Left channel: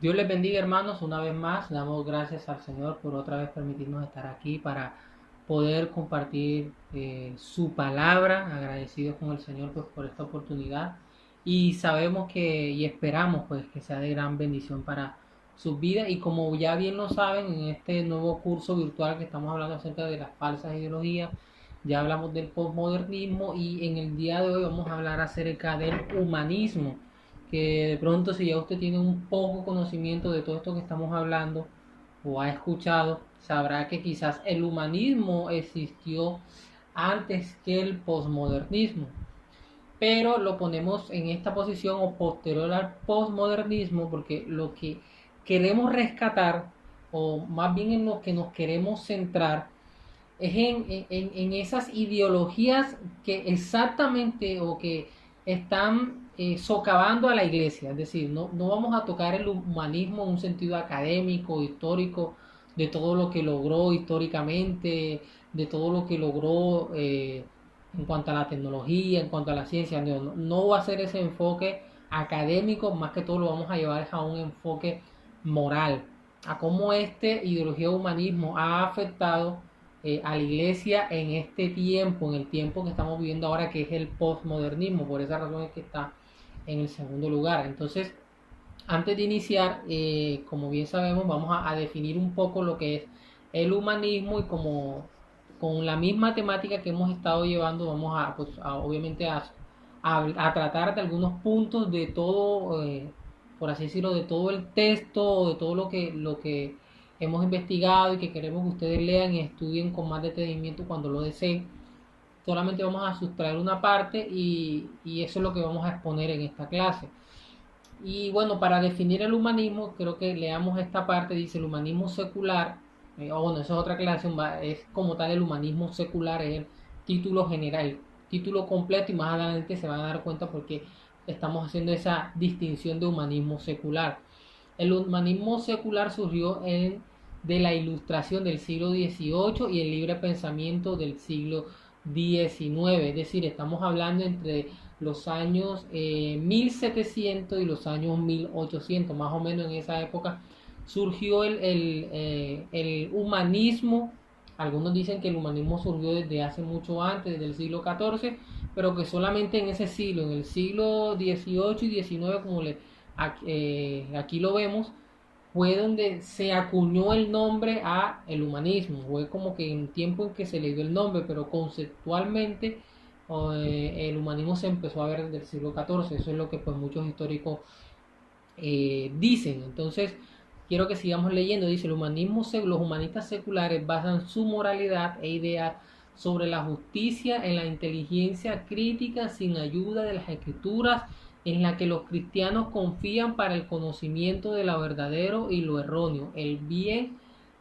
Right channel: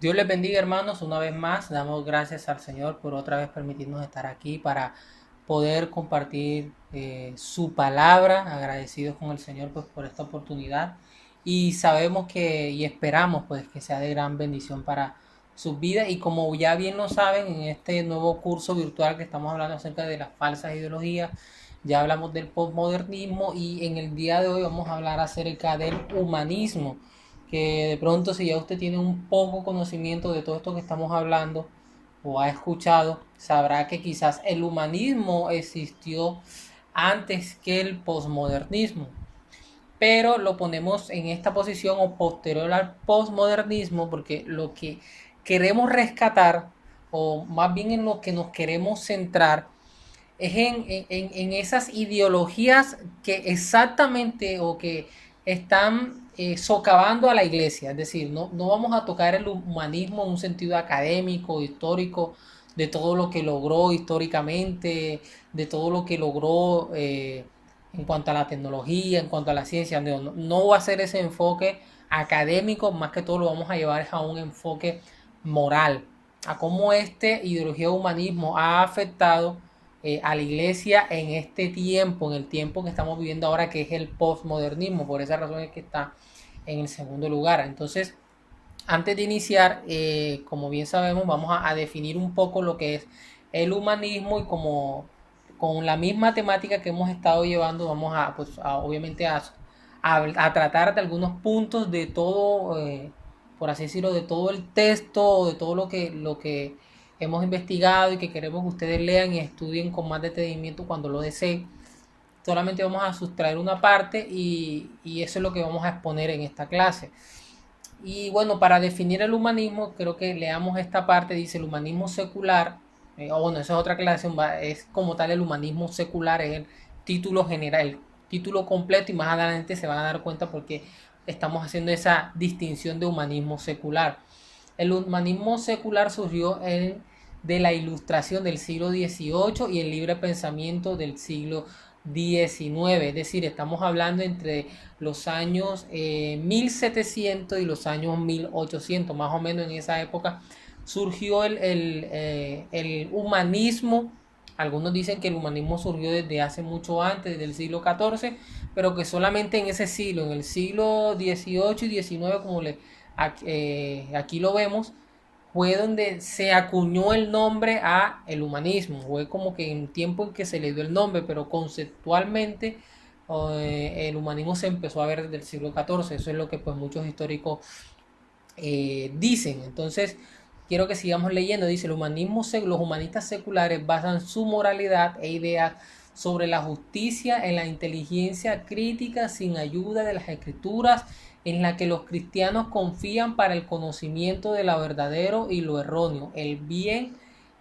Dios les bendiga, hermanos. Una vez más, damos gracias al Señor por otra vez permitirnos estar aquí para poder compartir su palabra. Agradecidos con el Señor pues, por esta oportunidad. Y sabemos y esperamos pues que sea de gran bendición para sus vidas. Y como ya bien lo saben, en este nuevo curso virtual que estamos hablando acerca de las falsas ideologías, ya hablamos del postmodernismo y en el día de hoy vamos a hablar acerca del humanismo, que de pronto si ya usted tiene un poco conocimiento de todo esto que estamos hablando o ha escuchado, sabrá que quizás el humanismo existió antes que el posmodernismo, pero lo ponemos en esta posición o posterior al posmodernismo porque lo que queremos rescatar, o más bien en lo que nos queremos centrar, es en esas ideologías que exactamente o que están socavando a la iglesia. Es decir, no vamos a tocar el humanismo en un sentido académico, histórico, de todo lo que logró históricamente, de todo lo que logró en cuanto a la tecnología, en cuanto a la ciencia. No va a ser ese enfoque académico, más que todo lo vamos a llevar a un enfoque moral, a cómo este ideología de humanismo ha afectado a la iglesia en este tiempo, en el tiempo que estamos viviendo ahora, que es el postmodernismo. Por esa razón es que está en el segundo lugar. Entonces, antes de iniciar, como bien sabemos, vamos a definir un poco lo que es el humanismo y como con la misma temática que hemos estado llevando, vamos a, pues, obviamente a tratar de algunos puntos de todo, por así decirlo, de todo el texto, de todo lo que hemos investigado y que queremos que ustedes lean y estudien con más detenimiento cuando lo deseen. Solamente vamos a sustraer una parte y eso es lo que vamos a exponer en esta clase. Y bueno, para definir el humanismo, creo que leamos esta parte, dice el humanismo secular, o bueno, esa es otra clase, es como tal el humanismo secular, es el título general, el título completo y más adelante se van a dar cuenta porque estamos haciendo esa distinción de humanismo secular. El humanismo secular surgió de la ilustración del siglo XVIII y el libre pensamiento del siglo XIX, es decir, estamos hablando entre los años 1700 y los años 1800, más o menos en esa época surgió el humanismo. Algunos dicen que el humanismo surgió desde hace mucho antes, desde el siglo XIV, pero que solamente en ese siglo, en el siglo XVIII y XIX, como aquí lo vemos, fue donde se acuñó el nombre a el humanismo. Fue como que en tiempo en que se le dio el nombre, pero conceptualmente el humanismo se empezó a ver desde el siglo XIV. Eso es lo que pues muchos históricos dicen. Entonces, quiero que sigamos leyendo. Dice, los humanistas seculares basan su moralidad e ideas sobre la justicia en la inteligencia crítica sin ayuda de las escrituras, en la que los cristianos confían para el conocimiento de lo verdadero y lo erróneo, el bien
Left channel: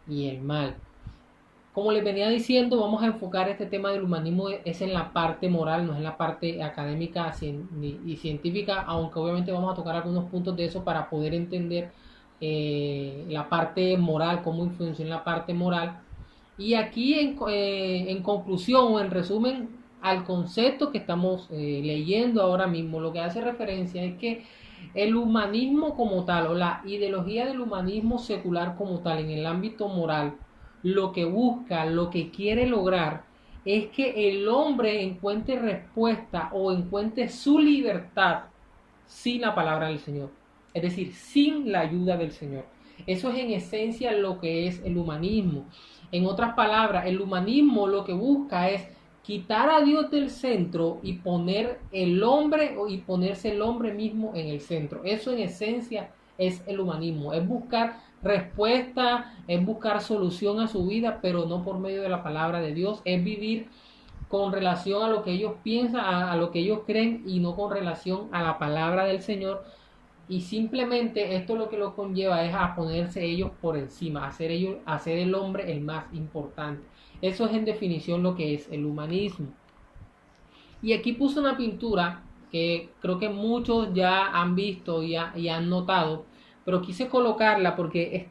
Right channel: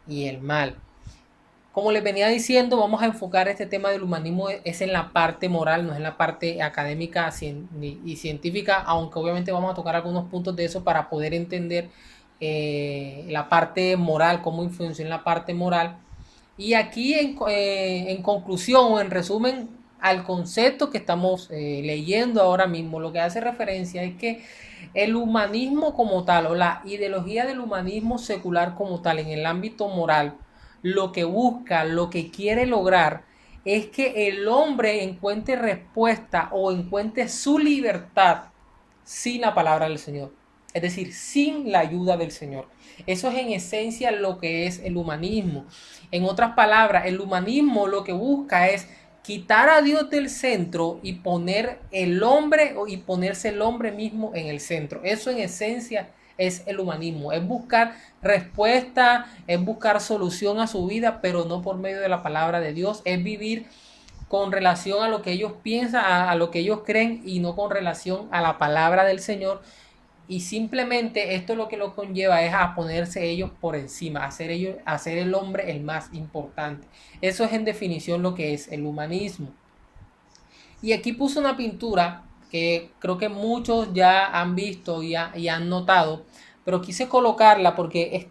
y el mal. Como les venía diciendo, vamos a enfocar este tema del humanismo es en la parte moral, no es en la parte académica y científica, aunque obviamente vamos a tocar algunos puntos de eso para poder entender la parte moral, cómo influenció en la parte moral. Y aquí en conclusión o en resumen al concepto que estamos leyendo ahora mismo, lo que hace referencia es que el humanismo como tal o la ideología del humanismo secular como tal en el ámbito moral, lo que busca, lo que quiere lograr es que el hombre encuentre respuesta o encuentre su libertad sin la palabra del Señor, es decir, sin la ayuda del Señor. Eso es en esencia lo que es el humanismo. En otras palabras, el humanismo lo que busca es quitar a Dios del centro y poner el hombre y ponerse el hombre mismo en el centro. Eso en esencia es el humanismo, es buscar respuesta, es buscar solución a su vida, pero no por medio de la palabra de Dios, es vivir con relación a lo que ellos piensan, a lo que ellos creen y no con relación a la palabra del Señor. Y simplemente esto lo que lo conlleva es a ponerse ellos por encima, hacer el hombre el más importante. Eso es en definición lo que es el humanismo. Y aquí puse una pintura que creo que muchos ya han visto y han notado, pero quise colocarla porque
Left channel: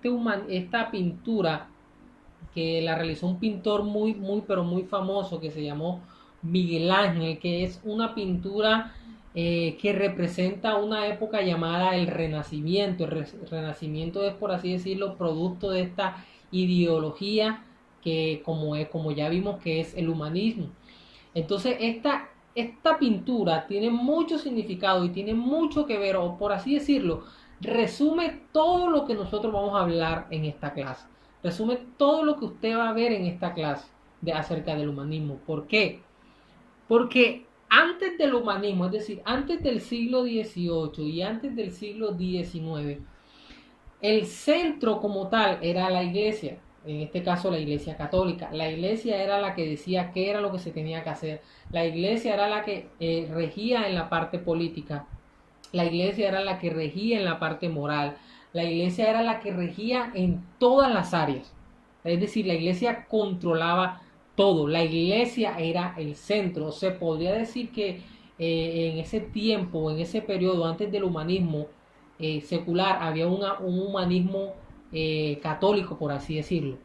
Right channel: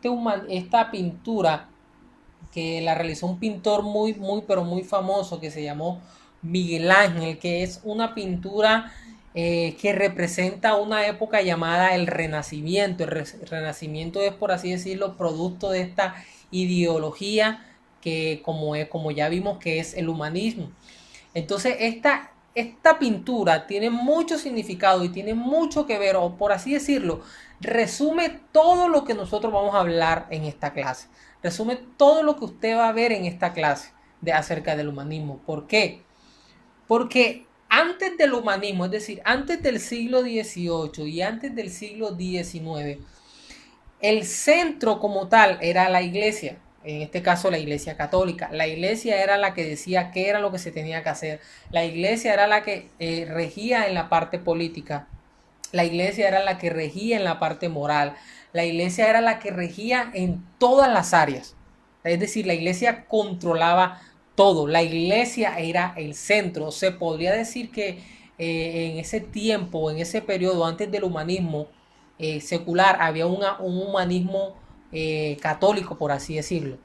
esta pintura que la realizó un pintor pero muy famoso que se llamó Miguel Ángel, que es una pintura que representa una época llamada el Renacimiento. El Renacimiento es, por así decirlo, producto de esta ideología que, como ya vimos, que es el humanismo. Entonces, esta pintura tiene mucho significado y tiene mucho que ver, o por así decirlo, resume todo lo que nosotros vamos a hablar en esta clase. Resume todo lo que usted va a ver en esta clase acerca del humanismo. ¿Por qué? Porque antes del humanismo, es decir, antes del siglo XVIII y antes del siglo XIX, el centro como tal era la iglesia, en este caso la iglesia católica. La iglesia era la que decía qué era lo que se tenía que hacer. La iglesia era la que regía en la parte política. La iglesia era la que regía en la parte moral. La iglesia era la que regía en todas las áreas. Es decir, la iglesia controlaba todo. La iglesia era el centro. Se podría decir que en ese tiempo, en ese periodo antes del humanismo secular, había un humanismo católico, por así decirlo,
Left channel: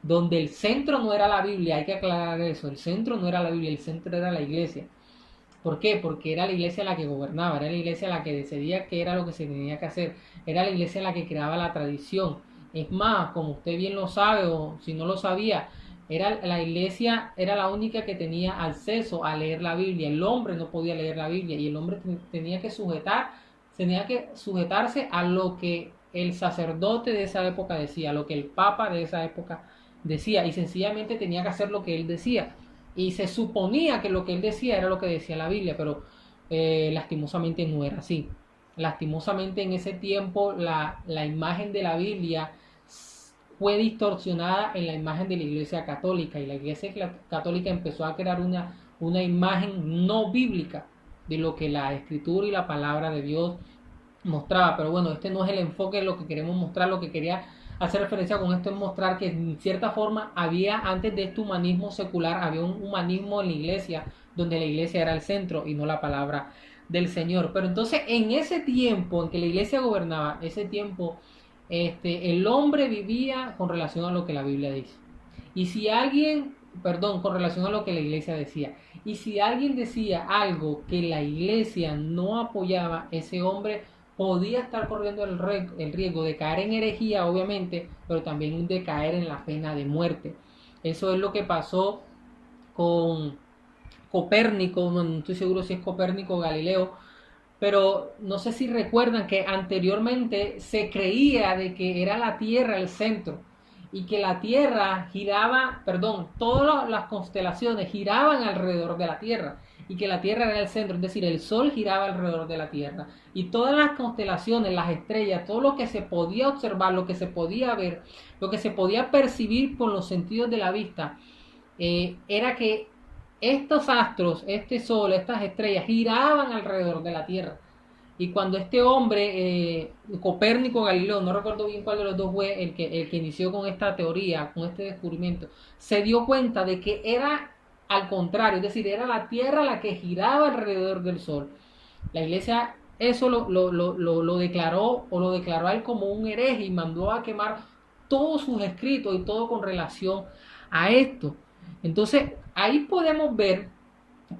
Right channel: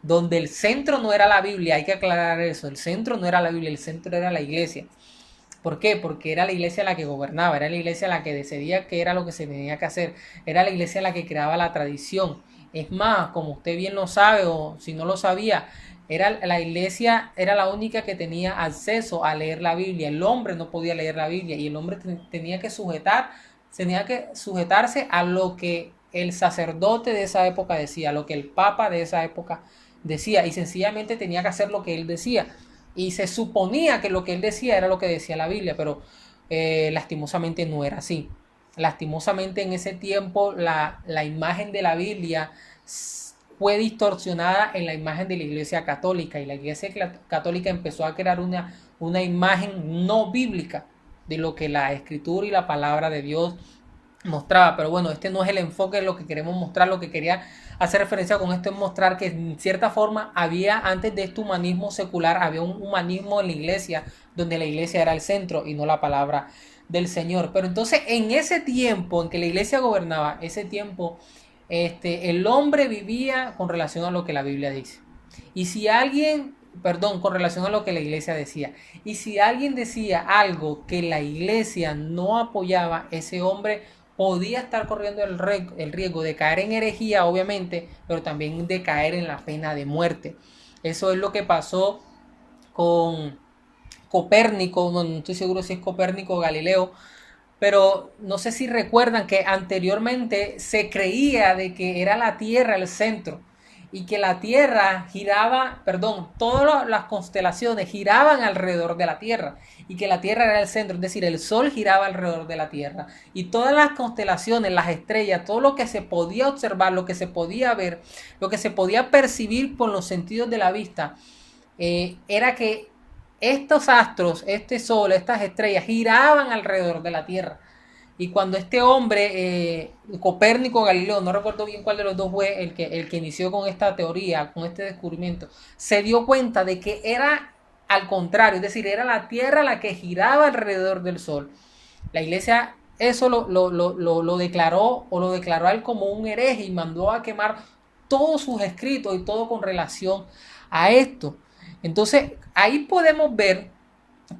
donde el centro no era la Biblia. Hay que aclarar eso. El centro no era la Biblia, el centro era la iglesia. ¿Por qué? Porque era la iglesia la que gobernaba, era la iglesia la que decidía qué era lo que se tenía que hacer, era la iglesia la que creaba la tradición. Es más, como usted bien lo sabe o si no lo sabía, la iglesia era la única que tenía acceso a leer la Biblia. El hombre no podía leer la Biblia y el hombre tenía que sujetarse a lo que el sacerdote de esa época decía, lo que el papa de esa época decía, y sencillamente tenía que hacer lo que él decía. Y se suponía que lo que él decía era lo que decía la Biblia, pero lastimosamente no era así. Lastimosamente en ese tiempo la imagen de la Biblia fue distorsionada en la imagen de la Iglesia Católica, y la Iglesia Católica empezó a crear una imagen no bíblica de lo que la Escritura y la palabra de Dios mostraba. Pero bueno, este no es el enfoque de lo que queremos mostrar. Lo que quería hacer referencia con esto es mostrar que en cierta forma había, antes de este humanismo secular, había un humanismo en la iglesia, donde la iglesia era el centro y no la palabra del Señor. Pero entonces en ese tiempo en que la iglesia gobernaba, ese tiempo el hombre vivía con relación a lo que la Biblia dice. Y si alguien, perdón, con relación a lo que la iglesia decía. Y si alguien decía algo que la iglesia no apoyaba, ese hombre podía estar corriendo el riesgo de caer en herejía, obviamente, pero también de caer en la pena de muerte. Eso es lo que pasó con Copérnico. No estoy seguro si es Copérnico o Galileo, pero no sé si recuerdan que anteriormente se creía de que era la Tierra el centro y que la Tierra giraba, perdón, todas las constelaciones giraban alrededor de la Tierra y que la Tierra era el centro, es decir, el Sol giraba alrededor de la Tierra y todas las constelaciones, las estrellas, todo lo que se podía observar, lo que se podía ver, lo que se podía percibir con los sentidos de la vista, era que estos astros, este Sol, estas estrellas giraban alrededor de la Tierra. Y cuando este hombre, Copérnico Galileo, no recuerdo bien cuál de los dos fue el que inició con esta teoría, con este descubrimiento, se dio cuenta de que era al contrario, es decir, era la Tierra la que giraba alrededor del Sol. La iglesia eso lo declaró, o lo declaró a él como un hereje, y mandó a quemar todos sus escritos y todo con relación a esto. Entonces, ahí podemos ver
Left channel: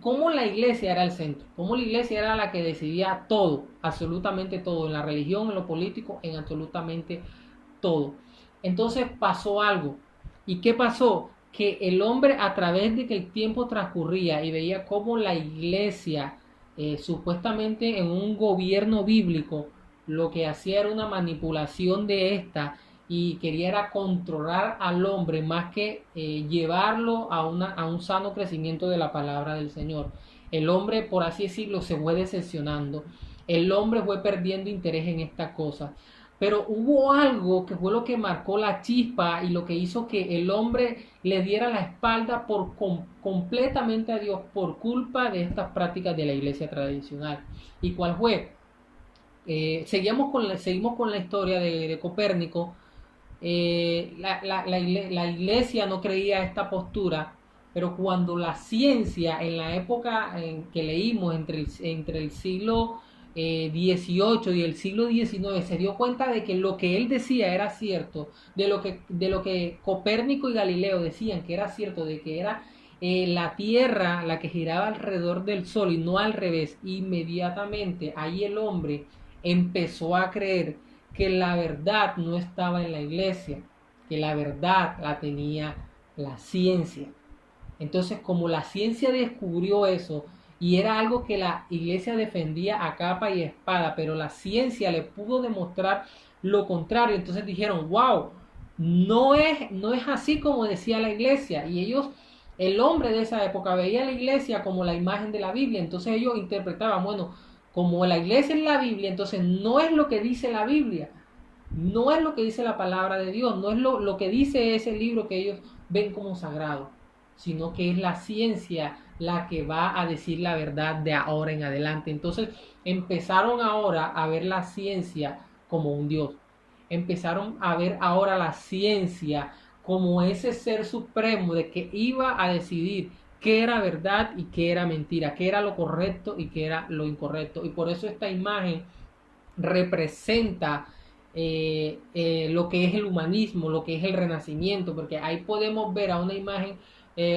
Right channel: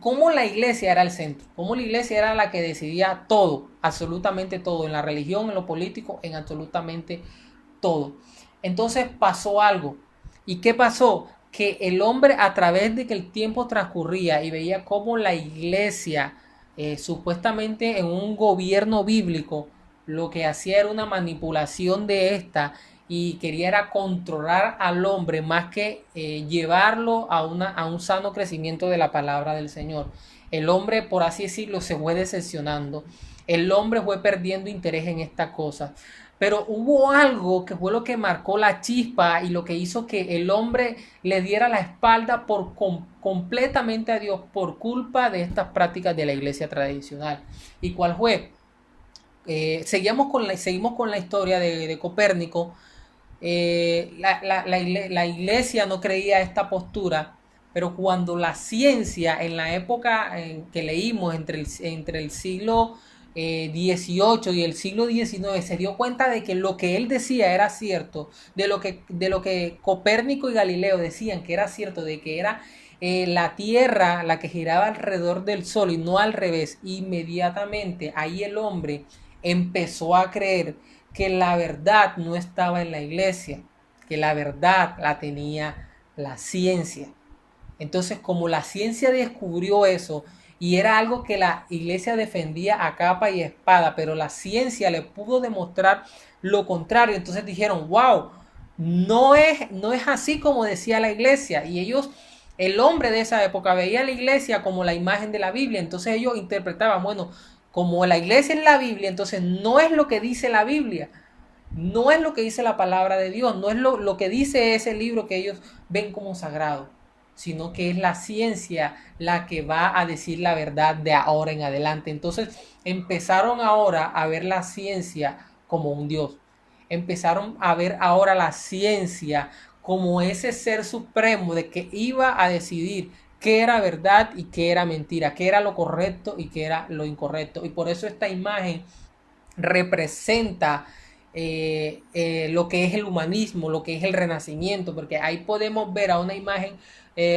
cómo la iglesia era el centro, cómo la iglesia era la que decidía todo, absolutamente todo, en la religión, en lo político, en absolutamente todo. Entonces pasó algo. ¿Y qué pasó? Que el hombre, a través de que el tiempo transcurría y veía cómo la iglesia, supuestamente en un gobierno bíblico, lo que hacía era una manipulación de esta, y quería era controlar al hombre más que llevarlo a un sano crecimiento de la palabra del Señor. El hombre, por así decirlo, se fue decepcionando. El hombre fue perdiendo interés en esta cosa. Pero hubo algo que fue lo que marcó la chispa y lo que hizo que el hombre le diera la espalda completamente a Dios por culpa de estas prácticas de la iglesia tradicional. ¿Y cuál fue? Seguimos con la historia de Copérnico. La iglesia no creía esta postura, pero cuando la ciencia, en la época en que leímos, entre el siglo XVIII y el siglo XIX, se dio cuenta de que lo que él decía era cierto, de lo que Copérnico y Galileo decían que era cierto, de que era la tierra, la que giraba alrededor del sol y no al revés, inmediatamente ahí el hombre empezó a creer que la verdad no estaba en la iglesia, que la verdad la tenía la ciencia. Entonces, como la ciencia descubrió eso y era algo que la iglesia defendía a capa y espada, pero la ciencia le pudo demostrar lo contrario, entonces dijeron, wow, no es así como decía la iglesia. Y ellos, el hombre de esa época veía a la iglesia como la imagen de la Biblia, entonces ellos interpretaban, bueno, como la iglesia es la Biblia, entonces no es lo que dice la Biblia, no es lo que dice la palabra de Dios, no es lo que dice ese libro que ellos ven como sagrado, sino que es la ciencia la que va a decir la verdad de ahora en adelante. Entonces empezaron ahora a ver la ciencia como un Dios. Empezaron a ver ahora la ciencia como ese ser supremo de que iba a decidir qué era verdad y qué era mentira, qué era lo correcto y qué era lo incorrecto. Y por eso esta imagen representa lo que es el humanismo, lo que es el renacimiento, porque ahí podemos ver a una imagen,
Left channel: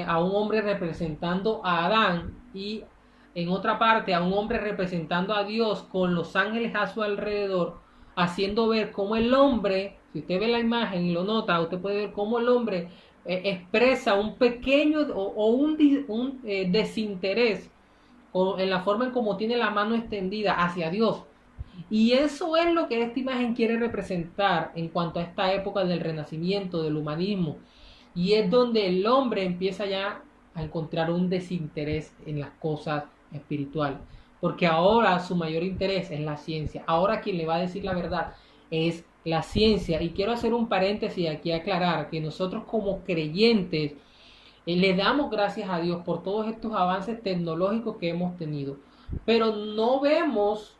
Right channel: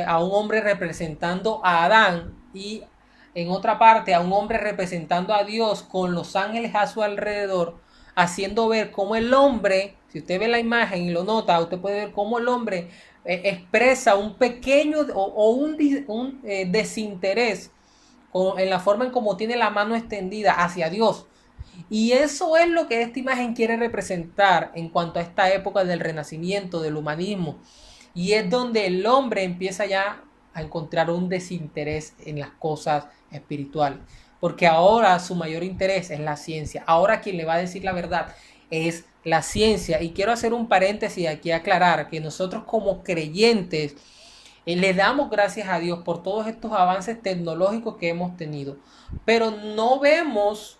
a un hombre representando a Adán y en otra parte a un hombre representando a Dios con los ángeles a su alrededor, haciendo ver cómo el hombre, si usted ve la imagen y lo nota, usted puede ver cómo el hombre expresa un pequeño o un desinterés en la forma en cómo tiene la mano extendida hacia Dios. Y eso es lo que esta imagen quiere representar en cuanto a esta época del renacimiento, del humanismo. Y es donde el hombre empieza ya a encontrar un desinterés en las cosas espirituales. Porque ahora su mayor interés es la ciencia. Ahora quien le va a decir la verdad es la ciencia. Y quiero hacer un paréntesis aquí, aclarar que nosotros como creyentes le damos gracias a Dios por todos estos avances tecnológicos que hemos tenido. Pero no vemos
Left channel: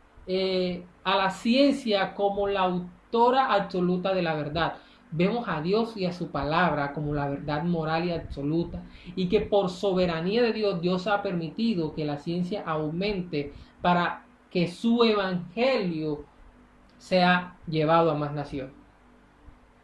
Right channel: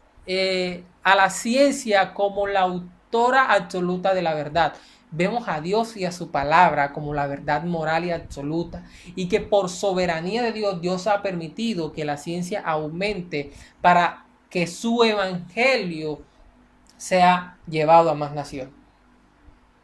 a la ciencia como la autora absoluta de la verdad. Vemos a Dios y a su palabra como la verdad moral y absoluta. Y que por soberanía de Dios, Dios ha permitido que la ciencia aumente para que su evangelio sea llevado a más naciones.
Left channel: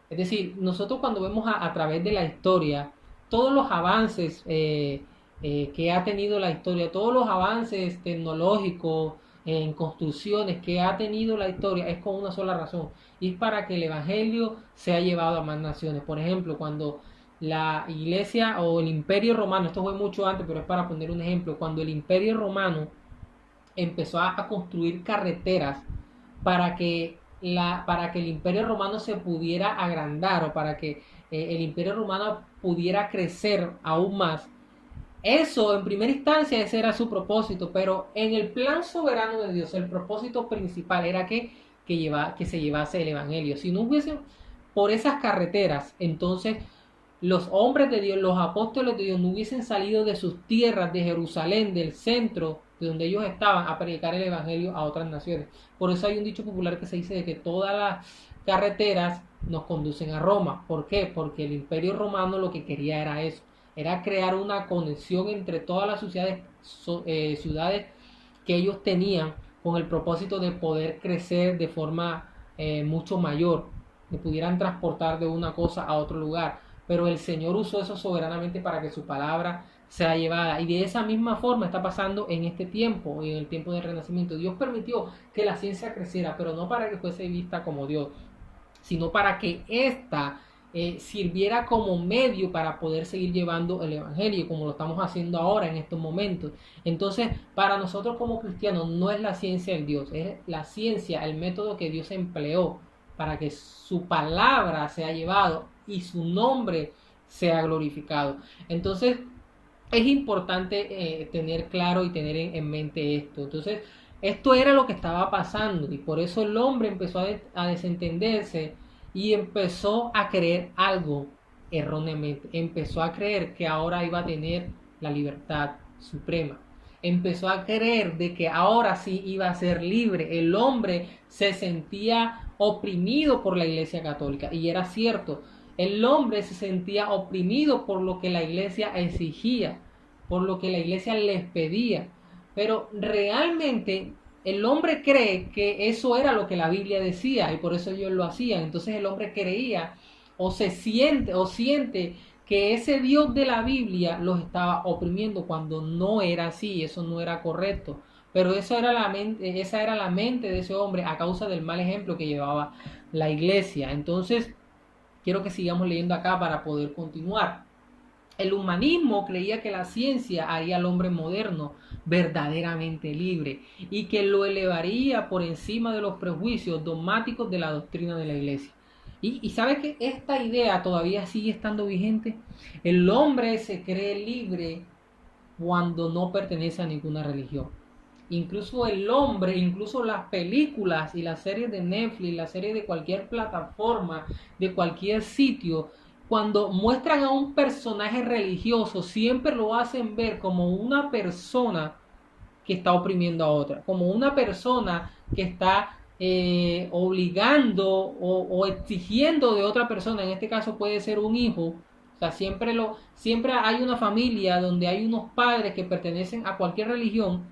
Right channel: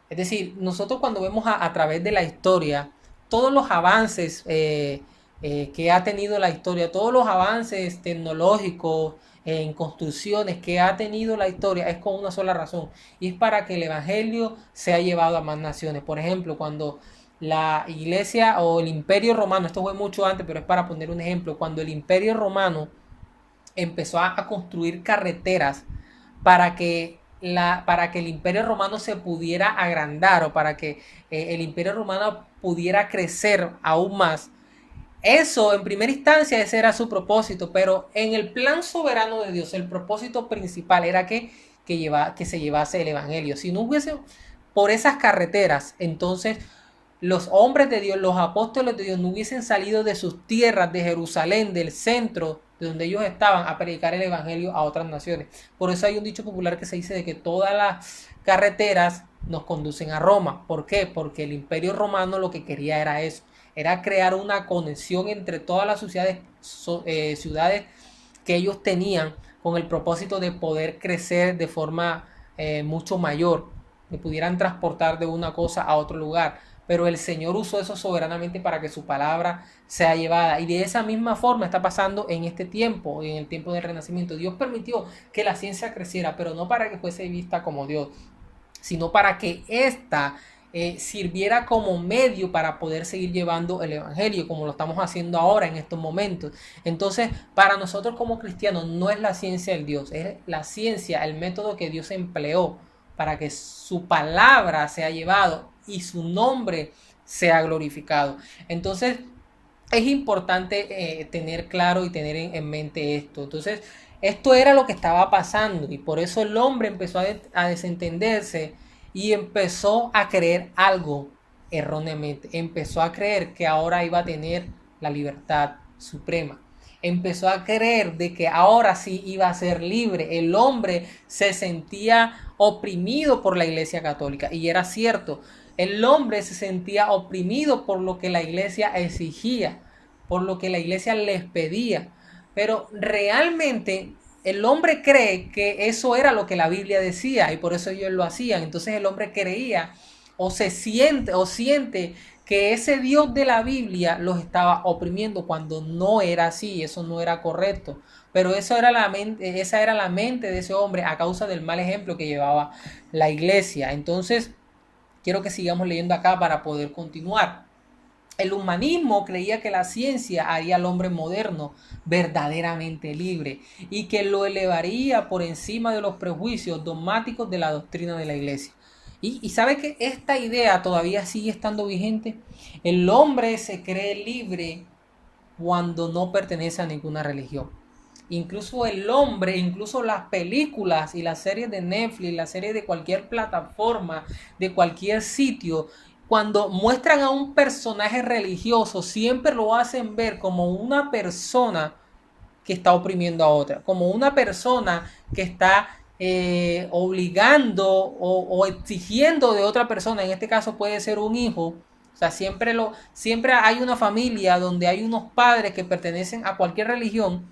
Es decir, nosotros cuando vemos a través de la historia todos los avances que ha tenido la historia, todos los avances tecnológicos en construcciones que ha tenido la historia, es con una sola razón, y es para que el evangelio sea llevado a más naciones. Por ejemplo, cuando la iglesia o el imperio romano, esto fue mucho antes, pero es para poner un ejemplo, cuando el imperio romano empezó a construir carreteras para que para que el imperio romano se pudiera agrandar o para que el imperio romano pudiera crecer aún más. Eso en primera instancia ese era su propósito, pero en el plan soberano de Dios el propósito principal era que se llevase el evangelio. Si no hubiese por esas carreteras, entonces los hombres de Dios, los apóstoles de Dios no hubiesen salido de sus tierras, de Jerusalén, del centro de donde ellos estaban, a predicar el evangelio a otras naciones. Por eso hay un dicho popular que se dice de que todas las carreteras nos conducen a Roma. ¿Por qué? Porque el imperio romano lo que quería era eso, era crear una conexión entre todas las ciudades que ellos tenían con el propósito de poder crecer de forma mucho mayor, que pudieran transportar de una cosa a otro lugar. Pero el Señor usó eso soberanamente para que su palabra sea llevada. Y de esa misma forma está pasando en este tiempo, en el tiempo del Renacimiento. Dios permitió que la ciencia creciera, pero no para que fuese vista como Dios, sino para que ésta sirviera como medio para poder seguir llevando el evangelio, como lo estamos haciendo ahora en estos momentos. Entonces, para nosotros como cristianos no es la ciencia el Dios, es la ciencia, el método que Dios empleó para que su palabra sea llevado y su nombre sea glorificado. Entonces, es importante tener claro y tener en mente esto. Entonces, esto era lo que estaba pasando y por eso el hombre empezó a desentenderse y empezó a creer algo erróneamente. Empezó a creer que ahora iba a tener la libertad suprema. Empezó a creer de que ahora sí iba a ser libre. El hombre se sentía oprimido por la Iglesia Católica y era cierto. El hombre se sentía oprimido por lo que la iglesia exigía, por lo que la iglesia les pedía. Pero realmente el hombre cree que eso era lo que la Biblia decía y por eso ellos lo hacían. Entonces el hombre creía o siente que ese Dios de la Biblia los estaba oprimiendo cuando no era así, eso no era correcto. Pero esa era la mente de ese hombre a causa del mal ejemplo que llevaba la iglesia. Entonces, quiero que sigamos leyendo acá para poder continuar. El humanismo creía que la ciencia haría al hombre moderno verdaderamente libre y que lo elevaría por encima de los prejuicios dogmáticos de la doctrina de la iglesia. Y sabe que esta idea todavía sigue estando vigente. El hombre se cree libre cuando no pertenece a ninguna religión. Incluso el hombre, incluso las películas y las series de Netflix, las series de cualquier plataforma, de cualquier sitio, cuando muestran a un personaje religioso, siempre lo hacen ver como una persona que está oprimiendo a otra, como una persona que está obligando o exigiendo de otra persona. En este caso puede ser un hijo. O sea, siempre hay una familia donde hay unos padres que pertenecen a cualquier religión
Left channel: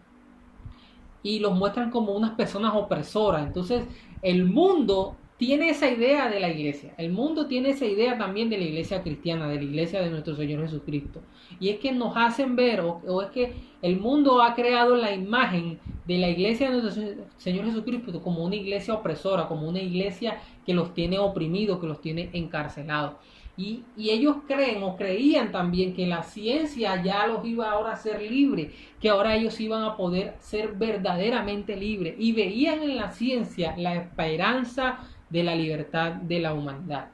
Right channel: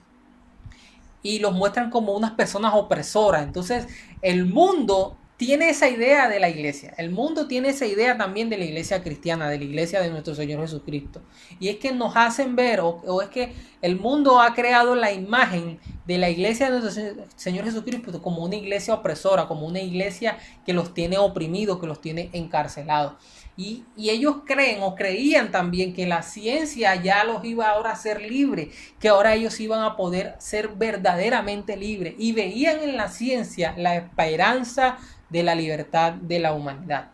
y los muestran como unas personas opresoras. Entonces, el mundo tiene esa idea de la iglesia. El mundo tiene esa idea también de la iglesia cristiana, de la iglesia de nuestro Señor Jesucristo. Y es que nos hacen ver, o es que el mundo ha creado la imagen de la iglesia de nuestro Señor Jesucristo como una iglesia opresora, como una iglesia que los tiene oprimidos, que los tiene encarcelados. Y ellos creen o creían también que la ciencia ya los iba ahora a ser libres, que ahora ellos iban a poder ser verdaderamente libres. Y veían en la ciencia la esperanza de la libertad de la humanidad.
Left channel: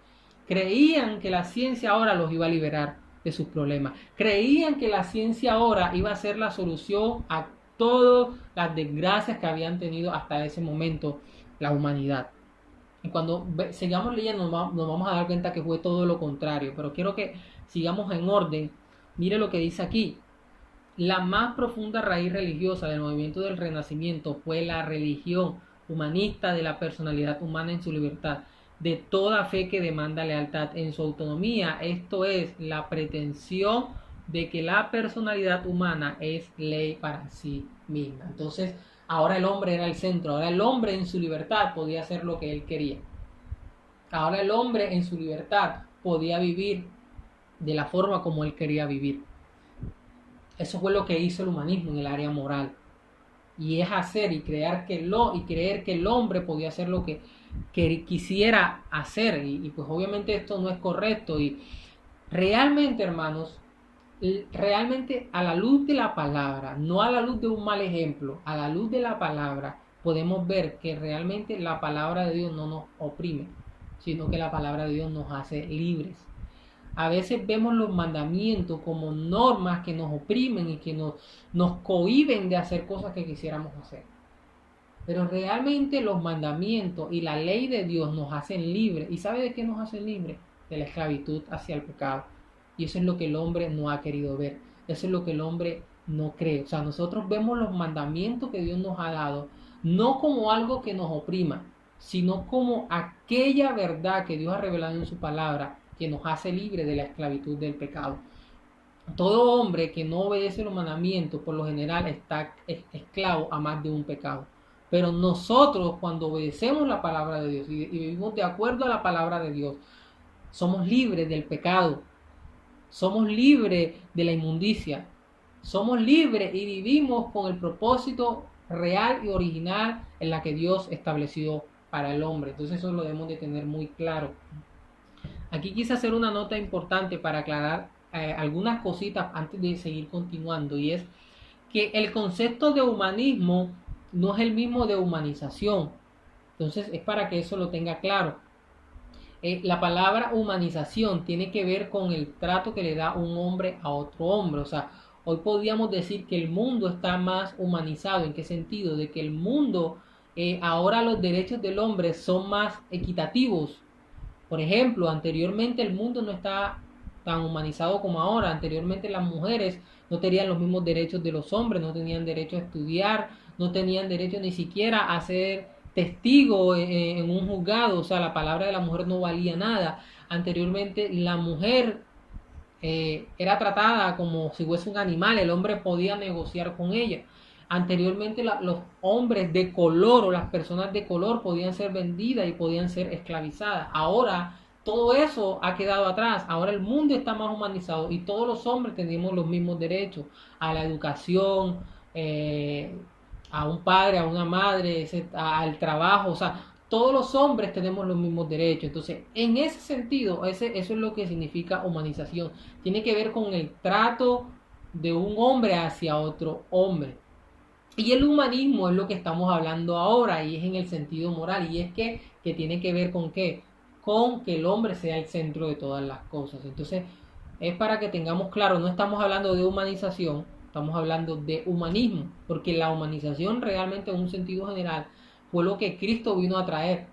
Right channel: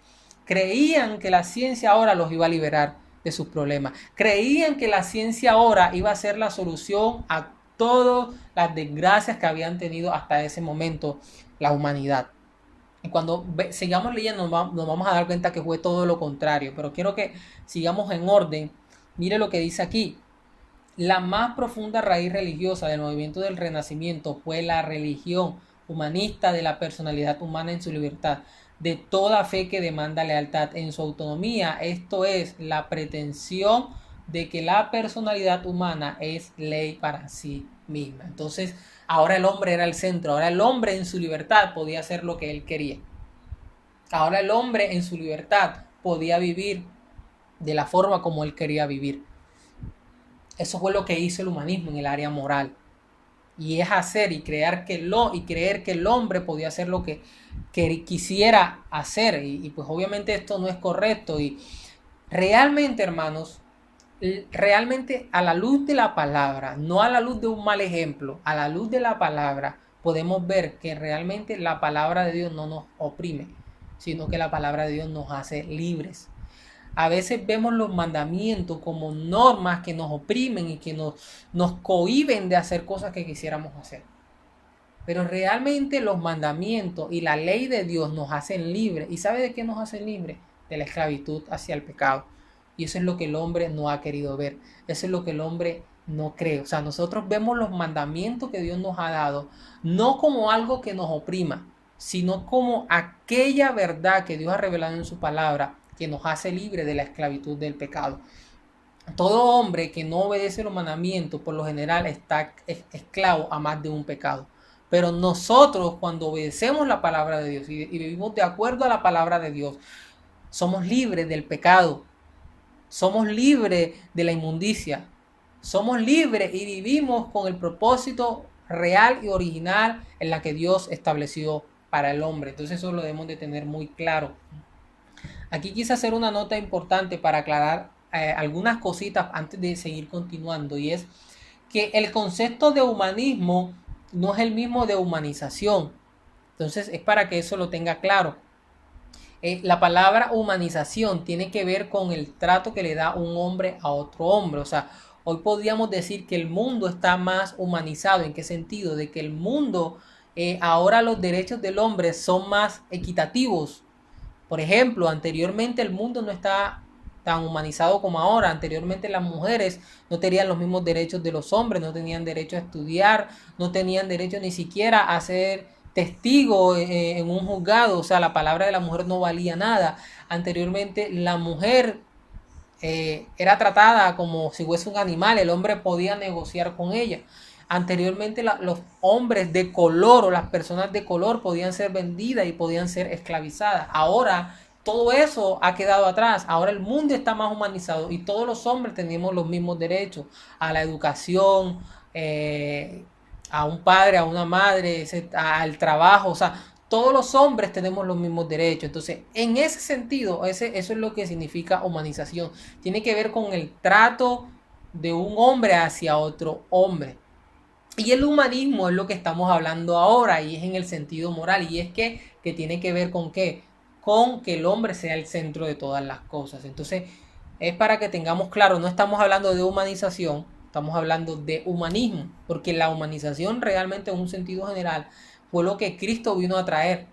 Creían que la ciencia ahora los iba a liberar de sus problemas. Creían que la ciencia ahora iba a ser la solución a todas las desgracias que habían tenido hasta ese momento la humanidad. Y cuando sigamos leyendo nos vamos a dar cuenta que fue todo lo contrario. Pero quiero que sigamos en orden. Mire lo que dice aquí. La más profunda raíz religiosa del movimiento del Renacimiento fue la religión humanista de la personalidad humana en su libertad, de toda fe que demanda lealtad en su autonomía. Esto es la pretensión de que la personalidad humana es ley para sí misma. Entonces, ahora el hombre era el centro, ahora el hombre en su libertad podía hacer lo que él quería. Ahora el hombre en su libertad podía vivir de la forma como él quería vivir. Eso fue lo que hizo el humanismo en el área moral. Y es hacer y creer que el hombre podía hacer lo que quisiera hacer. Y pues obviamente esto no es correcto. Y realmente, hermanos, realmente a la luz de la palabra, no a la luz de un mal ejemplo, a la luz de la palabra, podemos ver que realmente la palabra de Dios no nos oprime, sino que la palabra de Dios nos hace libres. A veces vemos los mandamientos como normas que nos oprimen y que nos cohíben de hacer cosas que quisiéramos hacer. Pero realmente los mandamientos y la ley de Dios nos hacen libres. ¿Y sabe de qué nos hacen libres? De la esclavitud hacia el pecado. Y eso es lo que el hombre no ha querido ver. Eso es lo que el hombre no cree. O sea, nosotros vemos los mandamientos que Dios nos ha dado no como algo que nos oprima, sino como aquella verdad que Dios ha revelado en su palabra que nos hace libre de la esclavitud del pecado. Todo hombre que no obedece los mandamientos, por lo general, está esclavo a más de un pecado. Pero nosotros, cuando obedecemos la palabra de Dios y vivimos de acuerdo a la palabra de Dios, somos libres del pecado. Somos libres de la inmundicia. Somos libres y vivimos con el propósito real y original en la que Dios estableció para el hombre. Entonces eso lo debemos de tener muy claro. Aquí quise hacer una nota importante para aclarar algunas cositas antes de seguir continuando, y es que el concepto de humanismo no es el mismo de humanización. Entonces es para que eso lo tenga claro. La palabra humanización tiene que ver con el trato que le da un hombre a otro hombre. O sea, hoy podríamos decir que el mundo está más humanizado. ¿En qué sentido? De que el mundo, ahora los derechos del hombre son más equitativos. Por ejemplo, anteriormente el mundo no estaba tan humanizado como ahora. Anteriormente las mujeres no tenían los mismos derechos de los hombres, no tenían derecho a estudiar, no tenían derecho ni siquiera a ser testigo en un juzgado. O sea, la palabra de la mujer no valía nada. Anteriormente la mujer era tratada como si fuese un animal, el hombre podía negociar con ella. Anteriormente los hombres de color o las personas de color podían ser vendidas y podían ser esclavizadas. Ahora todo eso ha quedado atrás. Ahora el mundo está más humanizado y todos los hombres tenemos los mismos derechos a la educación, eh, a un padre, a una madre, al trabajo. O sea, todos los hombres tenemos los mismos derechos. Entonces, en ese sentido, eso es lo que significa humanización. Tiene que ver con el trato de un hombre hacia otro hombre. Y el humanismo es lo que estamos hablando ahora y es en el sentido moral. Y es que tiene que ver con qué, con que el hombre sea el centro de todas las cosas. Entonces, es para que tengamos claro, no estamos hablando de humanización, estamos hablando de humanismo, porque la humanización realmente en un sentido general fue lo que Cristo vino a traer.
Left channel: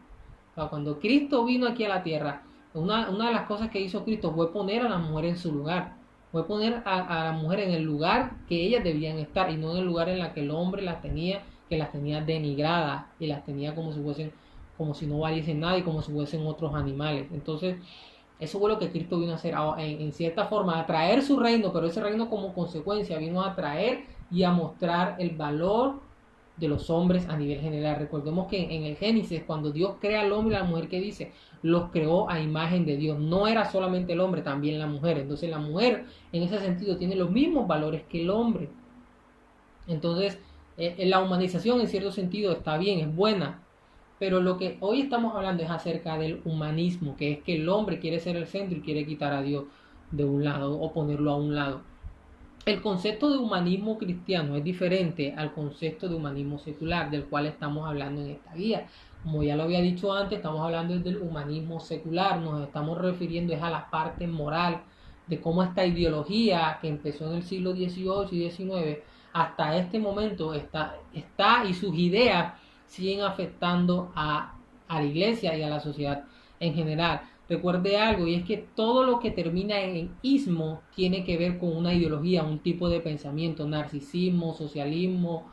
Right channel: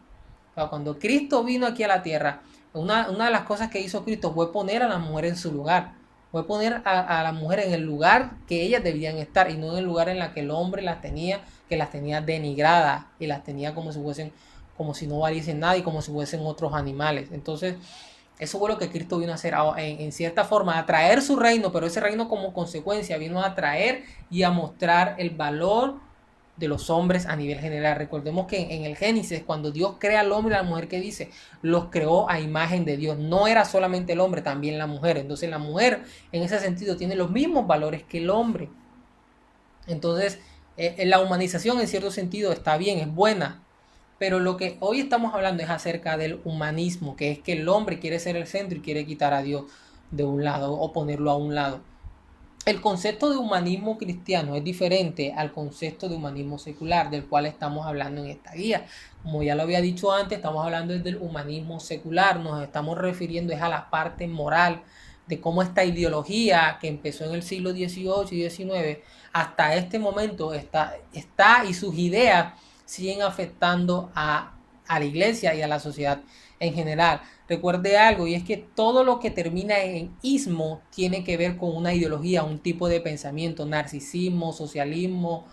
O sea, cuando Cristo vino aquí a la tierra, una de las cosas que hizo Cristo fue poner a la mujer en su lugar. Fue poner a la mujer en el lugar que ellas debían estar y no en el lugar en el que el hombre las tenía, que las tenía denigradas y las tenía como si fuesen, como si no valiesen nada y como si fuesen otros animales. Entonces, eso fue lo que Cristo vino a hacer en cierta forma, a traer su reino, pero ese reino como consecuencia vino a traer y a mostrar el valor de los hombres a nivel general. Recordemos que en el Génesis, cuando Dios crea al hombre y a la mujer, que dice, los creó a imagen de Dios. No era solamente el hombre, también la mujer. Entonces la mujer en ese sentido tiene los mismos valores que el hombre. Entonces la humanización en cierto sentido está bien, es buena. Pero lo que hoy estamos hablando es acerca del humanismo, que es que el hombre quiere ser el centro y quiere quitar a Dios de un lado o ponerlo a un lado. El concepto de humanismo cristiano es diferente al concepto de humanismo secular, del cual estamos hablando en esta guía. Como ya lo había dicho antes, estamos hablando del humanismo secular, nos estamos refiriendo a la parte moral de cómo esta ideología que empezó en el siglo XVIII y XIX hasta este momento está y sus ideas siguen afectando a la iglesia y a la sociedad en general. Recuerde algo, y es que todo lo que termina en ismo tiene que ver con una ideología, un tipo de pensamiento, narcisismo, socialismo,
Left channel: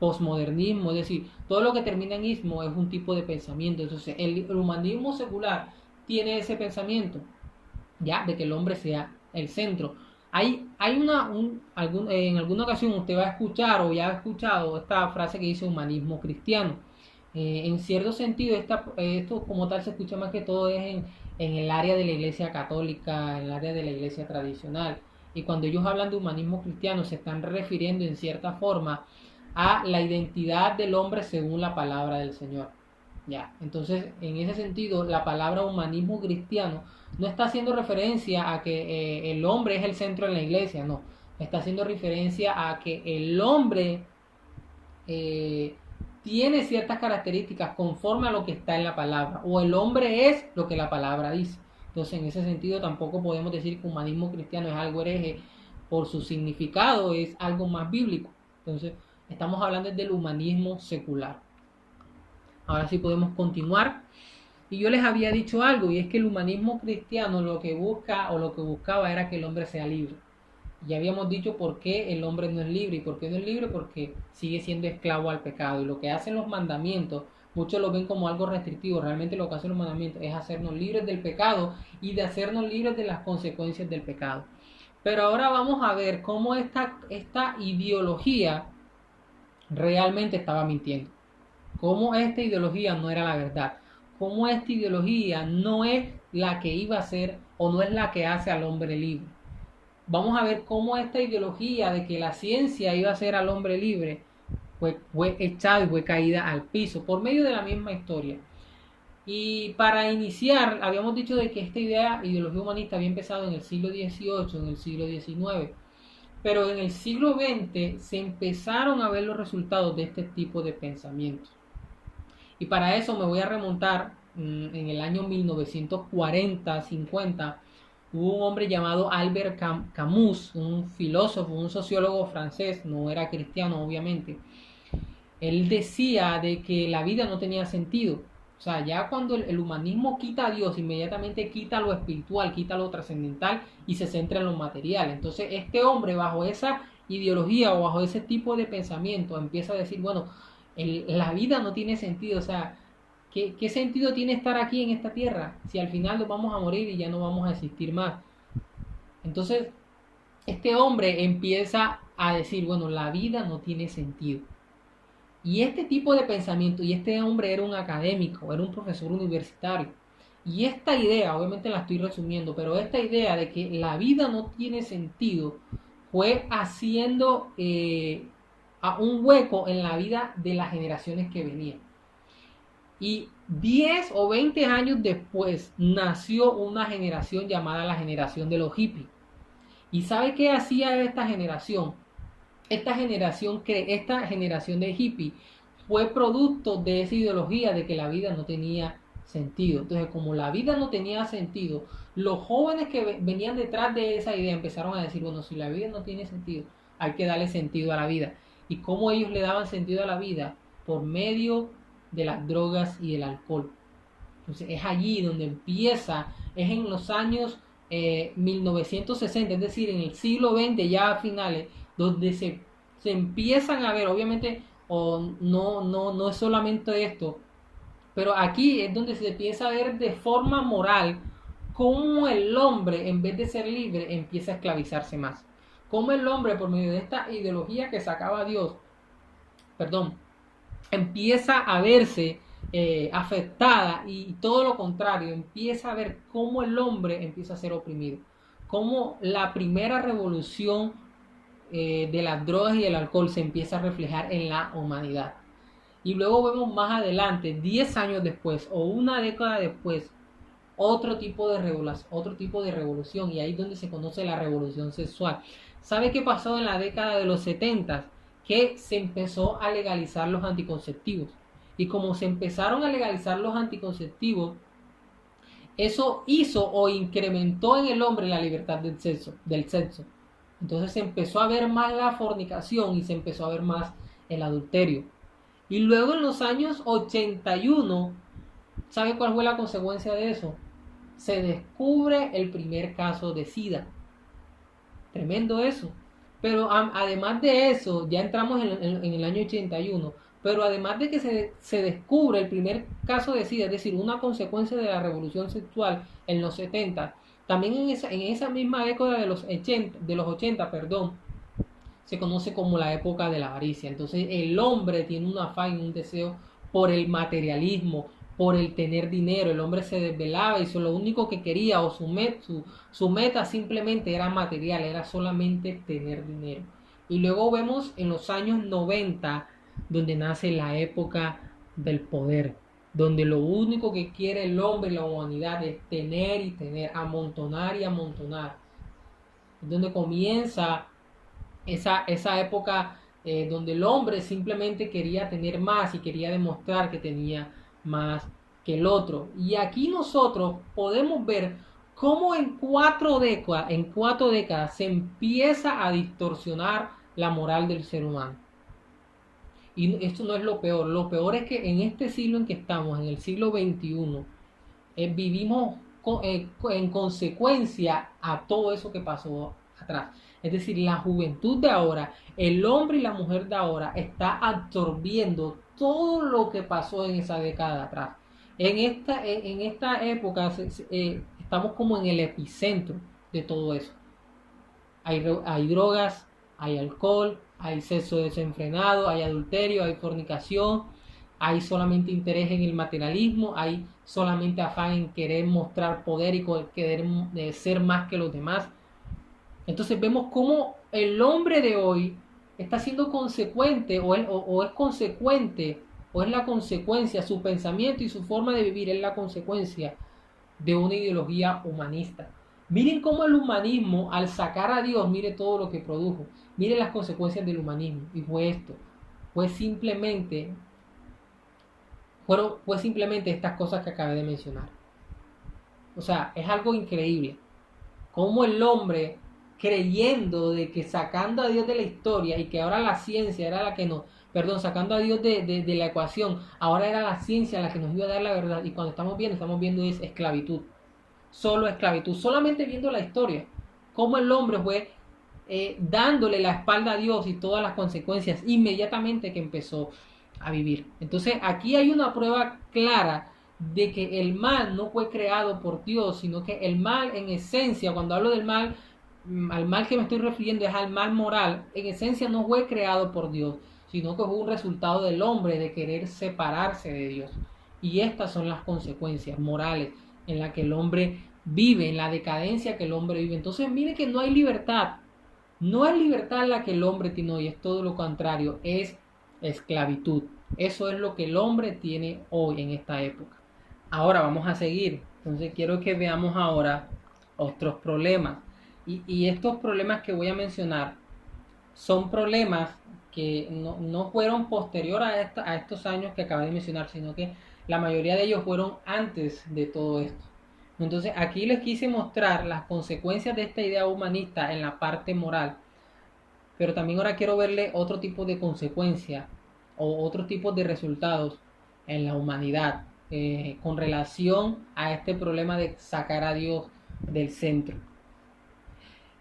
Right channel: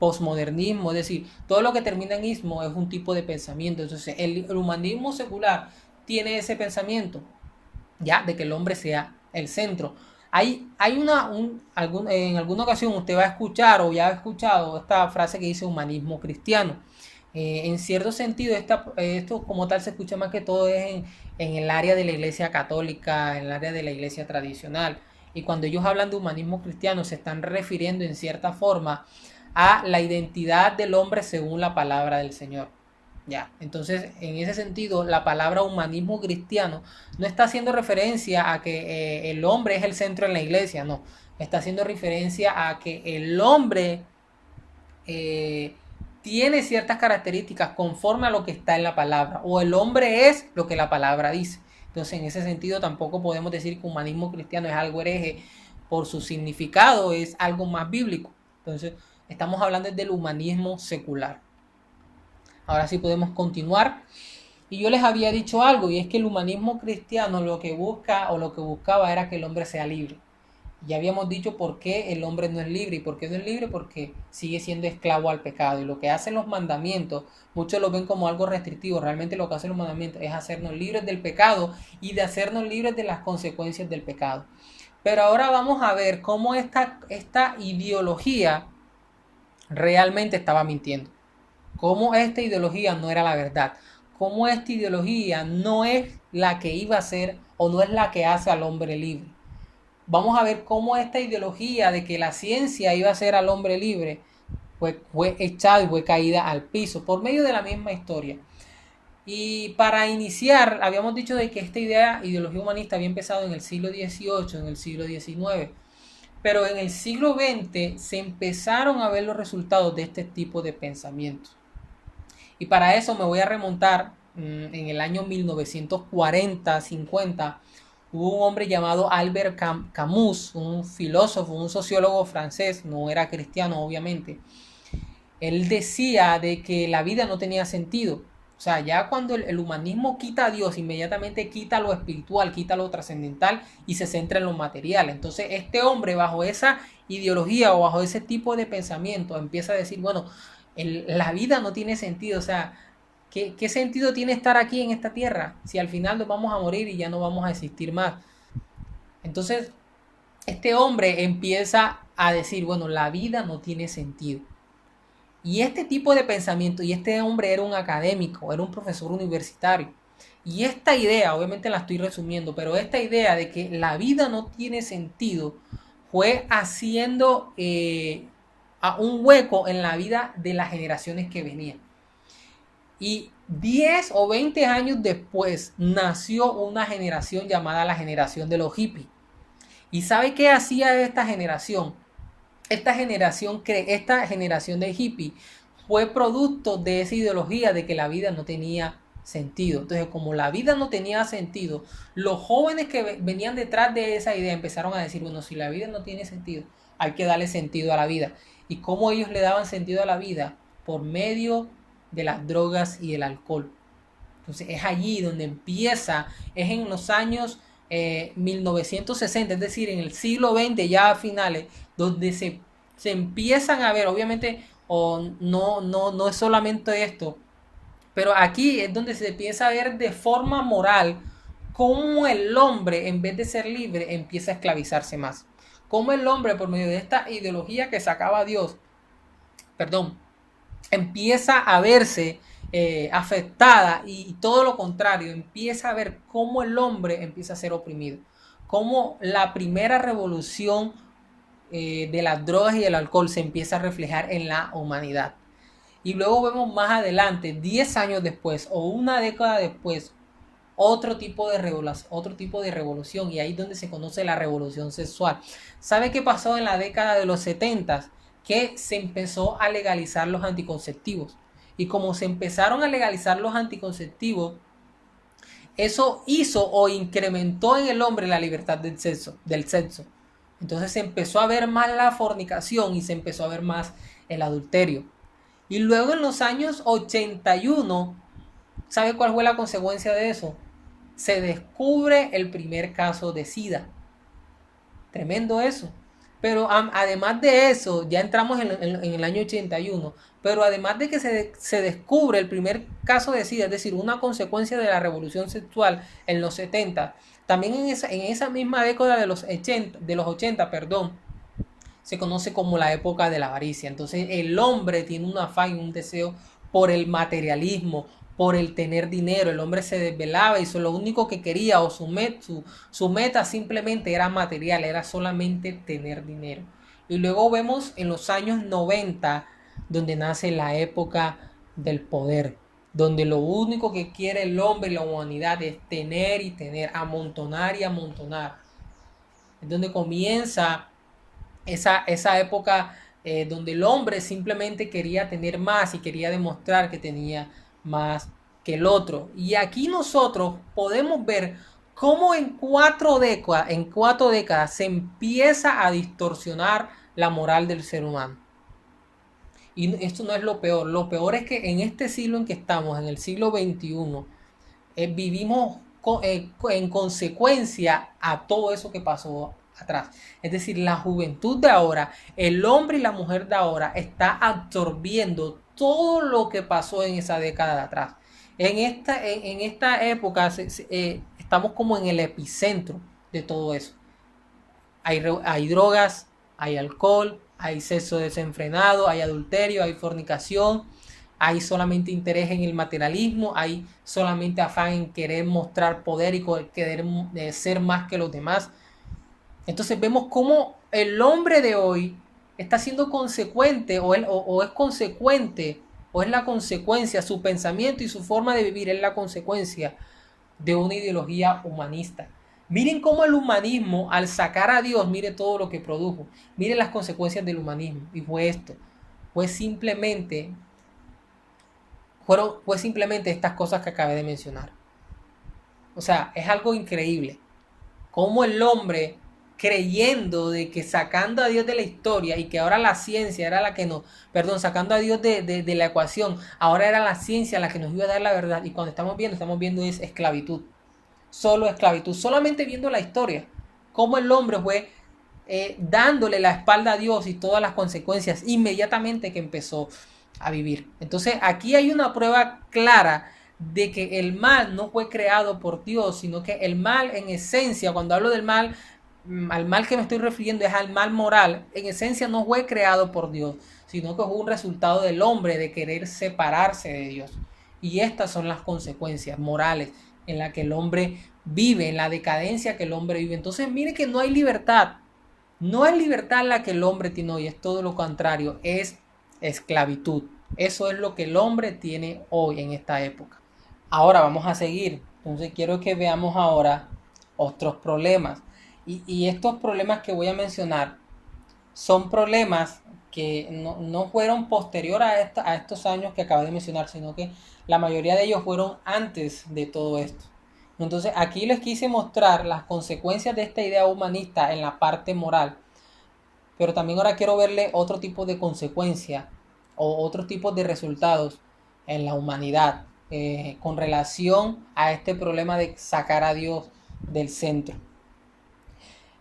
posmodernismo, es decir, todo lo que termina en ismo es un tipo de pensamiento. Entonces, el humanismo secular tiene ese pensamiento, ya, de que el hombre sea el centro. Hay en alguna ocasión usted va a escuchar o ya ha escuchado esta frase que dice humanismo cristiano. En cierto sentido, esto como tal se escucha más que todo es en el área de la iglesia católica, en el área de la iglesia tradicional. Y cuando ellos hablan de humanismo cristiano, se están refiriendo en cierta forma a la identidad del hombre según la palabra del Señor. Ya, entonces en ese sentido la palabra humanismo cristiano no está haciendo referencia a que el hombre es el centro en la iglesia, no, está haciendo referencia a que el hombre eh, tiene ciertas características conforme a lo que está en la palabra, o el hombre es lo que la palabra dice. Entonces en ese sentido tampoco podemos decir que humanismo cristiano es algo hereje por su significado, es algo más bíblico. Entonces estamos hablando del humanismo secular. Ahora sí podemos continuar. Y yo les había dicho algo, y es que el humanismo cristiano lo que busca o lo que buscaba era que el hombre sea libre. Ya habíamos dicho por qué el hombre no es libre. ¿Y por qué no es libre? Porque sigue siendo esclavo al pecado. Y lo que hacen los mandamientos, muchos lo ven como algo restrictivo. Realmente lo que hacen los mandamientos es hacernos libres del pecado y de hacernos libres de las consecuencias del pecado. Pero ahora vamos a ver cómo esta ideología realmente estaba mintiendo. Cómo esta ideología no era la verdad. Cómo esta ideología no es la que iba a ser o no es la que hace al hombre libre. Vamos a ver cómo esta ideología de que la ciencia iba a hacer al hombre libre fue echada y fue caída al piso por medio de la misma historia. Y para iniciar, habíamos dicho de que esta ideología humanista había empezado en el siglo XVIII, en el siglo XIX. Pero en el siglo XX se empezaron a ver los resultados de este tipo de pensamientos. Y para eso me voy a remontar en el año 1940-50. Hubo un hombre llamado Albert Camus, un filósofo, un sociólogo francés, no era cristiano obviamente. Él decía de que la vida no tenía sentido. O sea, ya cuando el humanismo quita a Dios, inmediatamente quita lo espiritual, quita lo trascendental y se centra en lo material. Entonces este hombre bajo esa ideología o bajo ese tipo de pensamiento empieza a decir, bueno, la vida no tiene sentido. O sea, ¿qué sentido tiene estar aquí en esta tierra si al final nos vamos a morir y ya no vamos a existir más? Entonces este hombre empieza a decir, bueno, la vida no tiene sentido. Y este tipo de pensamiento, y este hombre era un académico, era un profesor universitario. Y esta idea, obviamente la estoy resumiendo, pero esta idea de que la vida no tiene sentido fue haciendo a un hueco en la vida de las generaciones que venían. Y 10 o 20 años después nació una generación llamada la generación de los hippies. ¿Y sabe qué hacía esta generación? Esta generación de hippies fue producto de esa ideología de que la vida no tenía sentido. Entonces, como la vida no tenía sentido, los jóvenes que venían detrás de esa idea empezaron a decir, bueno, si la vida no tiene sentido, hay que darle sentido a la vida. ¿Y cómo ellos le daban sentido a la vida? Por medio de las drogas y el alcohol. Entonces es allí donde empieza, es en los años 1960, es decir, en el siglo XX ya a finales, donde se empiezan a ver, obviamente, no es solamente esto, pero aquí es donde se empieza a ver de forma moral cómo el hombre, en vez de ser libre, empieza a esclavizarse más. Cómo el hombre, por medio de esta ideología que sacaba Dios, perdón, empieza a verse afectada y todo lo contrario, empieza a ver cómo el hombre empieza a ser oprimido, cómo la primera revolución de las drogas y el alcohol se empieza a reflejar en la humanidad. Y luego vemos más adelante, 10 años después o una década después, otro tipo de revolución, y ahí es donde se conoce la revolución sexual. ¿Sabe qué pasó en la década de los 70? Que se empezó a legalizar los anticonceptivos. Y como se empezaron a legalizar los anticonceptivos, eso hizo o incrementó en el hombre la libertad del sexo. Entonces se empezó a ver más la fornicación y se empezó a ver más el adulterio. Y luego en los años 81, ¿sabe cuál fue la consecuencia de eso? Se descubre el primer caso de SIDA. Tremendo eso. Pero además de eso, ya entramos en el año 81, pero además de que se descubre el primer caso de SIDA, es decir, una consecuencia de la revolución sexual en los 70, también en esa misma década de los 80, perdón, se conoce como la época de la avaricia. Entonces el hombre tiene un afán, un deseo por el materialismo, por el tener dinero. El hombre se desvelaba y lo único que quería o su meta simplemente era material, era solamente tener dinero. Y luego vemos en los años 90 donde nace la época del poder, donde lo único que quiere el hombre y la humanidad es tener y tener, amontonar y amontonar. Es donde comienza esa época donde el hombre simplemente quería tener más y quería demostrar que tenía más que el otro. Y aquí nosotros podemos ver cómo en cuatro décadas se empieza a distorsionar la moral del ser humano. Y esto no es lo peor es que en este siglo en que estamos, en el siglo XXI, vivimos en consecuencia a todo eso que pasó atrás. Es decir, la juventud de ahora, el hombre y la mujer de ahora está absorbiendo todo lo que pasó en esa década de atrás. En esta época estamos como en el epicentro de todo eso. Hay drogas, hay alcohol, hay sexo desenfrenado, hay adulterio, hay fornicación, hay solamente interés en el materialismo, hay solamente afán en querer mostrar poder y querer ser más que los demás. Entonces vemos cómo el hombre de hoy está siendo consecuente o es consecuente o es la consecuencia, su pensamiento y su forma de vivir es la consecuencia de una ideología humanista. Miren cómo el humanismo, al sacar a Dios, mire todo lo que produjo. Miren las consecuencias del humanismo. Y fue esto. Fue simplemente estas cosas que acabé de mencionar. O sea, es algo increíble. Cómo el hombre, creyendo de que sacando a Dios de la historia y que ahora la ciencia era la que nos, perdón, sacando a Dios de la ecuación, ahora era la ciencia la que nos iba a dar la verdad. Y cuando estamos viendo es esclavitud. Solo esclavitud, solamente viendo la historia, cómo el hombre fue dándole la espalda a Dios y todas las consecuencias inmediatamente que empezó a vivir. Entonces aquí hay una prueba clara de que el mal no fue creado por Dios, sino que el mal en esencia, cuando hablo del mal, al mal que me estoy refiriendo es al mal moral, en esencia no fue creado por Dios, sino que fue un resultado del hombre de querer separarse de Dios. Y estas son las consecuencias morales en la que el hombre vive, en la decadencia que el hombre vive. Entonces mire que no hay libertad. No es libertad la que el hombre tiene hoy, es todo lo contrario, es esclavitud. Eso es lo que el hombre tiene hoy en esta época. Ahora vamos a seguir. Entonces quiero que veamos ahora otros problemas. Y estos problemas que voy a mencionar son problemas que no fueron posterior a estos años que acabé de mencionar, sino que la mayoría de ellos fueron antes de todo esto. Entonces aquí les quise mostrar las consecuencias de esta idea humanista en la parte moral, pero también ahora quiero verle otro tipo de consecuencia o otro tipo de resultados en la humanidad con relación a este problema de sacar a Dios del centro.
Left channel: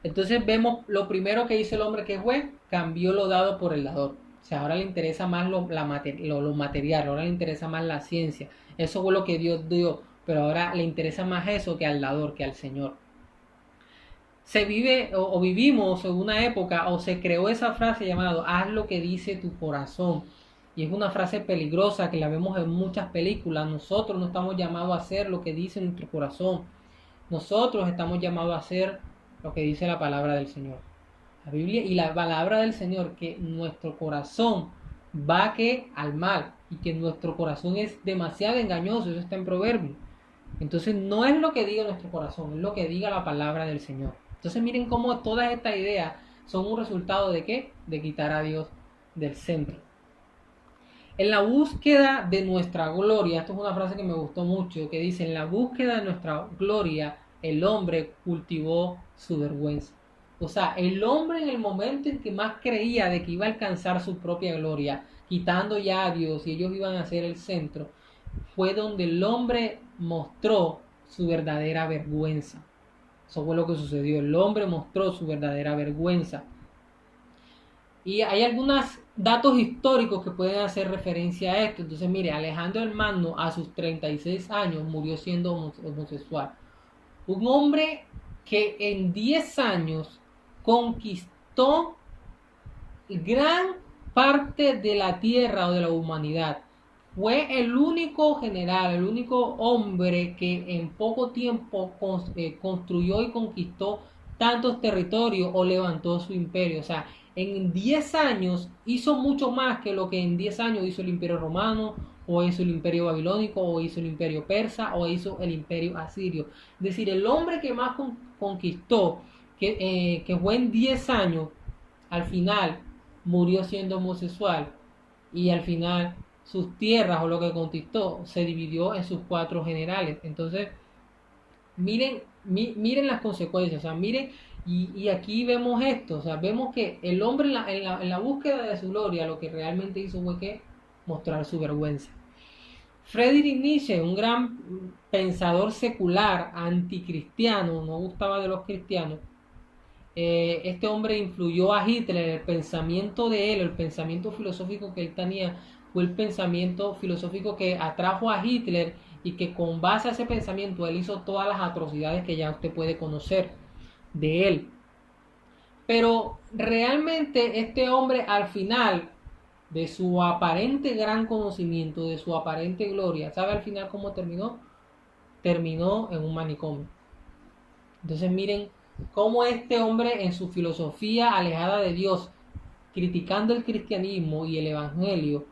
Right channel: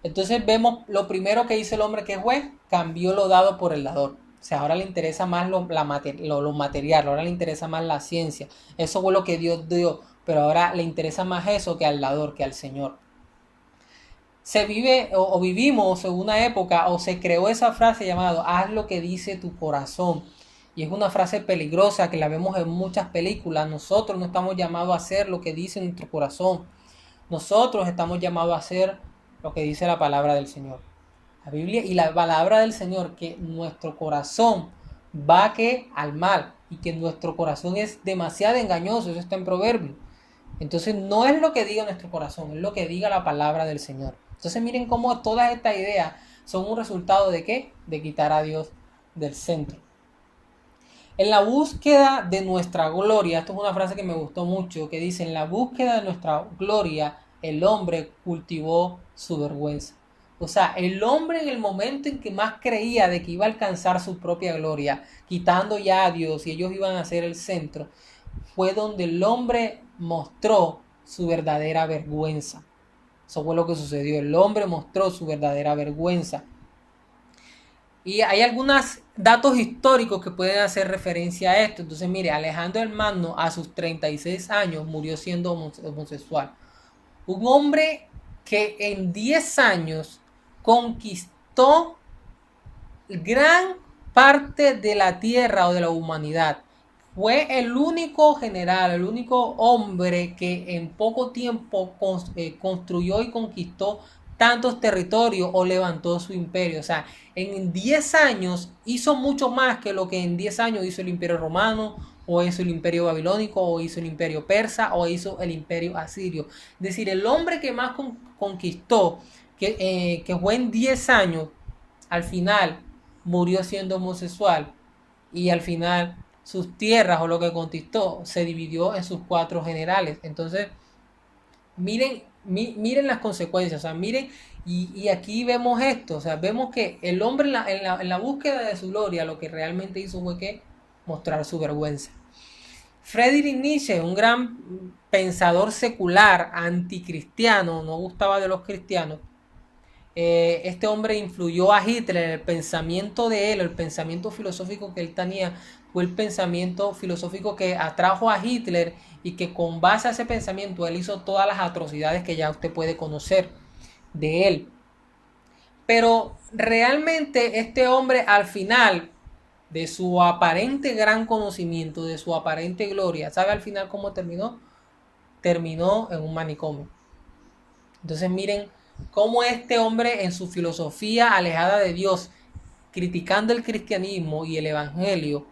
Entonces vemos lo primero que hizo el hombre que fue, cambió lo dado por el dador. O sea, ahora le interesa más lo material, ahora le interesa más la ciencia. Eso fue lo que Dios dio, pero ahora le interesa más eso que al dador, que al Señor. Se vive o vivimos en una época o se creó esa frase llamada haz lo que dice tu corazón. Y es una frase peligrosa que la vemos en muchas películas. Nosotros no estamos llamados a hacer lo que dice nuestro corazón. Nosotros estamos llamados a hacer lo que dice la palabra del Señor. La Biblia y la palabra del Señor, que nuestro corazón va que al mal y que nuestro corazón es demasiado engañoso. Eso está en Proverbios. Entonces no es lo que diga nuestro corazón, es lo que diga la palabra del Señor. Entonces miren cómo todas estas ideas son un resultado de ¿qué? De quitar a Dios del centro. En la búsqueda de nuestra gloria, esto es una frase que me gustó mucho, que dice, en la búsqueda de nuestra gloria, el hombre cultivó su vergüenza. O sea, el hombre en el momento en que más creía de que iba a alcanzar su propia gloria, quitando ya a Dios y ellos iban a ser el centro, fue donde el hombre mostró su verdadera vergüenza. Eso fue lo que sucedió. El hombre mostró su verdadera vergüenza. Y hay algunos datos históricos que pueden hacer referencia a esto. Entonces, mire, Alejandro el Magno a sus 36 años murió siendo homosexual. Un hombre que en 10 años conquistó gran parte de la tierra o de la humanidad. Fue el único general, el único hombre que en poco tiempo construyó y conquistó tantos territorios o levantó su imperio. O sea, en 10 años hizo mucho más que lo que en 10 años hizo el imperio romano, o hizo el imperio babilónico, o hizo el imperio persa, o hizo el imperio asirio. Es decir, el hombre que más conquistó, que fue en 10 años, al final murió siendo homosexual y al final sus tierras o lo que conquistó se dividió en sus 4 generales. Entonces, miren las consecuencias, o sea, miren, y aquí vemos esto, o sea, vemos que el hombre en la búsqueda de su gloria lo que realmente hizo fue que mostrar su vergüenza. Friedrich Nietzsche, un gran pensador secular, anticristiano, no gustaba de los cristianos. Este hombre influyó a Hitler. El pensamiento de él, el pensamiento filosófico que él tenía, fue el pensamiento filosófico que atrajo a Hitler y que con base a ese pensamiento él hizo todas las atrocidades que ya usted puede conocer de él. Pero realmente este hombre al final de su aparente gran conocimiento, de su aparente gloria, ¿sabe al final cómo terminó? Terminó en un manicomio. Entonces miren cómo este hombre en su filosofía alejada de Dios, criticando el cristianismo y el evangelio,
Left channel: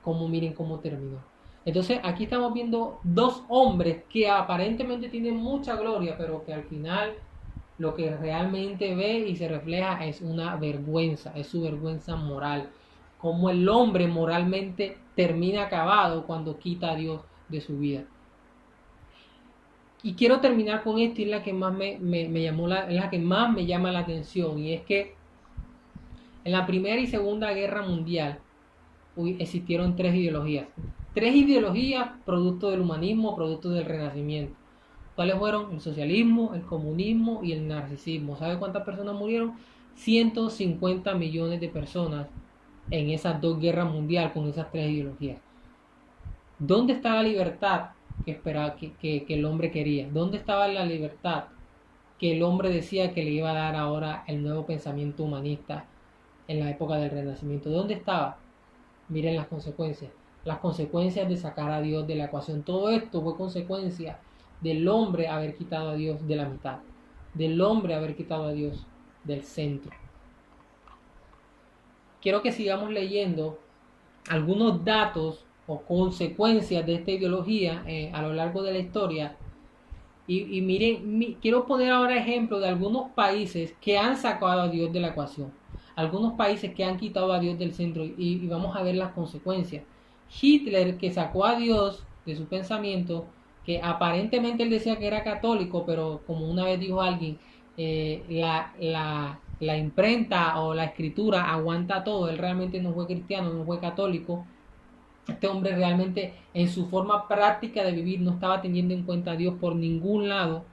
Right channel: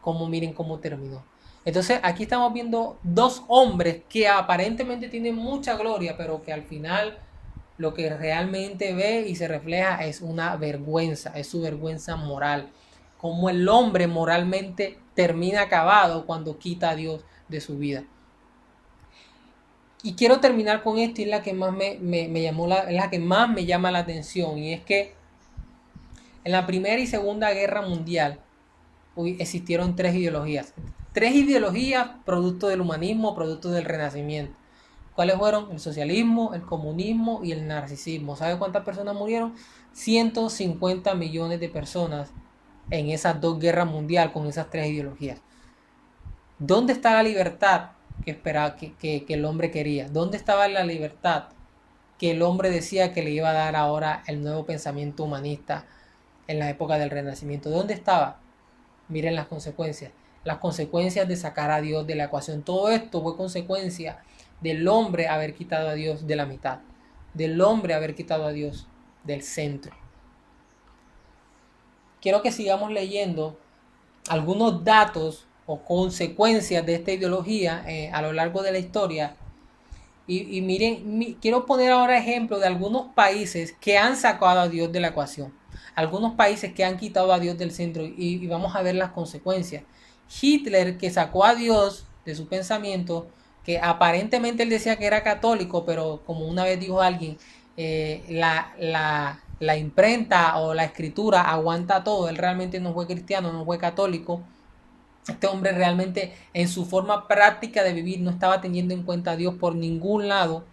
como miren cómo terminó. Entonces aquí estamos viendo dos hombres que aparentemente tienen mucha gloria, pero que al final lo que realmente ve y se refleja es una vergüenza, es su vergüenza moral. Como el hombre moralmente termina acabado cuando quita a Dios de su vida. Y quiero terminar con esto, y es la que más es la que más me llama la atención, y es que en la Primera y Segunda Guerra Mundial existieron 3 ideologías. 3 ideologías producto del humanismo, producto del Renacimiento. ¿Cuáles fueron? El socialismo, el comunismo y el narcisismo. ¿Sabe cuántas personas murieron? 150 millones de personas en esas 2 guerras mundiales con esas 3 ideologías. ¿Dónde está la libertad que esperaba que el hombre quería? ¿Dónde estaba la libertad que el hombre decía que le iba a dar ahora el nuevo pensamiento humanista en la época del Renacimiento? ¿Dónde estaba? Miren las consecuencias de sacar a Dios de la ecuación. Todo esto fue consecuencia del hombre haber quitado a Dios de la mitad, del hombre haber quitado a Dios del centro. Quiero que sigamos leyendo algunos datos o consecuencias de esta ideología a lo largo de la historia. Y miren, quiero poner ahora ejemplo de algunos países que han sacado a Dios de la ecuación. Algunos países que han quitado a Dios del centro y vamos a ver las consecuencias. Hitler, que sacó a Dios de su pensamiento, que aparentemente él decía que era católico, pero como una vez dijo alguien, la imprenta o la escritura aguanta todo. Él realmente no fue cristiano, no fue católico. Este hombre realmente en su forma práctica de vivir no estaba teniendo en cuenta a Dios por ningún lado.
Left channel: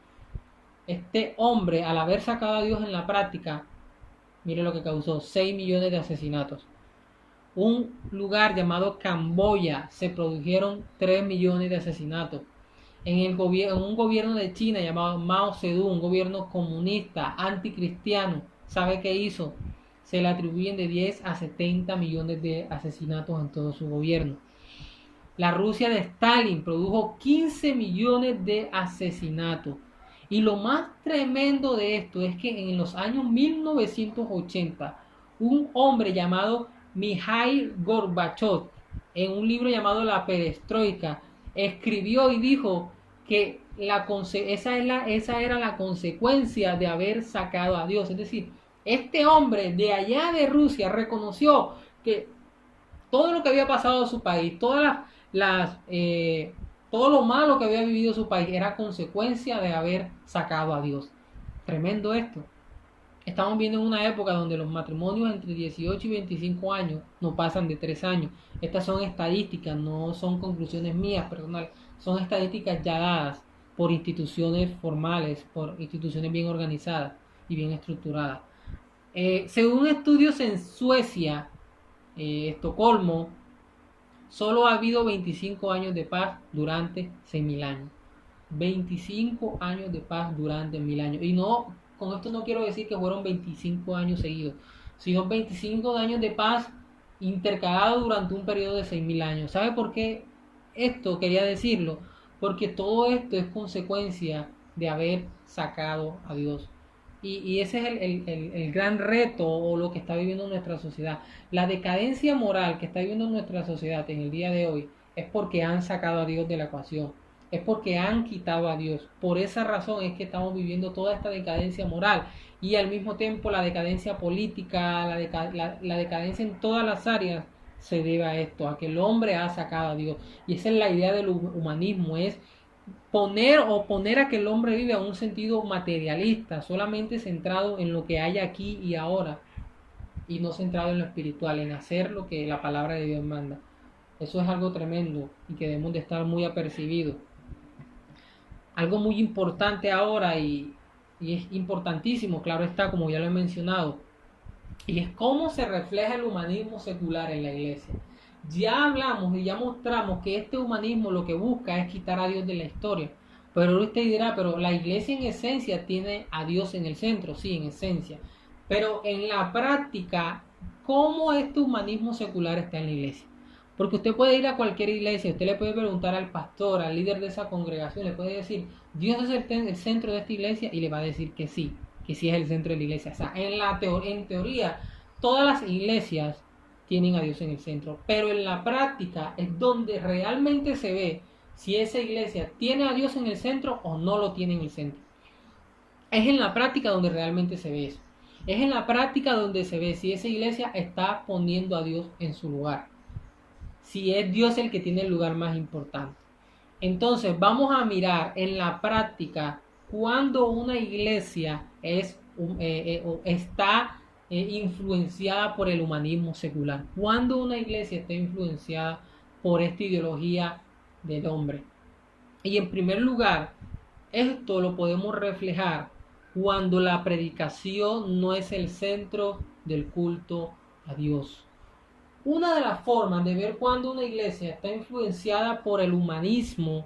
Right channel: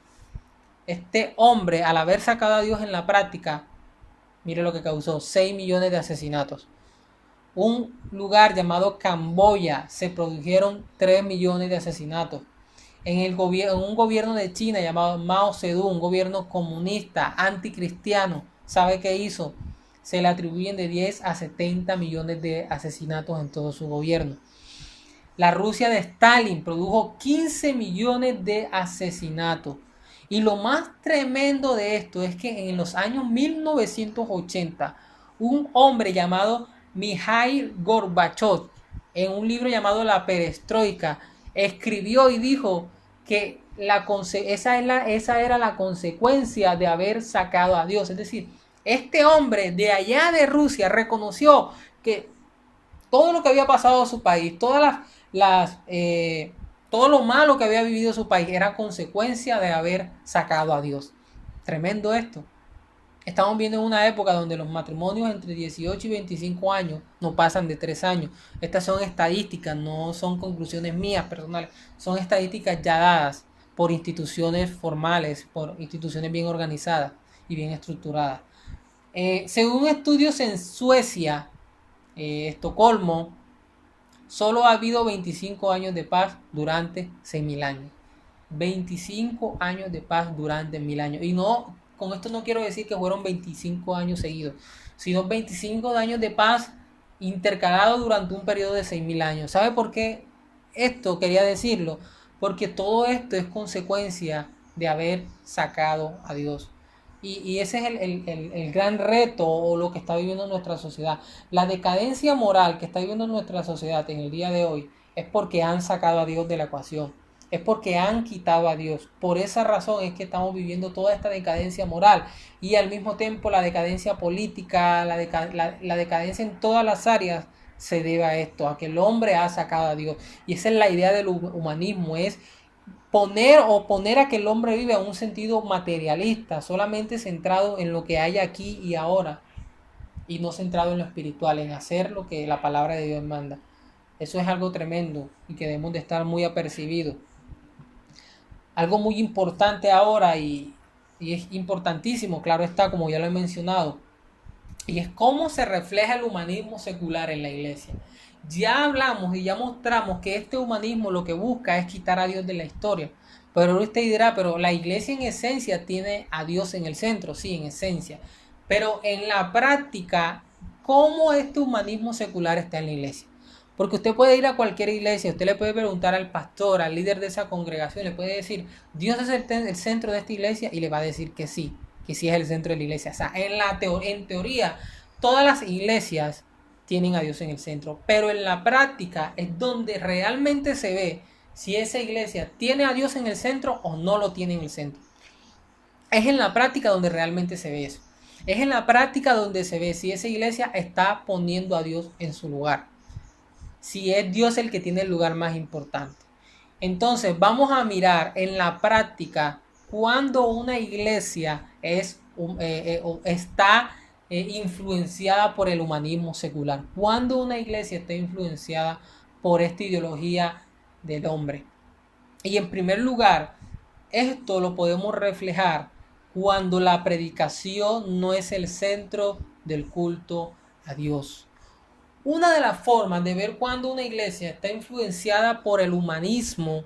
Este hombre, al haber sacado a Dios en la práctica, mire lo que causó: 6 millones de asesinatos. Un lugar llamado Camboya se produjeron 3 millones de asesinatos. En un gobierno de China llamado Mao Zedong, un gobierno comunista, anticristiano, ¿sabe qué hizo? Se le atribuyen de 10 a 70 millones de asesinatos en todo su gobierno. La Rusia de Stalin produjo 15 millones de asesinatos. Y lo más tremendo de esto es que en los años 1980, un hombre llamado Mikhail Gorbachev, en un libro llamado La Perestroika, escribió y dijo que esa era la consecuencia de haber sacado a Dios. Es decir, este hombre de allá de Rusia reconoció que todo lo que había pasado en su país, todo lo malo que había vivido su país era consecuencia de haber sacado a Dios. Tremendo esto. Estamos viendo en una época donde los matrimonios entre 18 y 25 años no pasan de 3 años. Estas son estadísticas, no son conclusiones mías personales, son estadísticas ya dadas por instituciones formales, por instituciones bien organizadas y bien estructuradas. Según estudios en Suecia, Estocolmo, solo ha habido 25 años de paz durante 6.000 años. 25 años de paz durante 1.000 años. Y no, con esto no quiero decir que fueron 25 años seguidos, sino 25 años de paz intercalados durante un periodo de 6.000 años. ¿Sabe por qué esto quería decirlo? Porque todo esto es consecuencia de haber sacado a Dios. Y ese es el gran reto o lo que está viviendo nuestra sociedad. La decadencia moral que está viviendo nuestra sociedad en el día de hoy es porque han sacado a Dios de la ecuación. Es porque han quitado a Dios. Por esa razón es que estamos viviendo toda esta decadencia moral y al mismo tiempo la decadencia política, la decadencia en todas las áreas se debe a esto, a que el hombre ha sacado a Dios. Y esa es la idea del humanismo, es poner a que el hombre vive en un sentido materialista, solamente centrado en lo que hay aquí y ahora, y no centrado en lo espiritual, en hacer lo que la palabra de Dios manda. Eso es algo tremendo y que debemos de estar muy apercibidos. Algo muy importante ahora y es importantísimo, claro está, como ya lo he mencionado, y es cómo se refleja el humanismo secular en la iglesia. Ya hablamos y ya mostramos que este humanismo lo que busca es quitar a Dios de la historia. Pero usted dirá, pero la iglesia en esencia tiene a Dios en el centro, sí, en esencia. Pero en la práctica, ¿cómo este humanismo secular está en la iglesia? Porque usted puede ir a cualquier iglesia, usted le puede preguntar al pastor, al líder de esa congregación, le puede decir, Dios es el centro de esta iglesia, y le va a decir que sí es el centro de la iglesia. O sea, en teoría, todas las iglesias tienen a Dios en el centro, pero en la práctica es donde realmente se ve si esa iglesia tiene a Dios en el centro o no lo tiene en el centro. Es en la práctica donde realmente se ve eso. Es en la práctica donde se ve si esa iglesia está poniendo a Dios en su lugar, si es Dios el que tiene el lugar más importante. Entonces vamos a mirar en la práctica cuando una iglesia está influenciada por el humanismo secular, cuando una iglesia está influenciada por esta ideología del hombre. Y en primer lugar, esto lo podemos reflejar cuando la predicación no es el centro del culto a Dios. Una de las formas de ver cuando una iglesia está influenciada por el humanismo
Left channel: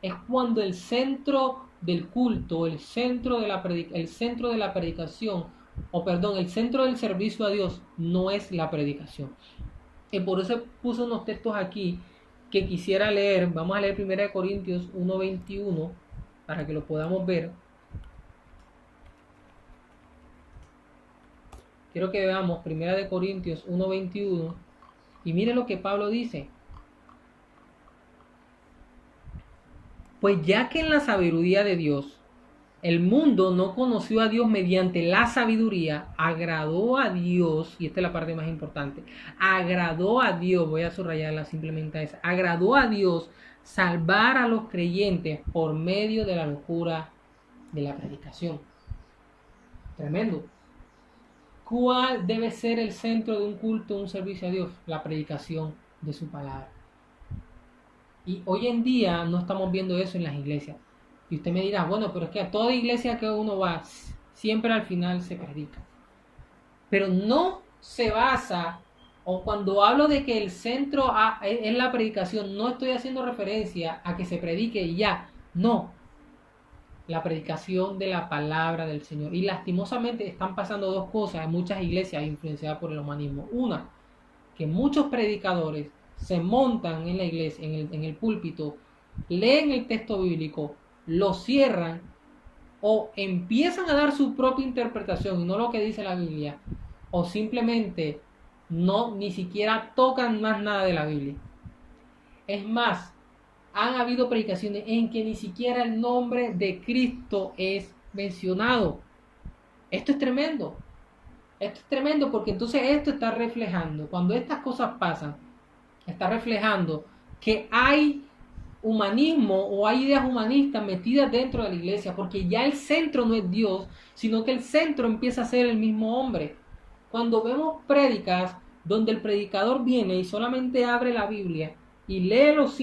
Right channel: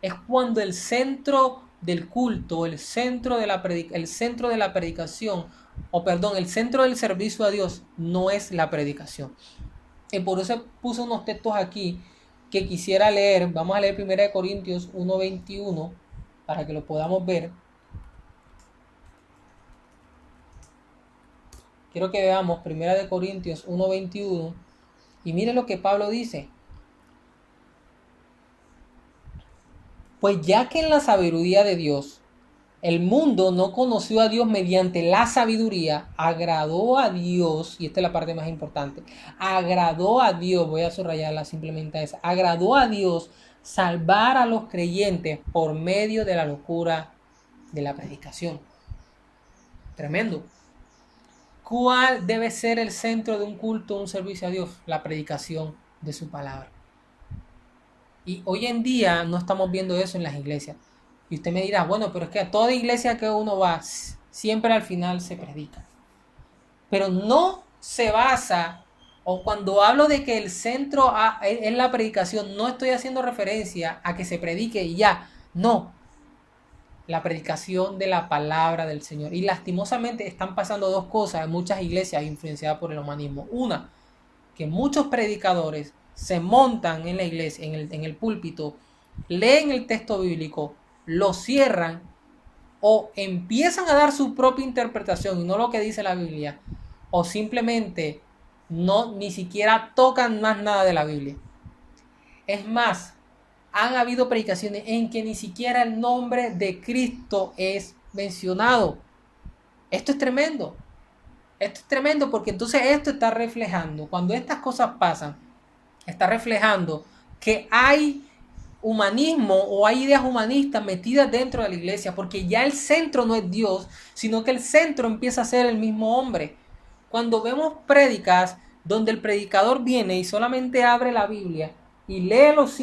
es cuando el centro del culto, el centro de la predicación, el centro del servicio a Dios no es la predicación. Y por eso puse unos textos aquí que quisiera leer. Vamos a leer 1 Corintios 1:21. para que lo podamos ver. Quiero que veamos 1 Corintios 1:21 y mire lo que Pablo dice. Pues ya que en la sabiduría de Dios el mundo no conoció a Dios mediante la sabiduría, agradó a Dios, y esta es la parte más importante, agradó a Dios, voy a subrayarla simplemente esa, agradó a Dios salvar a los creyentes por medio de la locura de la predicación. Tremendo. ¿Cuál debe ser el centro de un culto, un servicio a Dios? La predicación de su palabra. Y hoy en día no estamos viendo eso en las iglesias. Y usted me dirá, bueno, pero es que a toda iglesia que uno va, siempre al final se predica. Pero no se basa, o cuando hablo de que el centro es la predicación, no estoy haciendo referencia a que se predique y ya. No. La predicación de la palabra del Señor. Y lastimosamente están pasando dos cosas en muchas iglesias influenciadas por el humanismo. Una, que muchos predicadores se montan en la iglesia, en el púlpito, leen el texto bíblico, lo cierran o empiezan a dar su propia interpretación y no lo que dice la Biblia, o simplemente ni siquiera tocan más nada de la Biblia. Es más, han habido predicaciones en que ni siquiera el nombre de Cristo es mencionado. Esto es tremendo. Esto es tremendo porque entonces esto está reflejando, cuando estas cosas pasan, está reflejando que hay humanismo o hay ideas humanistas metidas dentro de la iglesia, porque ya el centro no es Dios, sino que el centro empieza a ser el mismo hombre. Cuando vemos prédicas donde el predicador viene y solamente abre la Biblia y lee los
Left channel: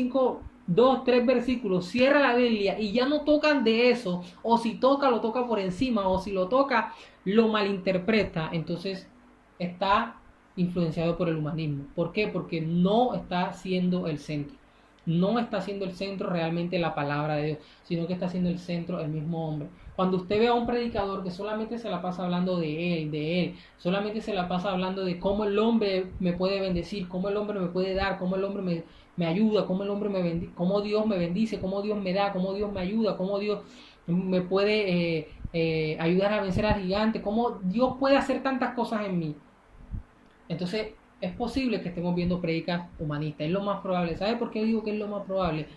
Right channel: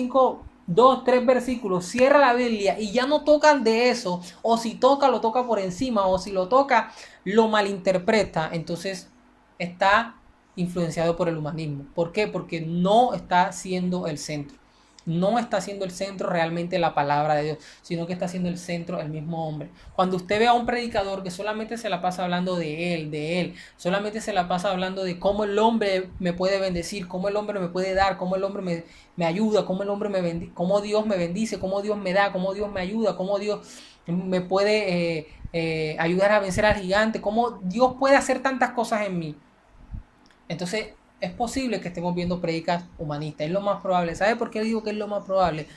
2, 3 versículos, cierra la Biblia y ya no tocan de eso, o si toca, lo toca por encima, o si lo toca, lo malinterpreta, entonces está influenciado por el humanismo. ¿Por qué? Porque no está siendo el centro. No está siendo el centro realmente la palabra de Dios, sino que está siendo el centro el mismo hombre. Cuando usted ve a un predicador que solamente se la pasa hablando de él, solamente se la pasa hablando de cómo el hombre me puede bendecir, cómo el hombre me puede dar, cómo el hombre me ayuda, cómo el hombre cómo Dios me bendice, cómo Dios me da, cómo Dios me ayuda, cómo Dios me puede ayudar a vencer al gigante, cómo Dios puede hacer tantas cosas en mí. Entonces, es posible que estemos viendo predicas humanistas, es lo más probable. ¿Sabe por qué digo que es lo más probable?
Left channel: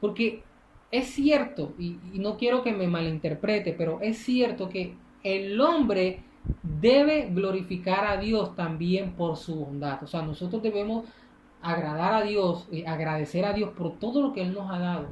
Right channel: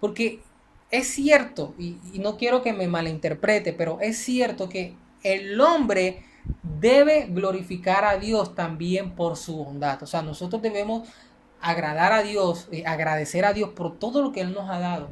Porque es cierto, y no quiero que me malinterprete, pero es cierto que el hombre debe glorificar a Dios también por su bondad. O sea, nosotros debemos agradar a Dios, agradecer a Dios por todo lo que Él nos ha dado.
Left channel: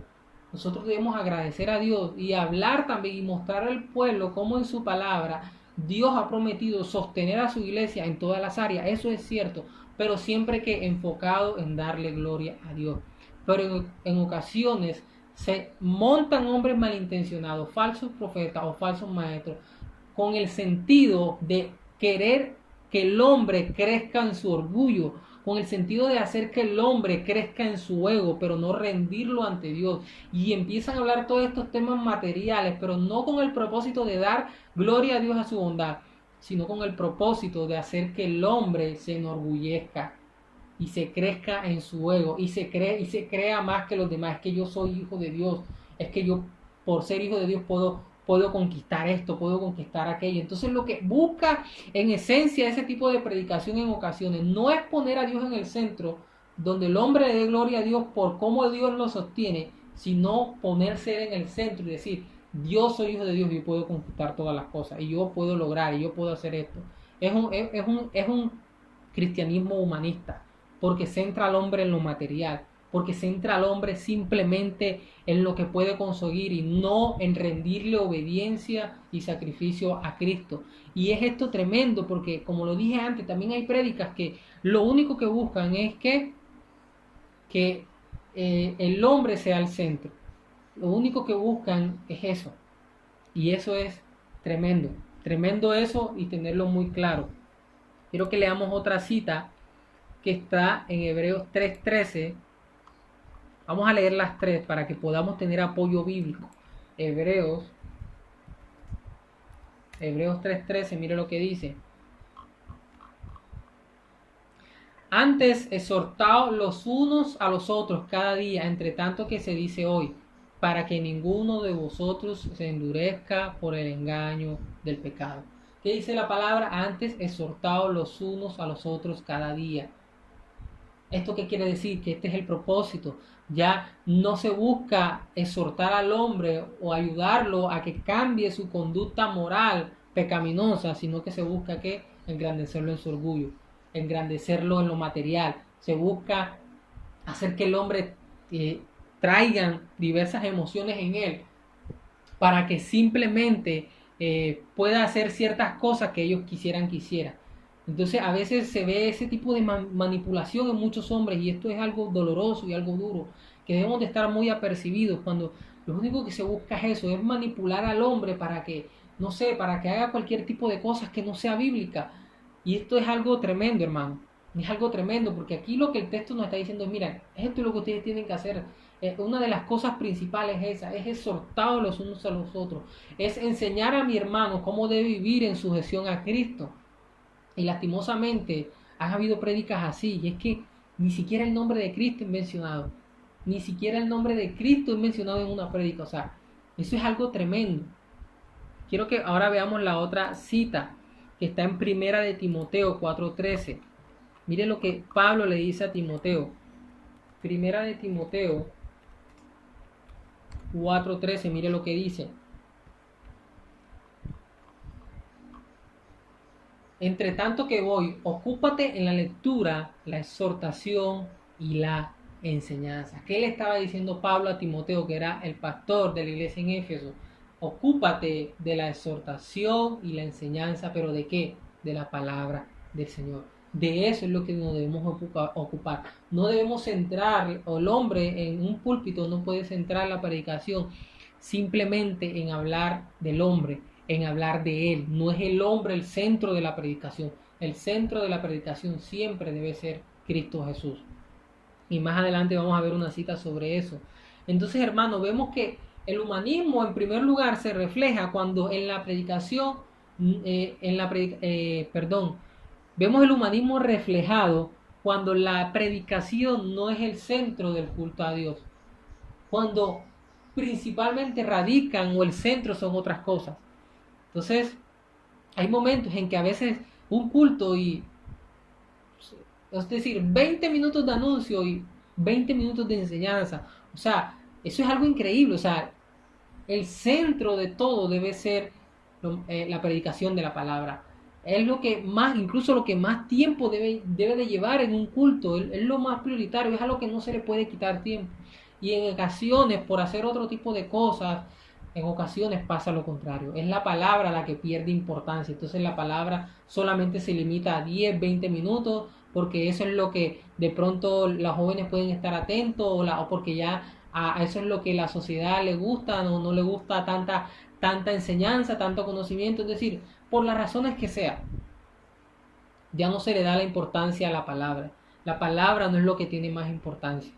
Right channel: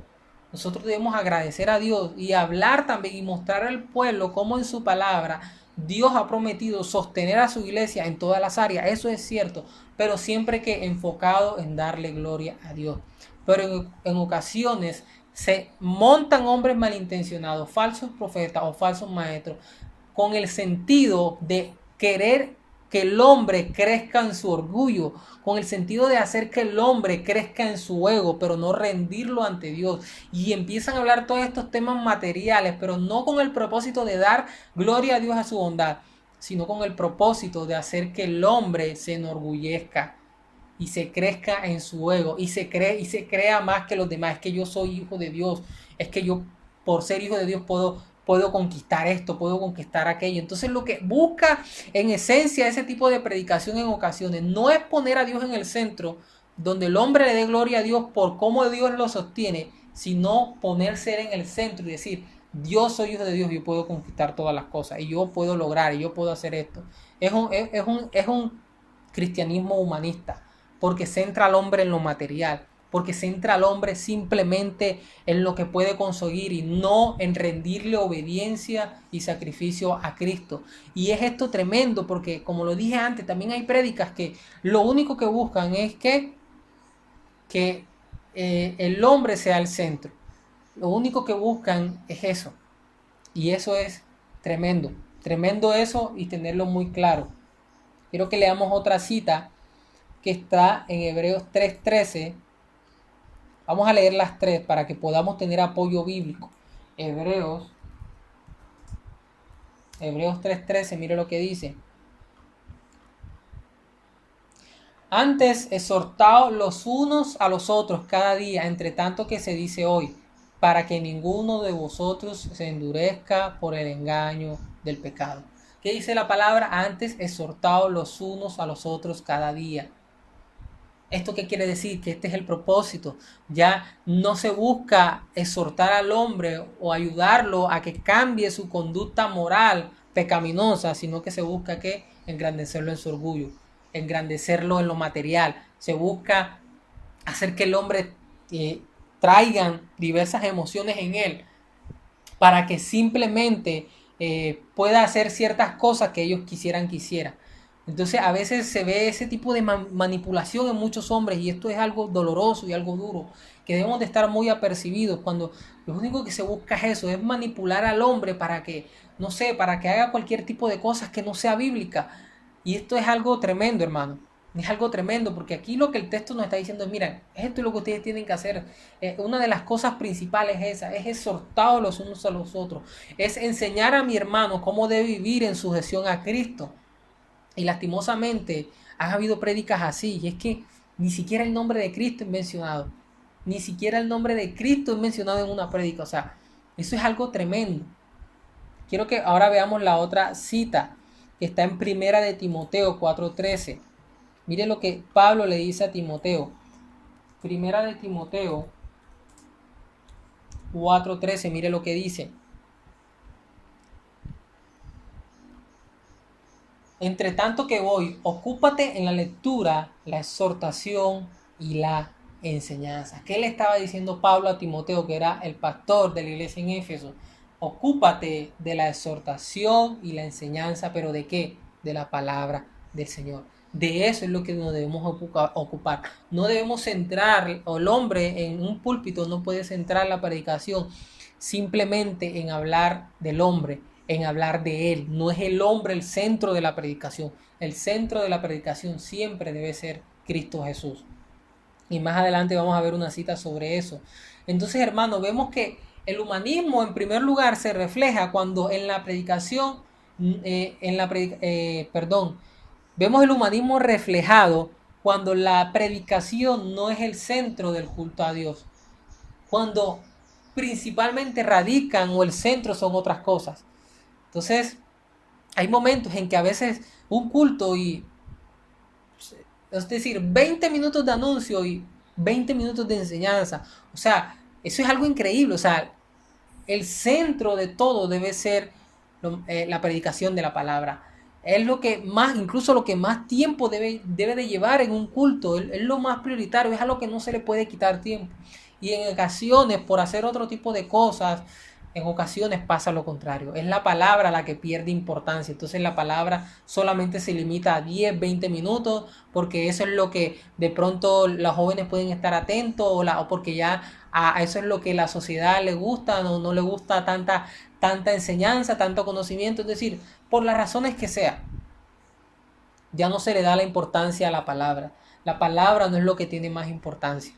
Nosotros debemos agradecer a Dios y hablar también y mostrar al pueblo cómo en su palabra Dios ha prometido sostener a su iglesia en todas las áreas. Eso es cierto, pero siempre que enfocado en darle gloria a Dios. Pero en ocasiones se montan hombres malintencionados, falsos profetas o falsos maestros, con el sentido de querer que el hombre crezca en su orgullo, con el sentido de hacer que el hombre crezca en su ego, pero no rendirlo ante Dios. Y empiezan a hablar todos estos temas materiales, pero no con el propósito de dar gloria a Dios a su bondad, sino con el propósito de hacer que el hombre se enorgullezca y se crezca en su ego y se crea más que los demás. Es que yo soy hijo de Dios, es que yo por ser hijo de Dios puedo conquistar esto, puedo conquistar aquello. Entonces lo que busca en esencia ese tipo de predicación en ocasiones no es poner a Dios en el centro, donde el hombre le dé gloria a Dios por cómo Dios lo sostiene, sino ponerse en el centro y decir, yo soy hijo de Dios, yo puedo conquistar todas las cosas, y yo puedo lograr, y yo puedo hacer esto. Es un cristianismo humanista, porque centra al hombre en lo material, porque centra al hombre simplemente en lo que puede conseguir y no en rendirle obediencia y sacrificio a Cristo. Y es esto tremendo porque, como lo dije antes, también hay prédicas que lo único que buscan es que el hombre sea el centro. Lo único que buscan es eso. Y eso es tremendo. Tremendo eso y tenerlo muy claro. Quiero que leamos otra cita que está en Hebreos 3:13. Vamos a leer las tres para que podamos tener apoyo bíblico. Hebreos 3:13, mire lo que dice. Antes exhortaos los unos a los otros cada día, entre tanto que se dice hoy, para que ninguno de vosotros se endurezca por el engaño del pecado. ¿Qué dice la palabra? Antes exhortaos los unos a los otros cada día. ¿Esto qué quiere decir? Que este es el propósito. Ya no se busca exhortar al hombre o ayudarlo a que cambie su conducta moral pecaminosa, sino que se busca que engrandecerlo en su orgullo, engrandecerlo en lo material. Se busca hacer que el hombre traigan diversas emociones en él para que simplemente pueda hacer ciertas cosas que ellos quisieran que hiciera. Entonces a veces se ve ese tipo de manipulación en muchos hombres y esto es algo doloroso y algo duro que debemos de estar muy apercibidos cuando lo único que se busca es eso, es manipular al hombre para que, no sé, para que haga cualquier tipo de cosas que no sea bíblica. Y esto es algo tremendo, hermano. Es algo tremendo porque aquí lo que el texto nos está diciendo es, miren, esto es lo que ustedes tienen que hacer. Una de las cosas principales es esa, es exhortar los unos a los otros, es enseñar a mi hermano cómo debe vivir en sujeción a Cristo. Y lastimosamente han habido prédicas así, y es que ni siquiera el nombre de Cristo es mencionado. Ni siquiera el nombre de Cristo es mencionado en una prédica. O sea, eso es algo tremendo. Quiero que ahora veamos la otra cita que está en Primera de Timoteo 4:13. Mire lo que Pablo le dice a Timoteo. Primera de Timoteo 4:13, mire lo que dice. Entre tanto que voy, ocúpate en la lectura, la exhortación y la enseñanza. ¿Qué le estaba diciendo Pablo a Timoteo, que era el pastor de la iglesia en Éfeso? Ocúpate de la exhortación y la enseñanza, ¿pero de qué? De la palabra del Señor. De eso es lo que nos debemos ocupar. No debemos centrar, o el hombre en un púlpito no puede centrar la predicación simplemente en hablar del hombre, en hablar de él. No es el hombre el centro de la predicación. El centro de la predicación siempre debe ser Cristo Jesús. Y más adelante vamos a ver una cita sobre eso. Entonces, hermano, vemos que el humanismo en primer lugar se refleja cuando en la predicación, vemos el humanismo reflejado cuando la predicación no es el centro del culto a Dios. Cuando principalmente radican o el centro son otras cosas. Entonces, hay momentos en que a veces un culto es decir, 20 minutos de anuncio y 20 minutos de enseñanza. O sea, eso es algo increíble. O sea, el centro de todo debe ser la predicación de la palabra. Es lo que más, incluso lo que más tiempo debe de llevar en un culto. Es lo más prioritario, es algo que no se le puede quitar tiempo. Y en ocasiones, por hacer otro tipo de cosas, en ocasiones pasa lo contrario. Es la palabra la que pierde importancia. Entonces la palabra solamente se limita a 10, 20 minutos, porque eso es lo que de pronto los jóvenes pueden estar atentos, o porque ya a eso es lo que la sociedad le gusta, no le gusta tanta enseñanza, tanto conocimiento. Es decir, por las razones que sea, ya no se le da la importancia a la palabra. La palabra no es lo que tiene más importancia.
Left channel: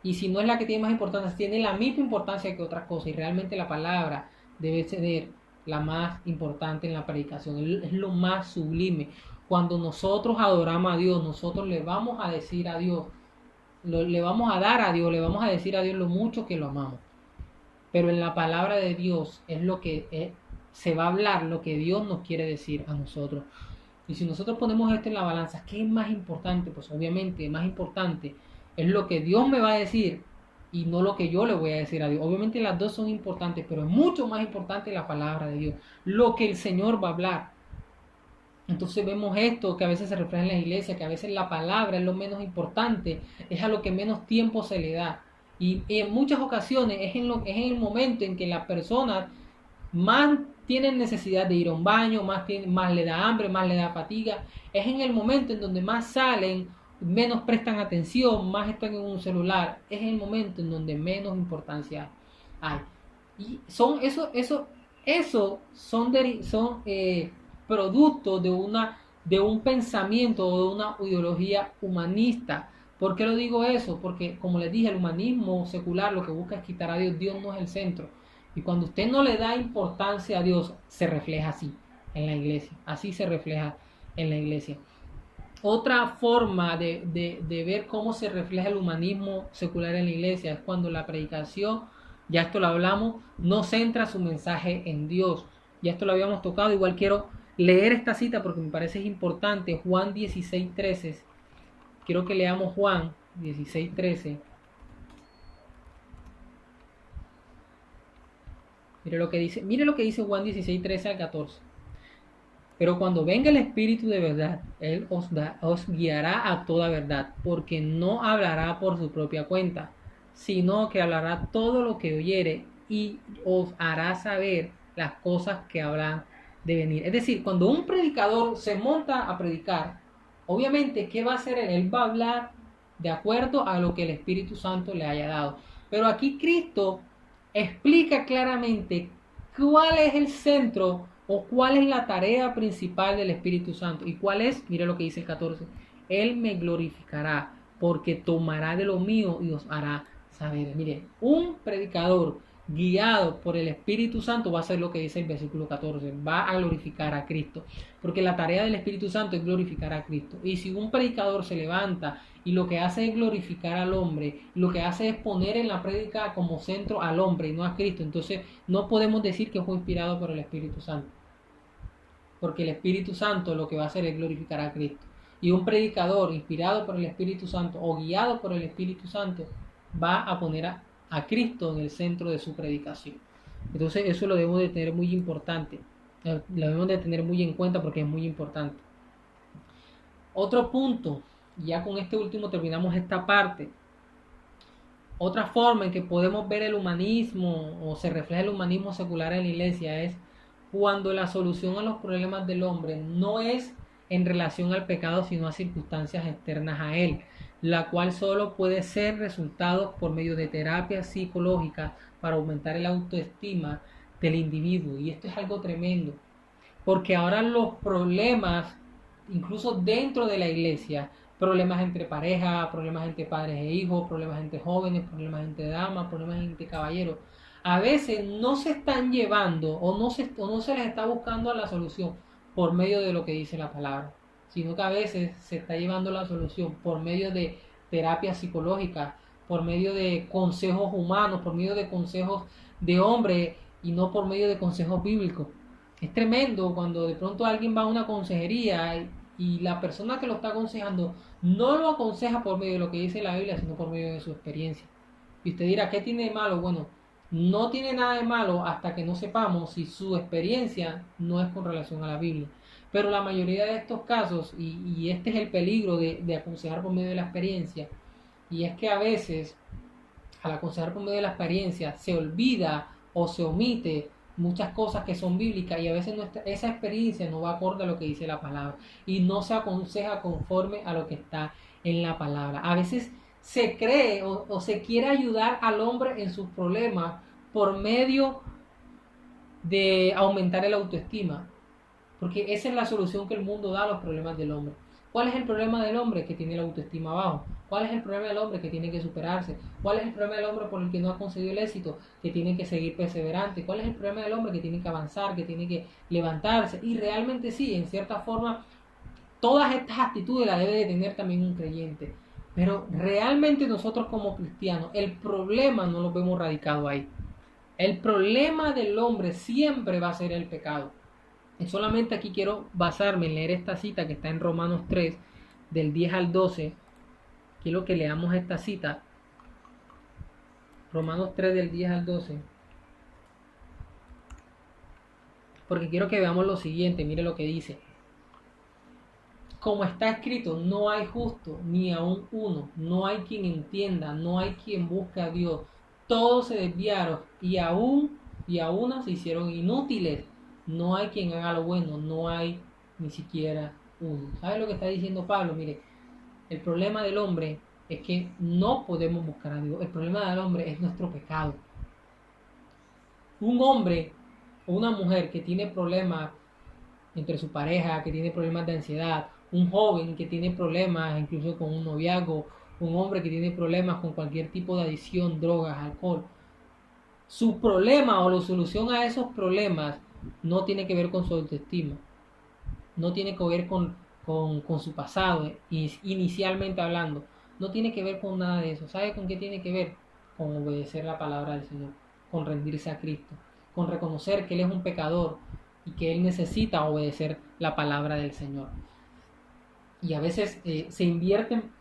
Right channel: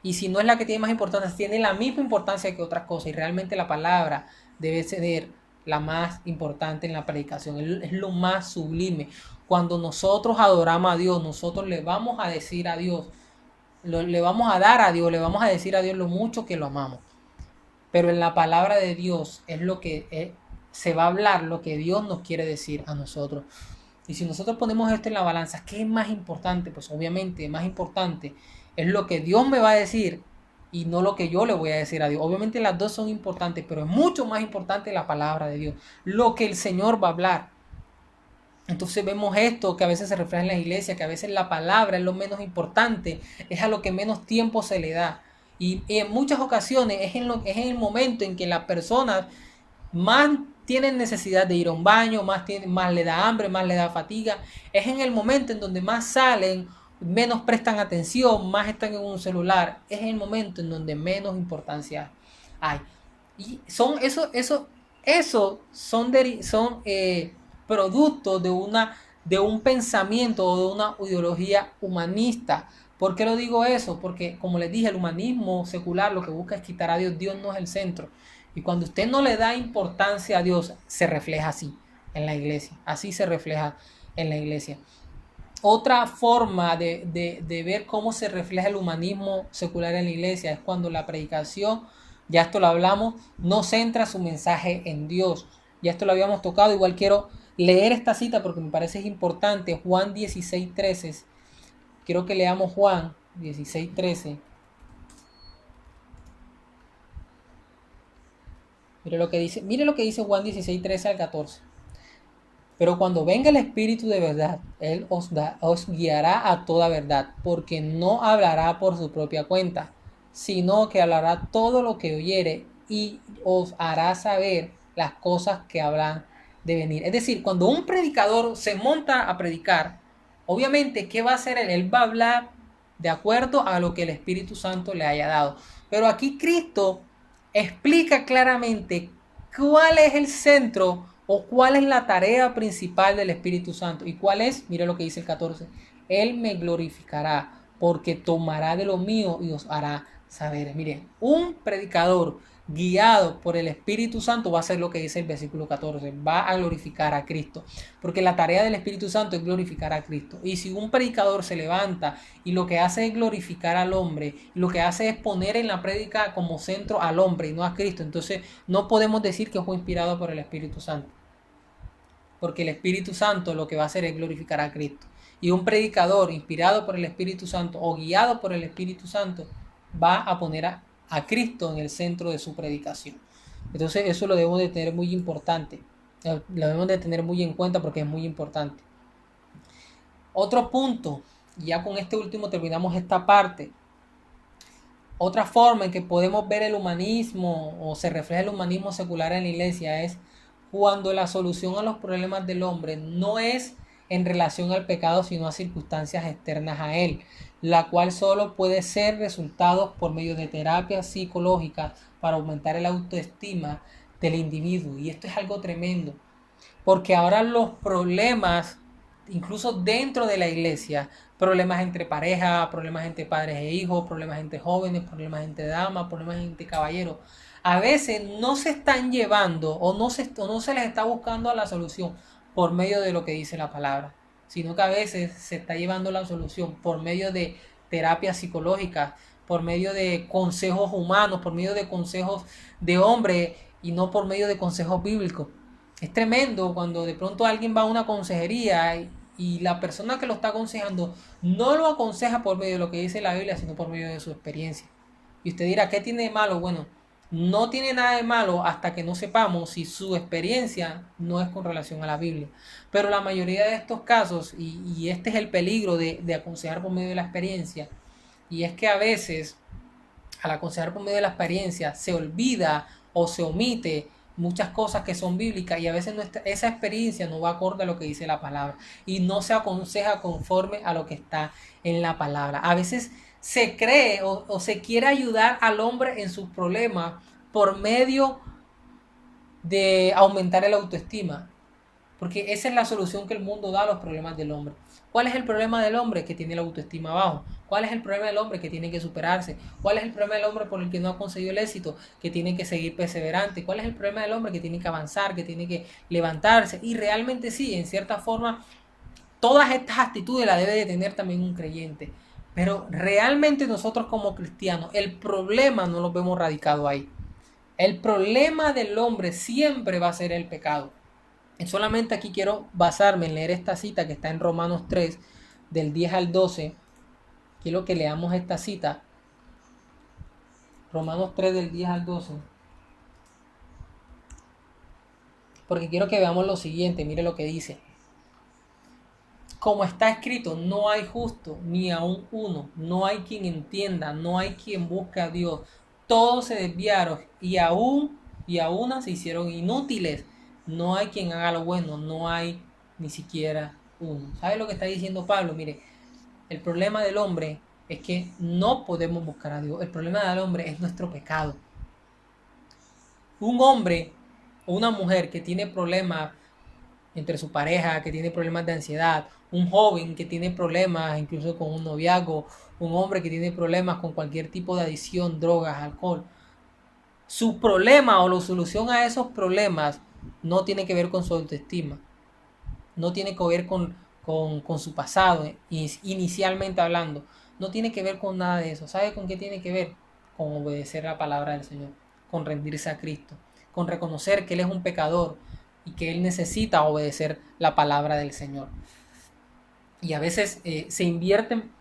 Y si no es la que tiene más importancia, tiene la misma importancia que otras cosas. Y realmente la palabra debe ser la más importante en la predicación. Es lo más sublime. Cuando nosotros adoramos a Dios, nosotros le vamos a decir a Dios, le vamos a dar a Dios, le vamos a decir a Dios lo mucho que lo amamos. Pero en la palabra de Dios es lo que se va a hablar, lo que Dios nos quiere decir a nosotros. Y si nosotros ponemos esto en la balanza, ¿qué es más importante? Pues obviamente más importante es lo que Dios me va a decir y no lo que yo le voy a decir a Dios. Obviamente las dos son importantes, pero es mucho más importante la palabra de Dios, lo que el Señor va a hablar. Entonces vemos esto que a veces se refleja en la iglesia, que a veces la palabra es lo menos importante, es a lo que menos tiempo se le da. Y en muchas ocasiones es en el momento en que las personas más tienen necesidad de ir a un baño, más le da hambre, más le da fatiga. Es en el momento en donde más salen, menos prestan atención, más están en un celular. Es el momento en donde menos importancia hay. Y son son producto de un pensamiento o de una ideología humanista. ¿Por qué lo digo eso? Porque, como les dije, el humanismo secular lo que busca es quitar a Dios. Dios no es el centro. Y cuando usted no le da importancia a Dios, se refleja así en la iglesia. Así se refleja en la iglesia. Otra forma de ver cómo se refleja el humanismo secular en la iglesia es cuando la predicación Ya esto lo hablamos, no centra su mensaje en Dios. Ya esto lo habíamos tocado. Igual quiero leer esta cita porque me parece importante. Juan 16:13. Quiero que leamos Juan 16:13. Mire lo que dice Juan 16:13 al 14. Pero cuando venga el Espíritu de verdad, Él os guiará a toda verdad, porque no hablará por su propia cuenta, sino que hablará todo lo que oyere y os hará saber las cosas que habrán de venir. Es decir, cuando un predicador se monta a predicar, obviamente, ¿qué va a hacer él? Él va a hablar de acuerdo a lo que el Espíritu Santo le haya dado. Pero aquí Cristo explica claramente cuál es el centro o cuál es la tarea principal del Espíritu Santo. ¿Y cuál es? Mire lo que dice el 14. Él me glorificará porque tomará de lo mío y os hará saber. Mire, un predicador guiado por el Espíritu Santo va a hacer lo que dice el versículo 14, va a glorificar a Cristo, porque la tarea del Espíritu Santo es glorificar a Cristo. Y si un predicador se levanta y lo que hace es glorificar al hombre, lo que hace es poner en la prédica como centro al hombre y no a Cristo, entonces no podemos decir que fue inspirado por el Espíritu Santo, porque el Espíritu Santo lo que va a hacer es glorificar a Cristo. Y un predicador inspirado por el Espíritu Santo o guiado por el Espíritu Santo va a poner a Cristo en el centro de su predicación. Entonces eso lo debemos de tener muy importante, lo debemos de tener muy en cuenta porque es muy importante. Otro punto, ya con este último terminamos esta parte. Otra forma en que podemos ver el humanismo o se refleja el humanismo secular en la iglesia es cuando la solución a los problemas del hombre no es en relación al pecado, sino a circunstancias externas a él, la cual solo puede ser resultado por medio de terapias psicológicas para aumentar el autoestima del individuo. Y esto es algo tremendo, porque ahora los problemas, incluso dentro de la iglesia, problemas entre pareja, problemas entre padres e hijos, problemas entre jóvenes, problemas entre damas, problemas entre caballeros, a veces no se están llevando o no se les está buscando la solución por medio de lo que dice la palabra, sino que a veces se está llevando la solución por medio de terapias psicológicas, por medio de consejos humanos, por medio de consejos de hombre y no por medio de consejos bíblicos. Es tremendo cuando de pronto alguien va a una consejería y la persona que lo está aconsejando no lo aconseja por medio de lo que dice la Biblia, sino por medio de su experiencia. Y usted dirá, ¿qué tiene de malo? Bueno, no tiene nada de malo hasta que no sepamos si su experiencia no es con relación a la Biblia. Pero la mayoría de estos casos, y este es el peligro de aconsejar por medio de la experiencia, y es que a veces al aconsejar por medio de la experiencia se olvida o se omite muchas cosas que son bíblicas y a veces esa experiencia no va acorde a lo que dice la palabra y no se aconseja conforme a lo que está en la palabra. A veces se cree o se quiere ayudar al hombre en sus problemas por medio de aumentar el autoestima, porque esa es la solución que el mundo da a los problemas del hombre. ¿Cuál es el problema del hombre? Que tiene la autoestima bajo. ¿Cuál es el problema del hombre? Que tiene que superarse. ¿Cuál es el problema del hombre por el que no ha conseguido el éxito? Que tiene que seguir perseverante. ¿Cuál es el problema del hombre? Que tiene que avanzar, que tiene que levantarse. Y realmente sí, en cierta forma, todas estas actitudes las debe de tener también un creyente. Pero realmente nosotros como cristianos, el problema no lo vemos radicado ahí. El problema del hombre siempre va a ser el pecado. Solamente aquí quiero basarme en leer esta cita que está en Romanos 3, del 10 al 12. Quiero que leamos esta cita. Romanos 3, del 10 al 12. Porque quiero que veamos lo siguiente. Mire lo que dice. Como está escrito, no hay justo, ni aun uno. No hay quien entienda, no hay quien busque a Dios. Todos se desviaron y a una se hicieron inútiles. No hay quien haga lo bueno, no hay ni siquiera uno. ¿Sabe lo que está diciendo Pablo? Mire, el problema del hombre es que no podemos buscar a Dios. El problema del hombre es nuestro pecado. Un hombre o una mujer que tiene problemas entre su pareja, que tiene problemas de ansiedad, un joven que tiene problemas incluso con un noviazgo, un hombre que tiene problemas con cualquier tipo de adicción, drogas, alcohol. Su problema o la solución a esos problemas no tiene que ver con su autoestima, no tiene que ver con su pasado, inicialmente hablando, no tiene que ver con nada de eso. ¿Sabe con qué tiene que ver? Con obedecer la palabra del Señor. con rendirse a Cristo, con reconocer que Él es un pecador y que Él necesita obedecer la palabra del Señor. Y a veces se invierten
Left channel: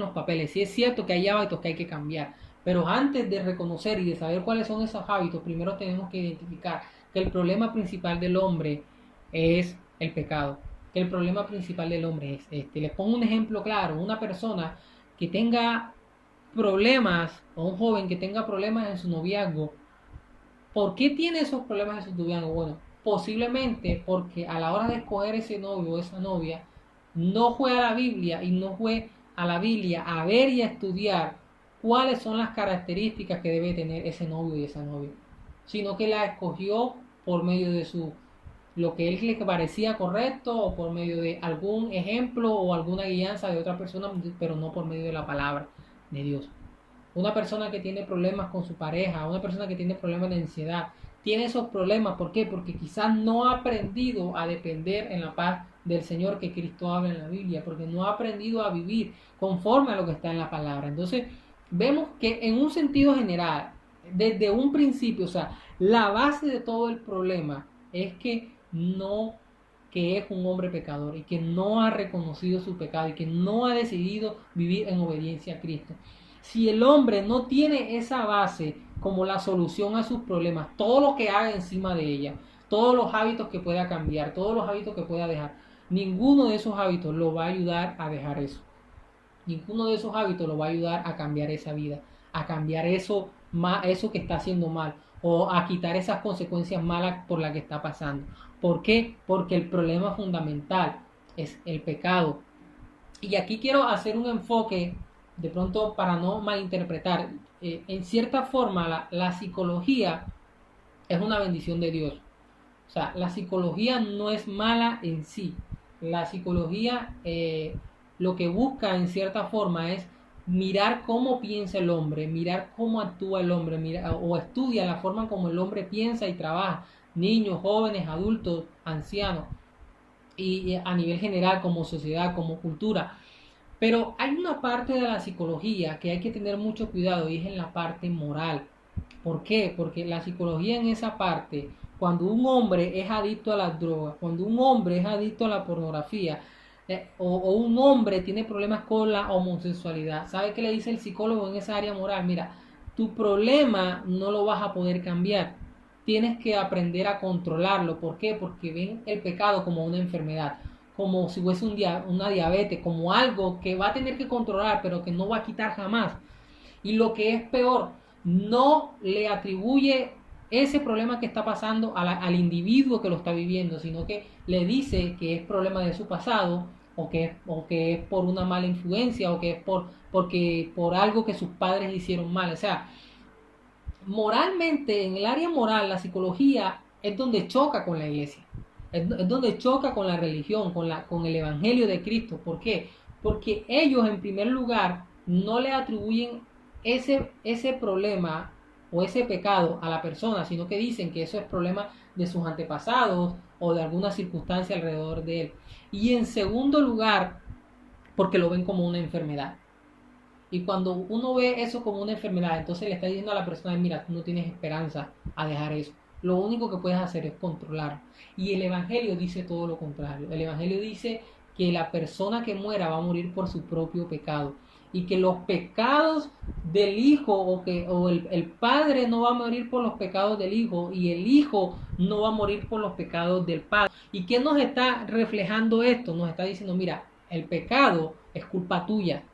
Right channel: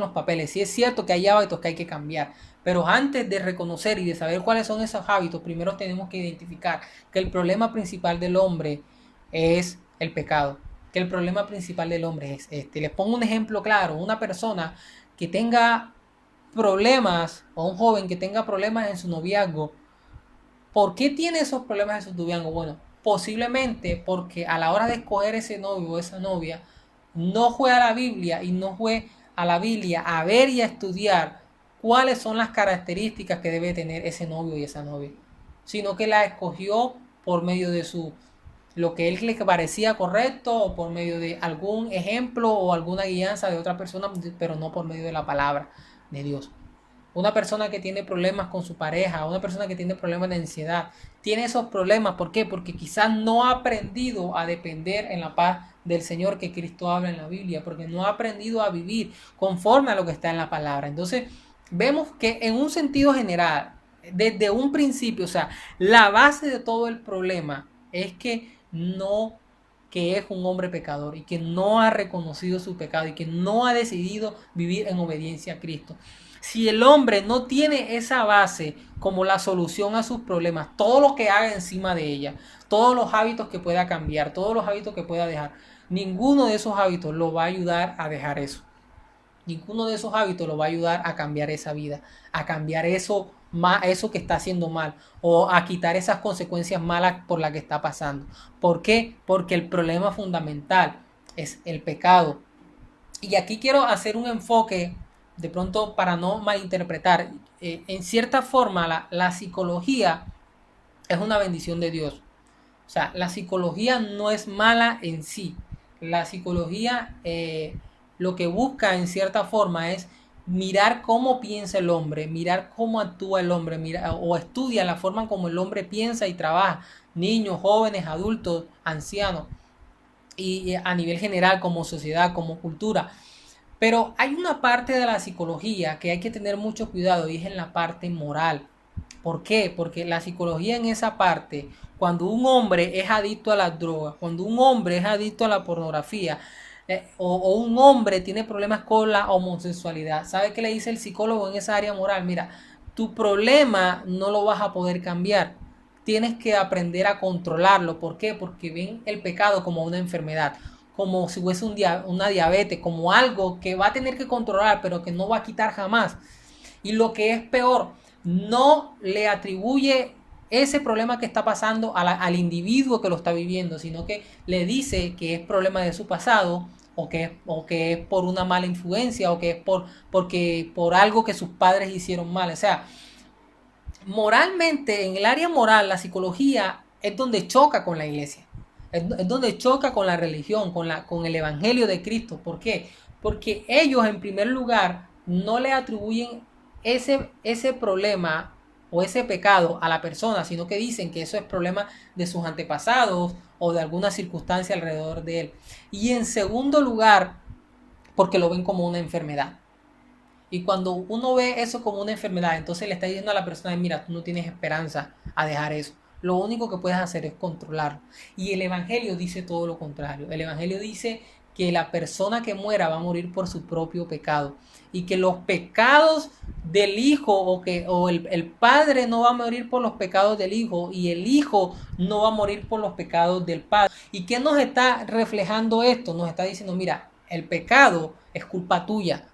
los papeles. Sí es cierto que hay hábitos que hay que cambiar, pero antes de reconocer y de saber cuáles son esos hábitos, primero tenemos que identificar que el problema principal del hombre es el pecado, que el problema principal del hombre es este. Les pongo un ejemplo claro: una persona que tenga problemas, o un joven que tenga problemas en su noviazgo. ¿Por qué tiene esos problemas en su noviazgo? Bueno, posiblemente porque a la hora de escoger ese novio o esa novia, no fue a la Biblia y no fue a la Biblia a ver y a estudiar cuáles son las características que debe tener ese novio y esa novia, sino que la escogió por medio de lo que él le parecía correcto, o por medio de algún ejemplo o alguna guianza de otra persona, pero no por medio de la palabra de Dios. Una persona que tiene problemas con su pareja, una persona que tiene problemas de ansiedad, tiene esos problemas. ¿Por qué? Porque quizás no ha aprendido a depender en la paz del Señor que Cristo habla en la Biblia, porque no ha aprendido a vivir conforme a lo que está en la palabra. Entonces, vemos que en un sentido general, desde un principio, o sea, la base de todo el problema es que es un hombre pecador y que no ha reconocido su pecado y que no ha decidido vivir en obediencia a Cristo. Si el hombre no tiene esa base como la solución a sus problemas, todo lo que haga encima de ella, todos los hábitos que pueda cambiar, todos los hábitos que pueda dejar, ninguno de esos hábitos lo va a ayudar a dejar eso. Ninguno de esos hábitos lo va a ayudar a cambiar esa vida, a cambiar eso que está haciendo mal, o a quitar esas consecuencias malas por las que está pasando. ¿Por qué? Porque el problema fundamental es el pecado. Y aquí quiero hacer un enfoque, de pronto para no malinterpretar. En cierta forma, la psicología es una bendición de Dios. O sea, la psicología no es mala en sí. La psicología lo que busca en cierta forma es mirar cómo piensa el hombre, mirar cómo actúa el hombre, o estudia la forma como el hombre piensa y trabaja. Niños, jóvenes, adultos, ancianos, y a nivel general como sociedad, como cultura. Pero hay una parte de la psicología que hay que tener mucho cuidado, y es en la parte moral. ¿Por qué? Porque la psicología en esa parte, cuando un hombre es adicto a las drogas, cuando un hombre es adicto a la pornografía, o un hombre tiene problemas con la homosexualidad, ¿sabe qué le dice el psicólogo en esa área moral? Mira, tu problema no lo vas a poder cambiar. Tienes que aprender a controlarlo. ¿Por qué? Porque ven el pecado como una enfermedad, como si fuese una diabetes, como algo que va a tener que controlar, pero que no va a quitar jamás. Y lo que es peor, no le atribuye ese problema que está pasando al individuo que lo está viviendo, sino que le dice que es problema de su pasado, o que es por una mala influencia, o que es por algo que sus padres hicieron mal. O sea, moralmente, en el área moral, la psicología es donde choca con la iglesia. Es donde choca con la religión, con el evangelio de Cristo. ¿Por qué? Porque ellos, en primer lugar, no le atribuyen ese problema o ese pecado a la persona, sino que dicen que eso es problema de sus antepasados o de alguna circunstancia alrededor de él. Y en segundo lugar, porque lo ven como una enfermedad. Y cuando uno ve eso como una enfermedad, entonces le está diciendo a la persona: mira, tú no tienes esperanza a dejar eso. Lo único que puedes hacer es controlarlo. Y el Evangelio dice todo lo contrario. El Evangelio dice que la persona que muera va a morir por su propio pecado. Y que los pecados del hijo, o el padre no va a morir por los pecados del hijo, y el hijo no va a morir por los pecados del padre. ¿Y qué nos está reflejando esto? Nos está diciendo: mira, el pecado es culpa tuya.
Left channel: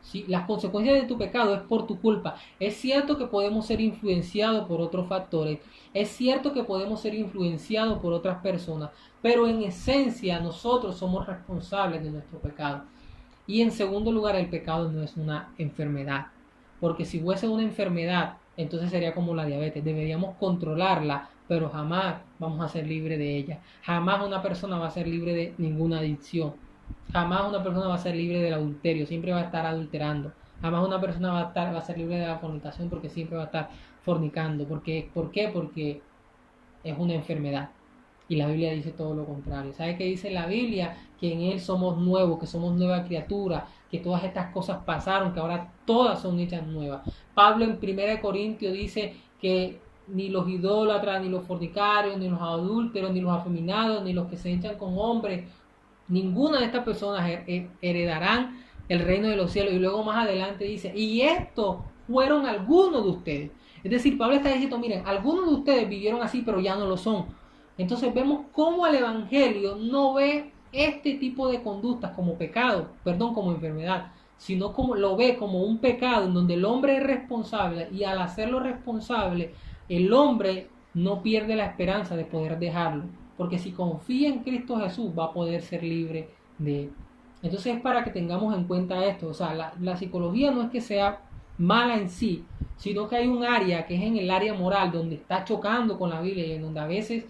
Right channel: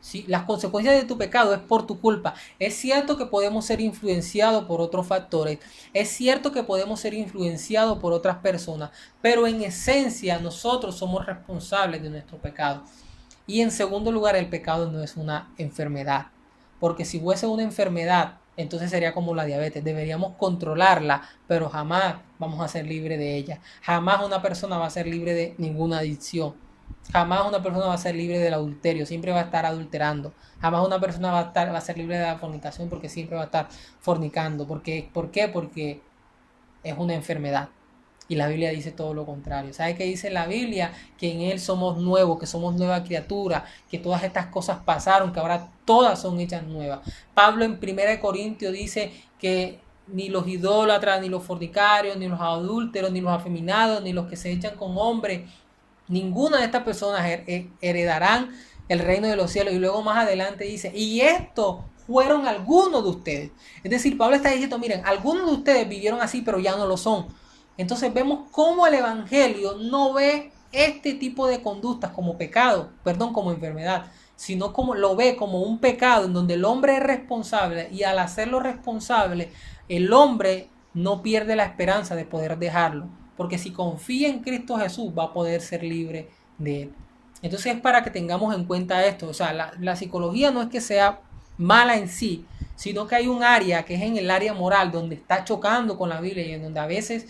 ¿Sí? Las consecuencias de tu pecado es por tu culpa. Es cierto que podemos ser influenciados por otros factores, es cierto que podemos ser influenciados por otras personas, pero en esencia nosotros somos responsables de nuestro pecado. Y en segundo lugar, el pecado no es una enfermedad, porque si fuese una enfermedad, entonces sería como la diabetes. Deberíamos controlarla, pero jamás vamos a ser libres de ella. Jamás una persona va a ser libre de ninguna adicción. Jamás una persona va a ser libre del adulterio, siempre va a estar adulterando. Jamás una persona va a ser libre de la fornicación, porque siempre va a estar fornicando. ¿Por qué? Porque es una enfermedad. Y la Biblia dice todo lo contrario. ¿Sabe qué dice la Biblia? Que en Él somos nuevos, que somos nueva criatura, que todas estas cosas pasaron, que ahora todas son hechas nuevas. Pablo en 1 Corintios dice que ni los idólatras, ni los fornicarios, ni los adúlteros, ni los afeminados, ni los que se echan con hombres, ninguna de estas personas heredarán el reino de los cielos. Y luego más adelante dice, y estos fueron algunos de ustedes. Es decir, Pablo está diciendo, miren, algunos de ustedes vivieron así, pero ya no lo son. Entonces vemos cómo el Evangelio no ve este tipo de conductas como pecado, perdón, como enfermedad, sino como lo ve como un pecado en donde el hombre es responsable, y al hacerlo responsable, el hombre no pierde la esperanza de poder dejarlo, porque si confía en Cristo Jesús va a poder ser libre de él. Entonces es para que tengamos en cuenta esto. O sea, la psicología no es que sea mala en sí, sino que hay un área que es en el área moral, donde está chocando con la Biblia, y en donde a veces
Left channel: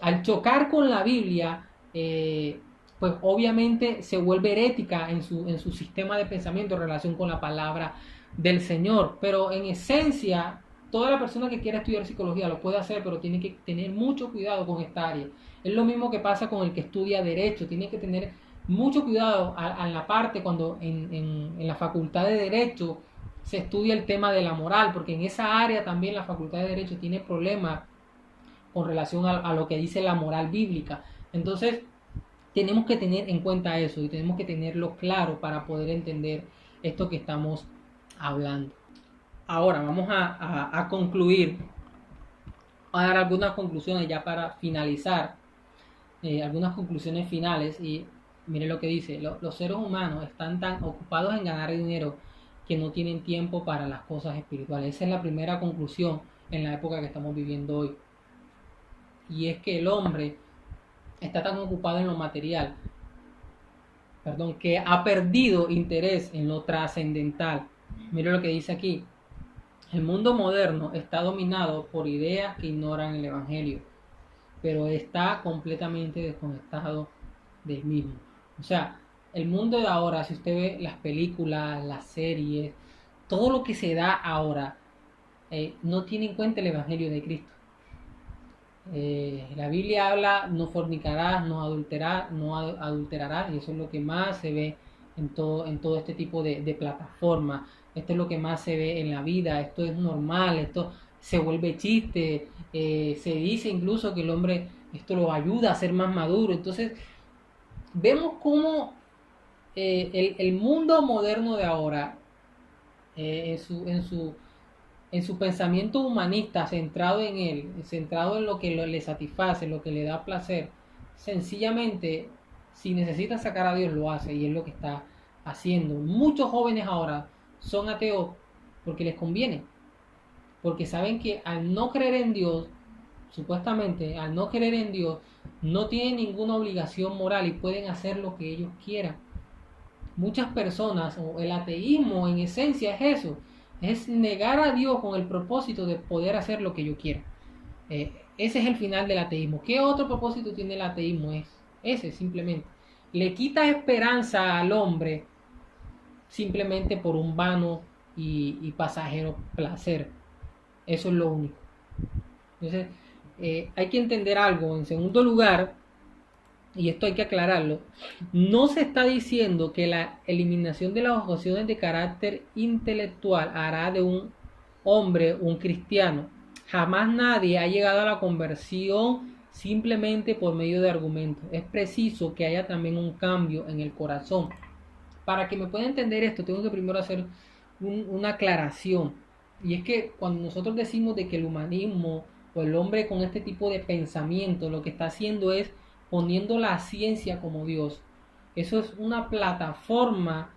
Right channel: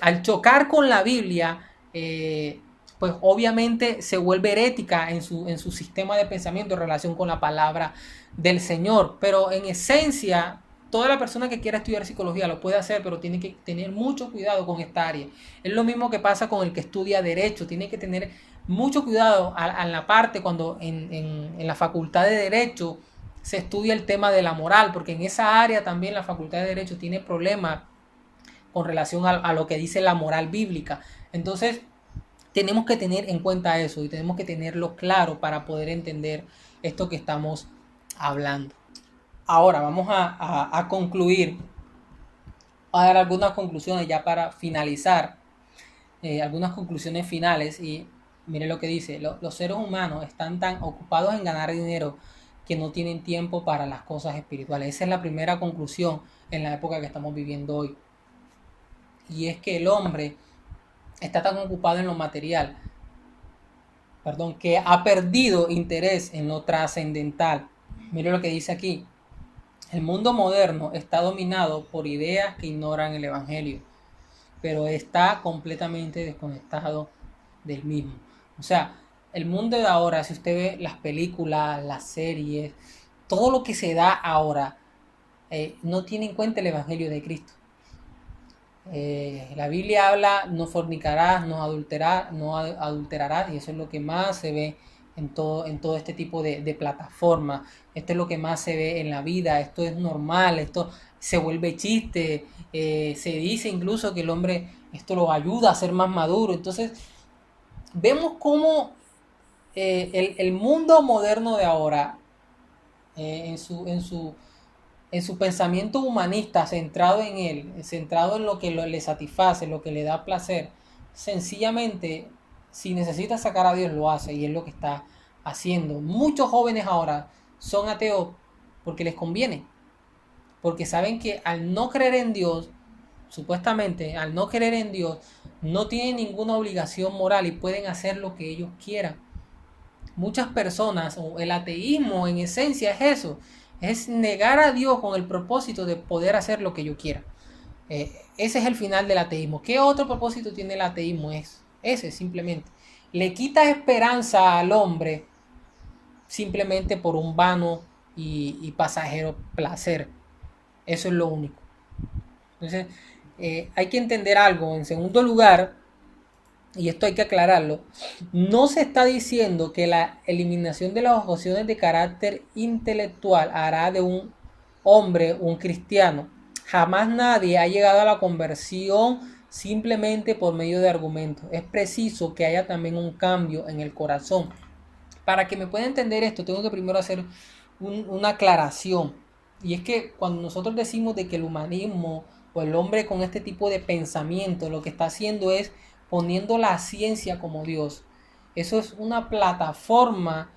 al chocar con la Biblia, pues obviamente se vuelve herética en su sistema de pensamiento en relación con la palabra del Señor. Pero en esencia, toda la persona que quiera estudiar psicología lo puede hacer, pero tiene que tener mucho cuidado con esta área. Es lo mismo que pasa con el que estudia Derecho. Tiene que tener mucho cuidado a la parte cuando en la facultad de Derecho se estudia el tema de la moral, porque en esa área también la facultad de Derecho tiene problemas con relación a lo que dice la moral bíblica. Entonces, tenemos que tener en cuenta eso y tenemos que tenerlo claro para poder entender esto que estamos hablando. Ahora vamos a concluir, a dar algunas conclusiones ya para finalizar, algunas conclusiones finales. Y miren lo que dice: los seres humanos están tan ocupados en ganar dinero que no tienen tiempo para las cosas espirituales. Esa es la primera conclusión en la época que estamos viviendo hoy. Y es que el hombre está tan ocupado en lo material, que ha perdido interés en lo trascendental. Mira lo que dice aquí: el mundo moderno está dominado por ideas que ignoran el Evangelio, pero está completamente desconectado del mismo. O sea, el mundo de ahora, si usted ve las películas, las series, todo lo que se da ahora, no tiene en cuenta el Evangelio de Cristo. La Biblia habla: no fornicarás, no adulterarás, y eso es lo que más se ve en todo este tipo de plataformas. Esto es lo que más se ve en la vida. Esto es normal, esto se vuelve chiste. Se dice incluso que el hombre esto lo ayuda a ser más maduro. Entonces vemos cómo el mundo moderno de ahora, en su pensamiento humanista, centrado en él, centrado en lo que le satisface, lo que le da placer, sencillamente, si necesita sacar a Dios, lo hace, y es lo que está haciendo. Muchos jóvenes ahora son ateos porque les conviene, porque saben que al no creer en Dios, supuestamente, al no creer en Dios, no tienen ninguna obligación moral y pueden hacer lo que ellos quieran. Muchas personas, o el ateísmo en esencia es eso, es negar a Dios con el propósito de poder hacer lo que yo quiera. Ese es el final del ateísmo. ¿Qué otro propósito tiene el ateísmo? Es ese, simplemente. Le quita esperanza al hombre simplemente por un vano y pasajero placer. Eso es lo único. Entonces, hay que entender algo. En segundo lugar, y esto hay que aclararlo, no se está diciendo que la eliminación de las objeciones de carácter intelectual hará de un hombre un cristiano. Jamás nadie ha llegado a la conversión simplemente por medio de argumentos. Es preciso que haya también un cambio en el corazón. Para que me pueda entender esto, tengo que primero hacer una aclaración. Y es que cuando nosotros decimos de que el humanismo o el hombre con este tipo de pensamiento lo que está haciendo es poniendo la ciencia como Dios. Eso es una plataforma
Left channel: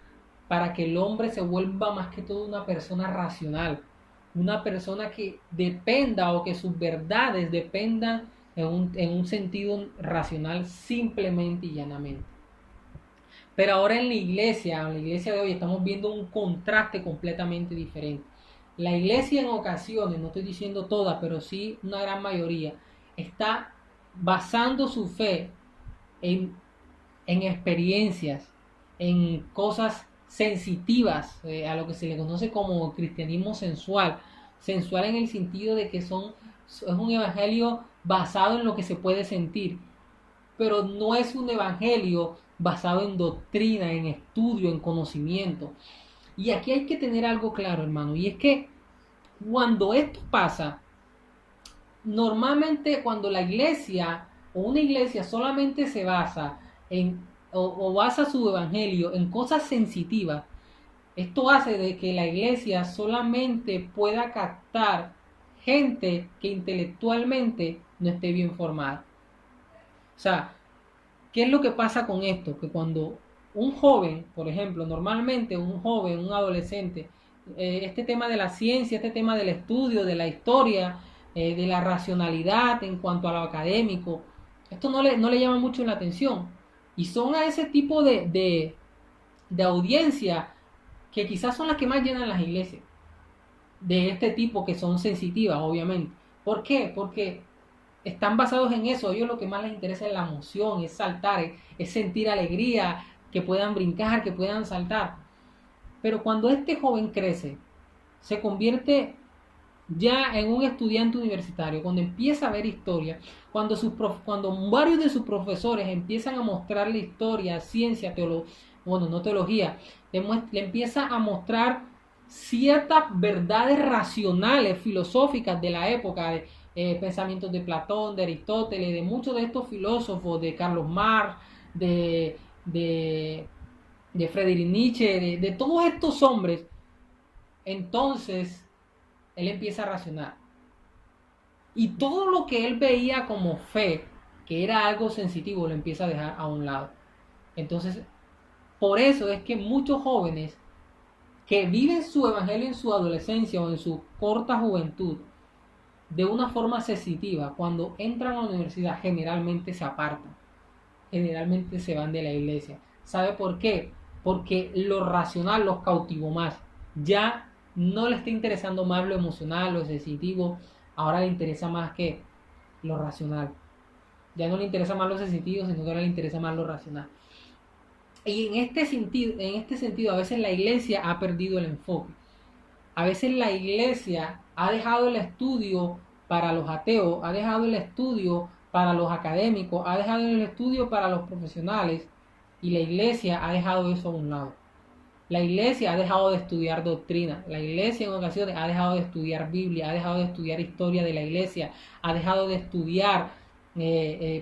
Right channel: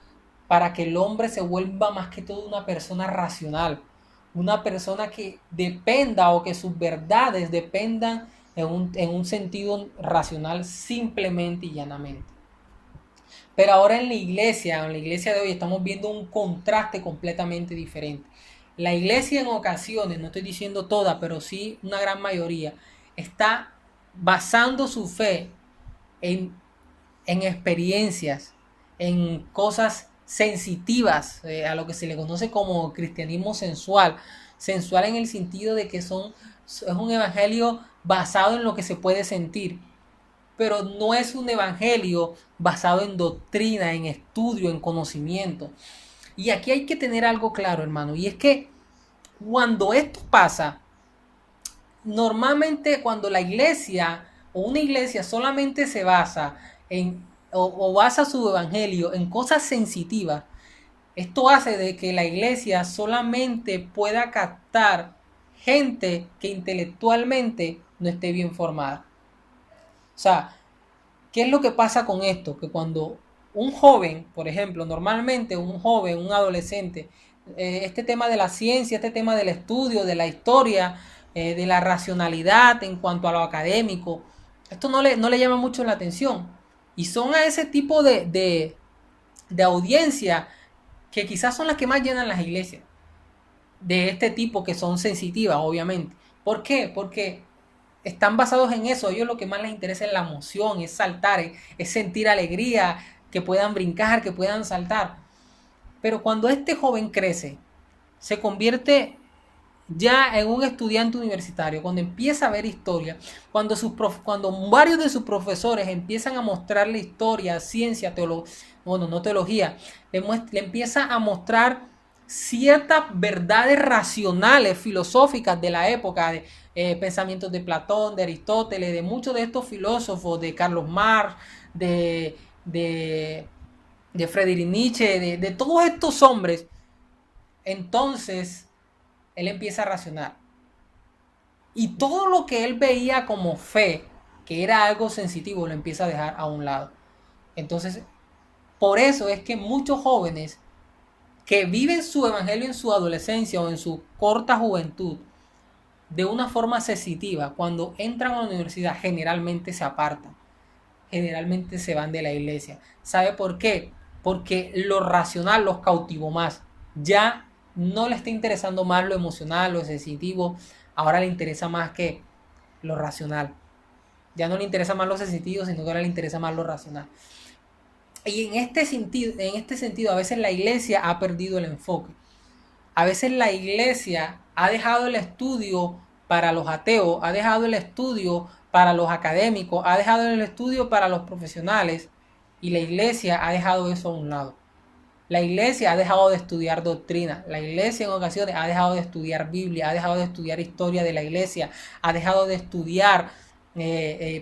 para que el hombre se vuelva más que todo una persona racional, una persona que dependa, o que sus verdades dependan en un sentido racional, simplemente y llanamente. Pero ahora en la iglesia de hoy, estamos viendo un contraste completamente diferente. La iglesia en ocasiones, no estoy diciendo toda, pero sí una gran mayoría, está basando su fe en experiencias, en cosas sensitivas, a lo que se le conoce como cristianismo sensual. Sensual en el sentido de que es un evangelio basado en lo que se puede sentir, pero no es un evangelio basado en doctrina, en estudio, en conocimiento. Y aquí hay que tener algo claro, hermano, y es que cuando esto pasa, normalmente cuando la iglesia o una iglesia solamente se basa en o basa su evangelio en cosas sensitivas, esto hace de que la iglesia solamente pueda captar gente que intelectualmente no esté bien formada. O sea, ¿qué es lo que pasa con esto? Que cuando un joven, por ejemplo, normalmente un joven, un adolescente, este tema de la ciencia, este tema del estudio, de la historia, de la racionalidad en cuanto a lo académico, esto no le llama mucho la atención. Y son a ese tipo de audiencia que quizás son las que más llenan las iglesias, de este tipo que son sensitivas, obviamente. ¿Por qué? Porque están basados en eso. A ellos lo que más les interesa es la emoción, es saltar, es sentir alegría, que puedan brincar, que puedan saltar. Pero cuando este joven crece, se convierte ya en un estudiante universitario, cuando empieza a ver historia, cuando varios de sus profesores empiezan a mostrarle historia, ciencia, teología, bueno, no teología, le empieza a mostrar ciertas verdades racionales, filosóficas de la época, de pensamientos de Platón, de Aristóteles, de muchos de estos filósofos, de Carlos Marx, de, de, de Friedrich Nietzsche, de todos estos hombres. Entonces él empieza a racionar. Y todo lo que él veía como fe, que era algo sensitivo, lo empieza a dejar a un lado. Entonces, por eso es que muchos jóvenes que viven su evangelio en su adolescencia o en su corta juventud de una forma sensitiva, cuando entran a la universidad generalmente se apartan, generalmente se van de la iglesia. ¿Sabe por qué? Porque lo racional los cautivó más. Ya no le está interesando más lo emocional, lo sensitivo, ahora le interesa más que lo racional. Ya no le interesa más lo sensitivo, sino que ahora le interesa más lo racional. Y en este sentido, a veces la iglesia ha perdido el enfoque. A veces la iglesia ha dejado el estudio para los ateos, ha dejado el estudio para los académicos, ha dejado el estudio para los profesionales, y la iglesia ha dejado eso a un lado. La iglesia ha dejado de estudiar doctrina, la iglesia en ocasiones ha dejado de estudiar Biblia, ha dejado de estudiar historia de la iglesia, ha dejado de estudiar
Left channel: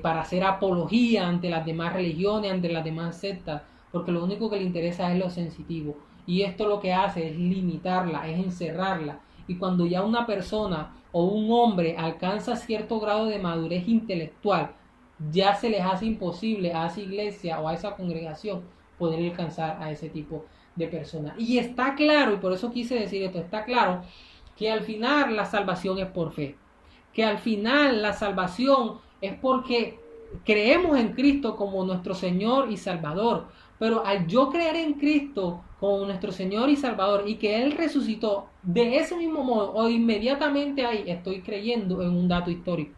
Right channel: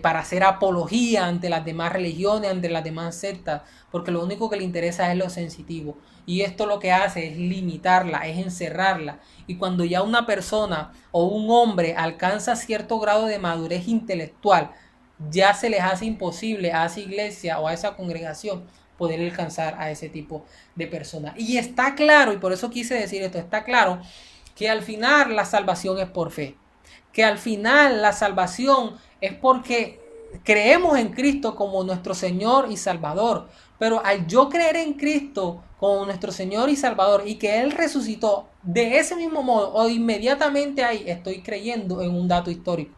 para hacer apología ante las demás religiones, ante las demás sectas, porque lo único que le interesa es lo sensitivo. Y esto lo que hace es limitarla, es encerrarla. Y cuando ya una persona o un hombre alcanza cierto grado de madurez intelectual, ya se les hace imposible a esa iglesia o a esa congregación poder alcanzar a ese tipo de personas. Y está claro, y por eso quise decir esto, está claro que al final la salvación es por fe. Que al final la salvación es porque creemos en Cristo como nuestro Señor y Salvador. Pero al yo creer en Cristo como nuestro Señor y Salvador y que Él resucitó de ese mismo modo o inmediatamente ahí, estoy creyendo en un dato histórico.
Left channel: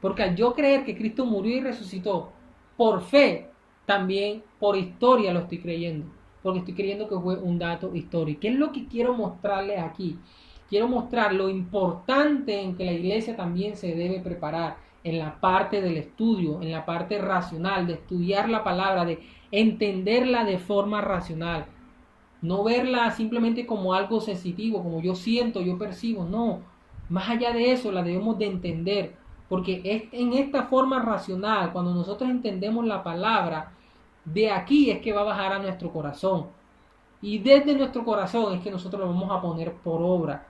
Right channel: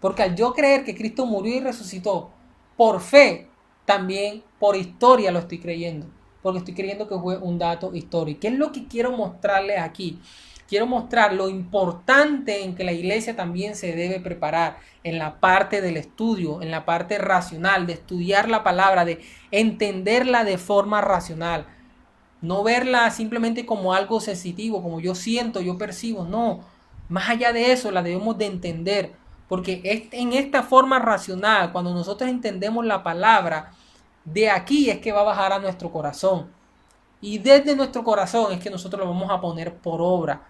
Porque al yo creer que Cristo murió y resucitó por fe, también por historia lo estoy creyendo. Porque estoy creyendo que fue un dato histórico. ¿Qué es lo que quiero mostrarles aquí? Quiero mostrar lo importante en que la iglesia también se debe preparar en la parte del estudio, en la parte racional, de estudiar la palabra, de entenderla de forma racional. No verla simplemente como algo sensitivo, como yo siento, yo percibo. No, más allá de eso la debemos de entender. Porque es en esta forma racional, cuando nosotros entendemos la palabra, de aquí es que va a bajar a nuestro corazón. Y desde nuestro corazón es que nosotros lo vamos a poner por obra.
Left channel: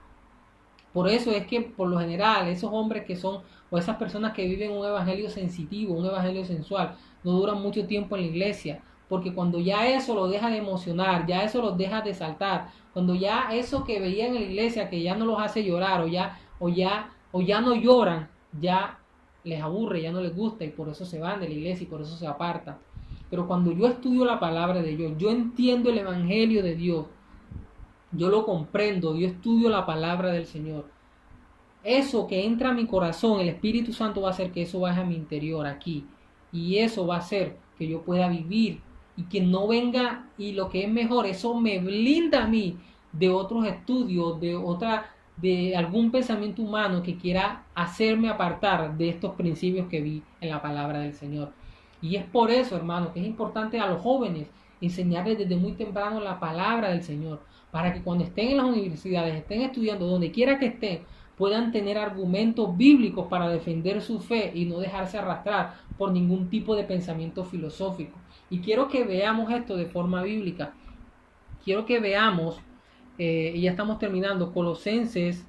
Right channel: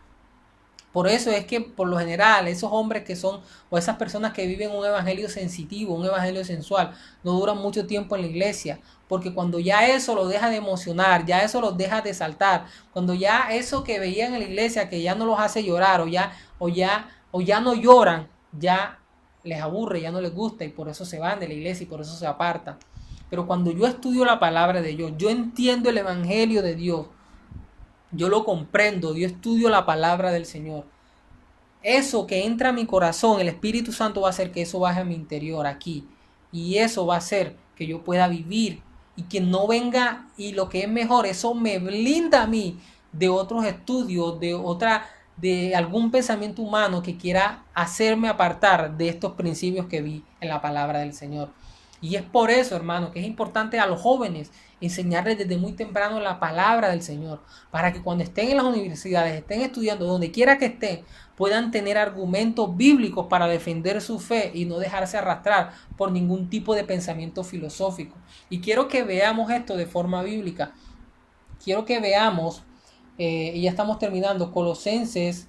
Por eso es que por lo general esos hombres que son o esas personas que viven un evangelio sensitivo, un evangelio sensual, no duran mucho tiempo en la iglesia. Porque cuando ya eso los deja de emocionar, ya eso los deja de saltar, cuando ya eso que veían en la iglesia que ya no los hace llorar o ya no lloran, ya les aburre, ya no les gusta y por eso se van de la iglesia y por eso se apartan. Pero cuando yo estudio la palabra de Dios, yo entiendo el evangelio de Dios, yo lo comprendo, yo estudio la palabra del Señor. Eso que entra a mi corazón, el Espíritu Santo va a hacer que eso baje a mi interior aquí. Y eso va a hacer que yo pueda vivir y que no venga, y lo que es mejor, eso me blinda a mí de otros estudios, de algún pensamiento humano que quiera hacerme apartar de estos principios que vi en la palabra del Señor. Y es por eso, hermano, que es importante a los jóvenes enseñarles desde muy temprano la palabra del Señor, para que cuando estén en las universidades, estén estudiando, donde quiera que estén, puedan tener argumentos bíblicos para defender su fe y no dejarse arrastrar por ningún tipo de pensamiento filosófico. Y quiero que veamos esto de forma bíblica. Quiero que veamos, y ya estamos terminando, Colosenses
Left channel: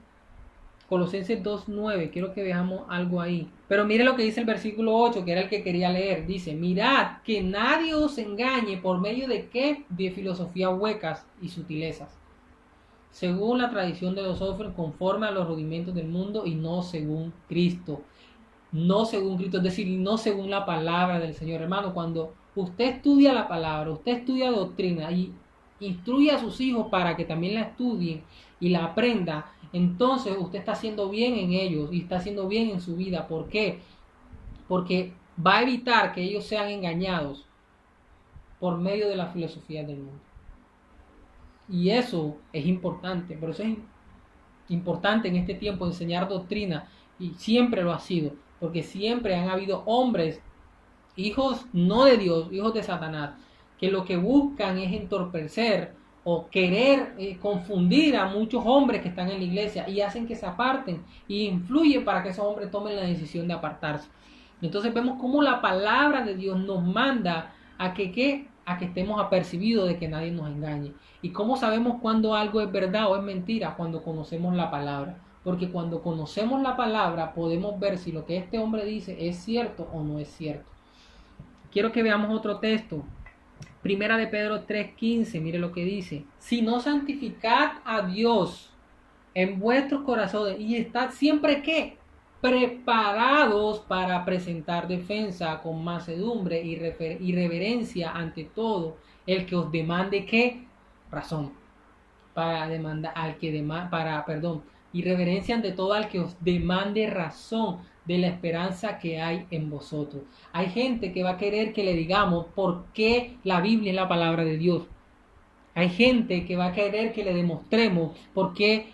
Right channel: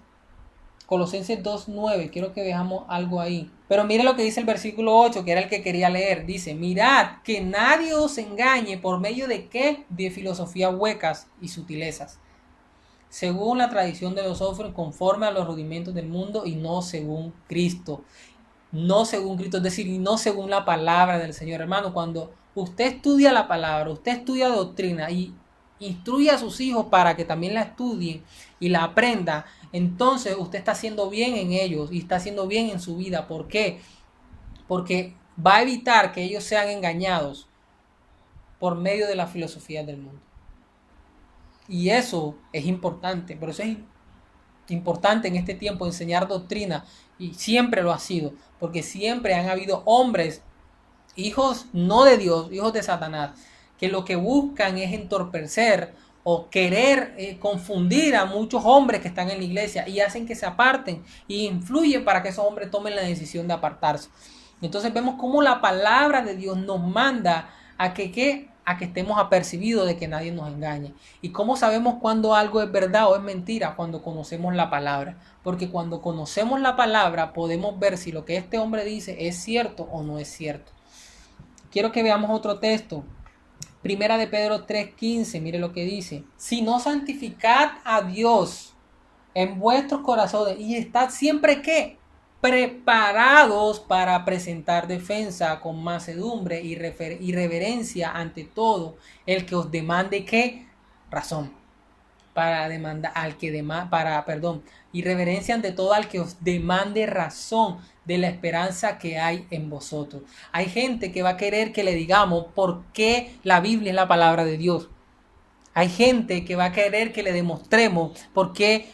2:9, quiero que veamos algo ahí. Pero mire lo que dice el versículo 8, que era el que quería leer. Dice, mirad que nadie os engañe por medio de qué, de filosofías huecas y sutilezas, según la tradición de los hombres, conforme a los rudimentos del mundo y no según Cristo. No según Cristo, es decir, no según la palabra del Señor. Hermano, cuando usted estudia la palabra, usted estudia doctrina y instruye a sus hijos para que también la estudien y la aprendan, entonces usted está haciendo bien en ellos y está haciendo bien en su vida. ¿Por qué? Porque va a evitar que ellos sean engañados por medio de la filosofía del mundo. Y eso es importante, por eso es importante en este tiempo enseñar doctrina, y siempre lo ha sido, porque siempre han habido hombres, hijos no de Dios, hijos de Satanás, que lo que buscan es entorpecer o querer confundir a muchos hombres que están en la iglesia y hacen que se aparten y influyen para que esos hombres tomen la decisión de apartarse. Entonces vemos cómo la palabra de Dios nos manda a que estemos apercibidos de que nadie nos engañe. ¿Y cómo sabemos cuando algo es verdad o es mentira? Cuando conocemos la palabra. Porque cuando conocemos la palabra podemos ver si lo que este hombre dice es cierto o no es cierto. Quiero que veamos otro texto. Primera de Pedro 3:15, mire lo que dice. Si no santificad a Dios en vuestros corazones y estad siempre ¿qué? Preparados para presentar defensa con mansedumbre y reverencia ante todo el que os demande ¿qué? Razón. Para demandar al que y reverencia ante todo al que os demande razón de la esperanza que hay en vosotros. Hay gente que va a querer que le digamos por qué la Biblia es la palabra de Dios. Hay gente que va a querer que le demostremos por qué,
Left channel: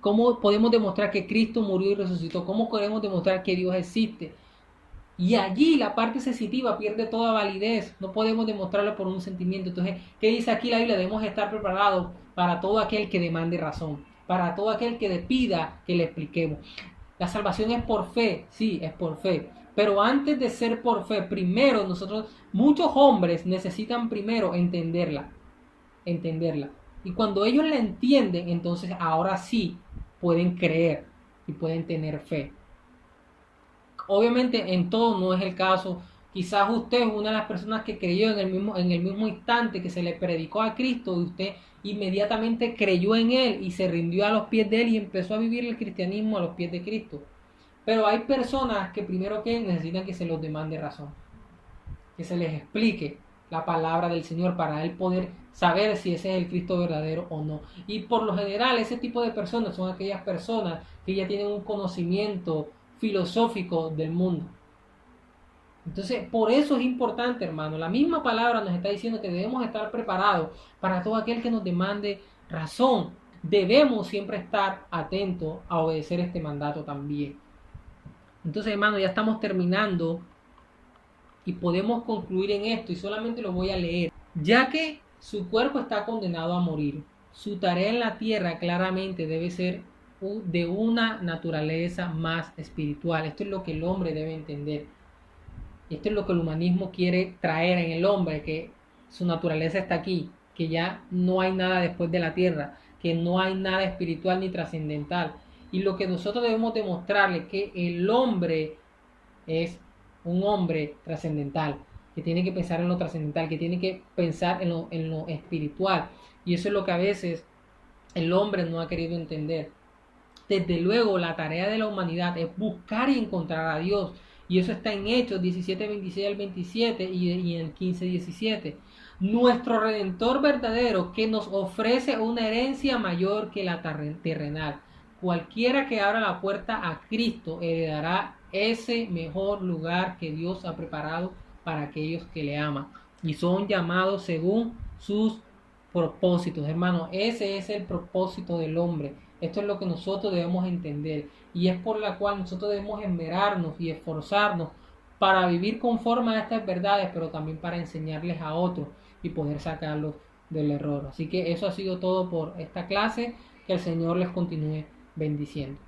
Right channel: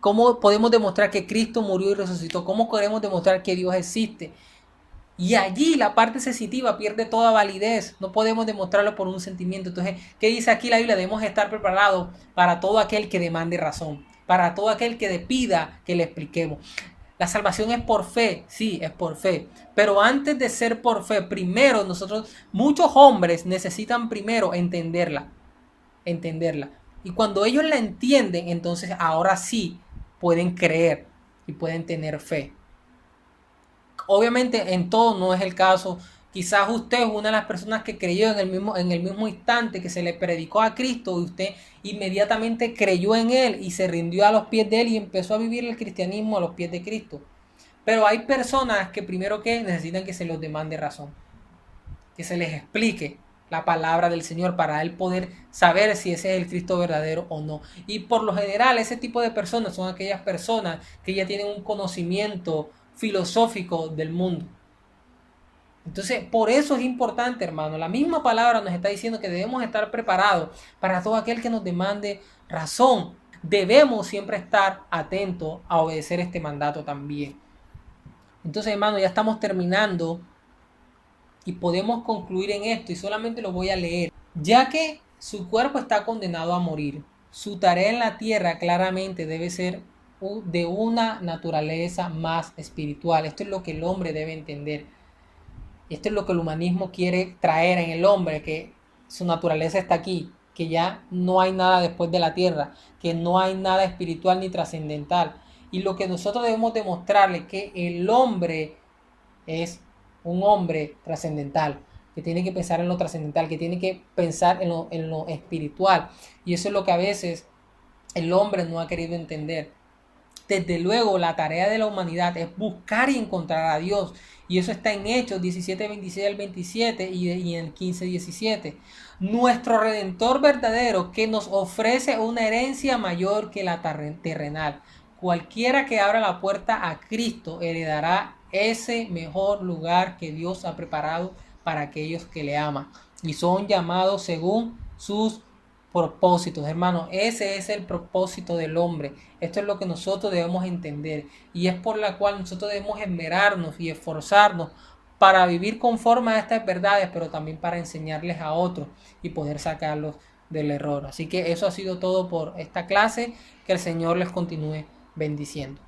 cómo podemos demostrar que Cristo murió y resucitó, cómo podemos demostrar que Dios existe. Y allí la parte sensitiva pierde toda validez. No podemos demostrarlo por un sentimiento. Entonces, ¿qué dice aquí la Biblia? Debemos estar preparados para todo aquel que demande razón, para todo aquel que le pida que le expliquemos. La salvación es por fe, sí, es por fe. Pero antes de ser por fe, primero muchos hombres necesitan primero entenderla. Y cuando ellos la entienden, entonces ahora sí pueden creer y pueden tener fe. Obviamente en todo no es el caso. Quizás usted es una de las personas que creyó en el mismo instante que se le predicó a Cristo y usted inmediatamente creyó en Él y se rindió a los pies de Él y empezó a vivir el cristianismo a los pies de Cristo. Pero hay personas que primero que necesitan que se les demande razón, que se les explique la palabra del Señor para Él poder saber si ese es el Cristo verdadero o no. Y por lo general ese tipo de personas son aquellas personas que ya tienen un conocimiento filosófico del mundo. Entonces, por eso es importante, hermano. La misma palabra nos está diciendo que debemos estar preparados para todo aquel que nos demande razón. Debemos siempre estar atentos a obedecer este mandato también. Entonces, hermano, ya estamos terminando y podemos concluir en esto y solamente lo voy a leer. Ya que su cuerpo está condenado a morir, su tarea en la tierra claramente debe ser de una naturaleza más espiritual. Esto es lo que el hombre debe entender. Esto es lo que el humanismo quiere traer en el hombre, que su naturaleza está aquí, que ya no hay nada después de la tierra, que no hay nada espiritual ni trascendental. Y lo que nosotros debemos demostrarle que el hombre es un hombre trascendental, que tiene que pensar en lo trascendental, que tiene que pensar en lo espiritual. Y eso es lo que a veces el hombre no ha querido entender. Desde luego, la tarea de la humanidad es buscar y encontrar a Dios. Y eso está en Hechos 17, 26 al 27 y en 15, 17. Nuestro Redentor verdadero que nos ofrece una herencia mayor que la terrenal. Cualquiera que abra la puerta a Cristo heredará ese mejor lugar que Dios ha preparado para aquellos que le aman y son llamados según sus propósitos, hermano. Ese es el propósito del hombre. Esto es lo que nosotros debemos entender y es por la cual nosotros debemos esmerarnos y esforzarnos para vivir conforme a estas verdades, pero también para enseñarles a otros y poder sacarlos del error. Así que eso ha sido todo por esta clase. Que el Señor les continúe bendiciendo.